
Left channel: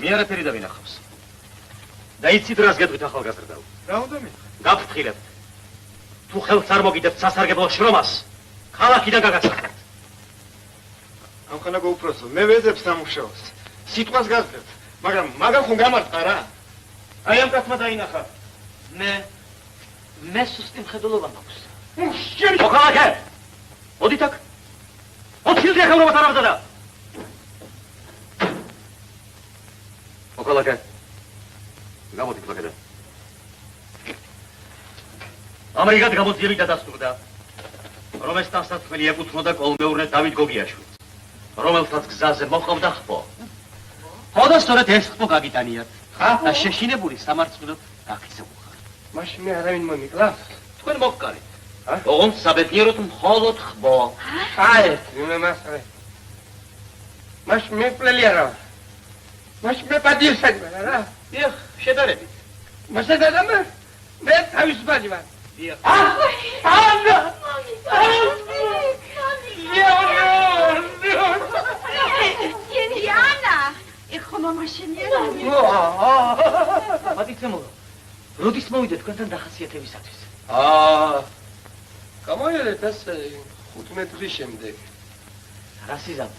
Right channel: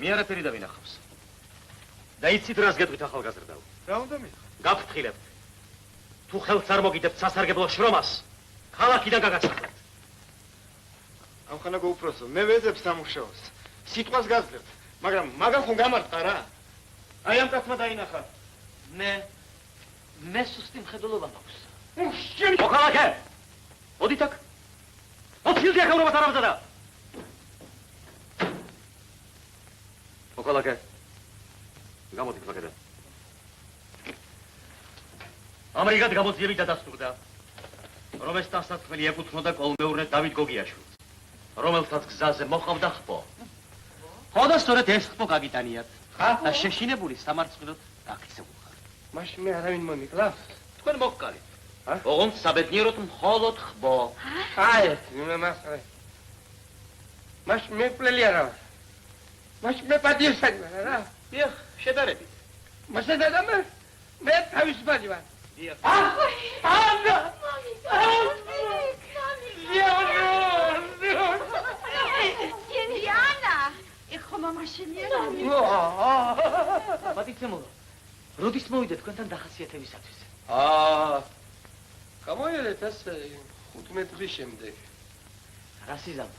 მე არაფერი დავინახავს. და იცით რას გეტყვით ახალგაზრდაო? რა უნდა მინახო? გაფრთხილებთ. თუ ხელს არ მოგიდებთ სასარგებლო შრომას, ქალაქიდან გაგაცხრეთ. ახლა გოფროსო, მე ვეძებ სამუშაოს. სიტყვას გასდევთ, მაგრამ მაგამ ხომ გამარტყა რა? აი ამ კაცმა დაინახა. მე სუსტი მხედველობა მაქვს. მოქალაქე! მოდით აქ. 4 ახალმოვა დარავდა. მოქალაქე. გამოდი კლაკედა. ამრიგად გამოძიები და დასტურდა, რომ ეს დასასწრელი ეკუთვნოდა კოლმეურნე დავით გოგიაშვილს, რომელსაც გზაზე მოყავდა ხბო. ხო და სწორედ ეს ხბო გაგიტანიათ. და შეშინებული სამარცხვინოდ გაქცეულხარ. მაშინ მე არავინ მომიკლავს? თქვენ მოგკარით. ოღონდ საბედნიეროდ მხოლოდ ხბო. აი, მე მასწავლე. მაშინ მე პლელი არა ვარ. მაშინ მე პატიოსანი ვარ რა. დიახ, შედარებით. მასე დადამე? მე თავისუფალი ვარ. დიახ. ანა! იანა, ეხო მამაშენია. პატიცემო, როდის მოვიდეთ თქვენთან დახასიათებისათვის? გამოიარეთ ეს 15 დღის შემდეგ. რა სიზამ,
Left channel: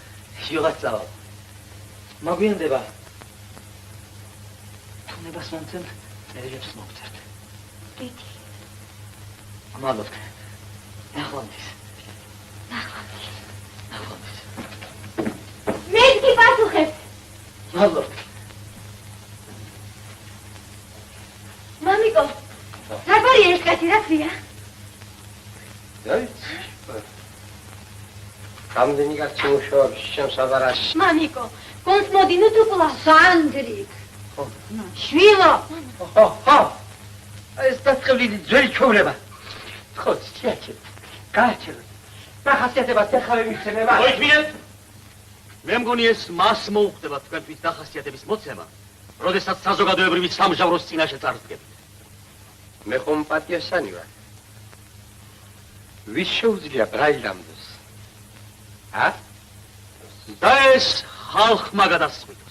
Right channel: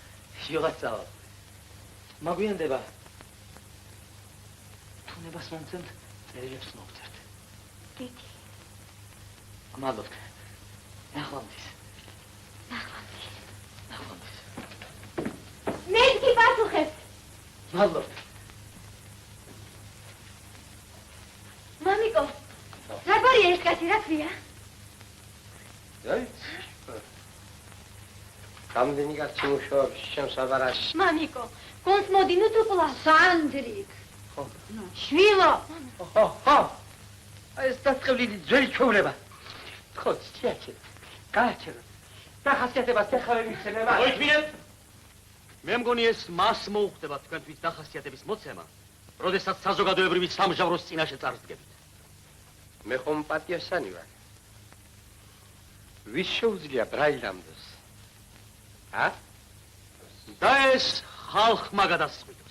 შილაც წავა. მაგვიანდება. თუნებას მომცემთ, წერილებს მოგწერთ. დიდი. მადლობთ. ნახვამდის. მე კი პასუხებ. მადლობთ. მამიკო, რა ბარია ეს კაცი რა ქვია? აი. რამდენი კაცი მუშაობს ჩემს აბარაში. მამიკო, კონს მოდინო თუ კლა სანდრიკ. ხო. შვილო. ხო. ეს დასწრებული ძველი ჩაურება. ხო, შეჭე. გაჩერე. დახასიათებას ახლა მისცემა. მოიწმინეთ. მე მგონი ეს მას მოუხდება თქვენთვის დახასიათების მოცემა, როდესაც საზოგადოებრივი სამჟავროს წინაშე წარდგებით. მე ხომ პატიოსანი ვარ. ვის შეუძლია ბრაილამდოს? და ეს ხალხმა გადასწყვიტა.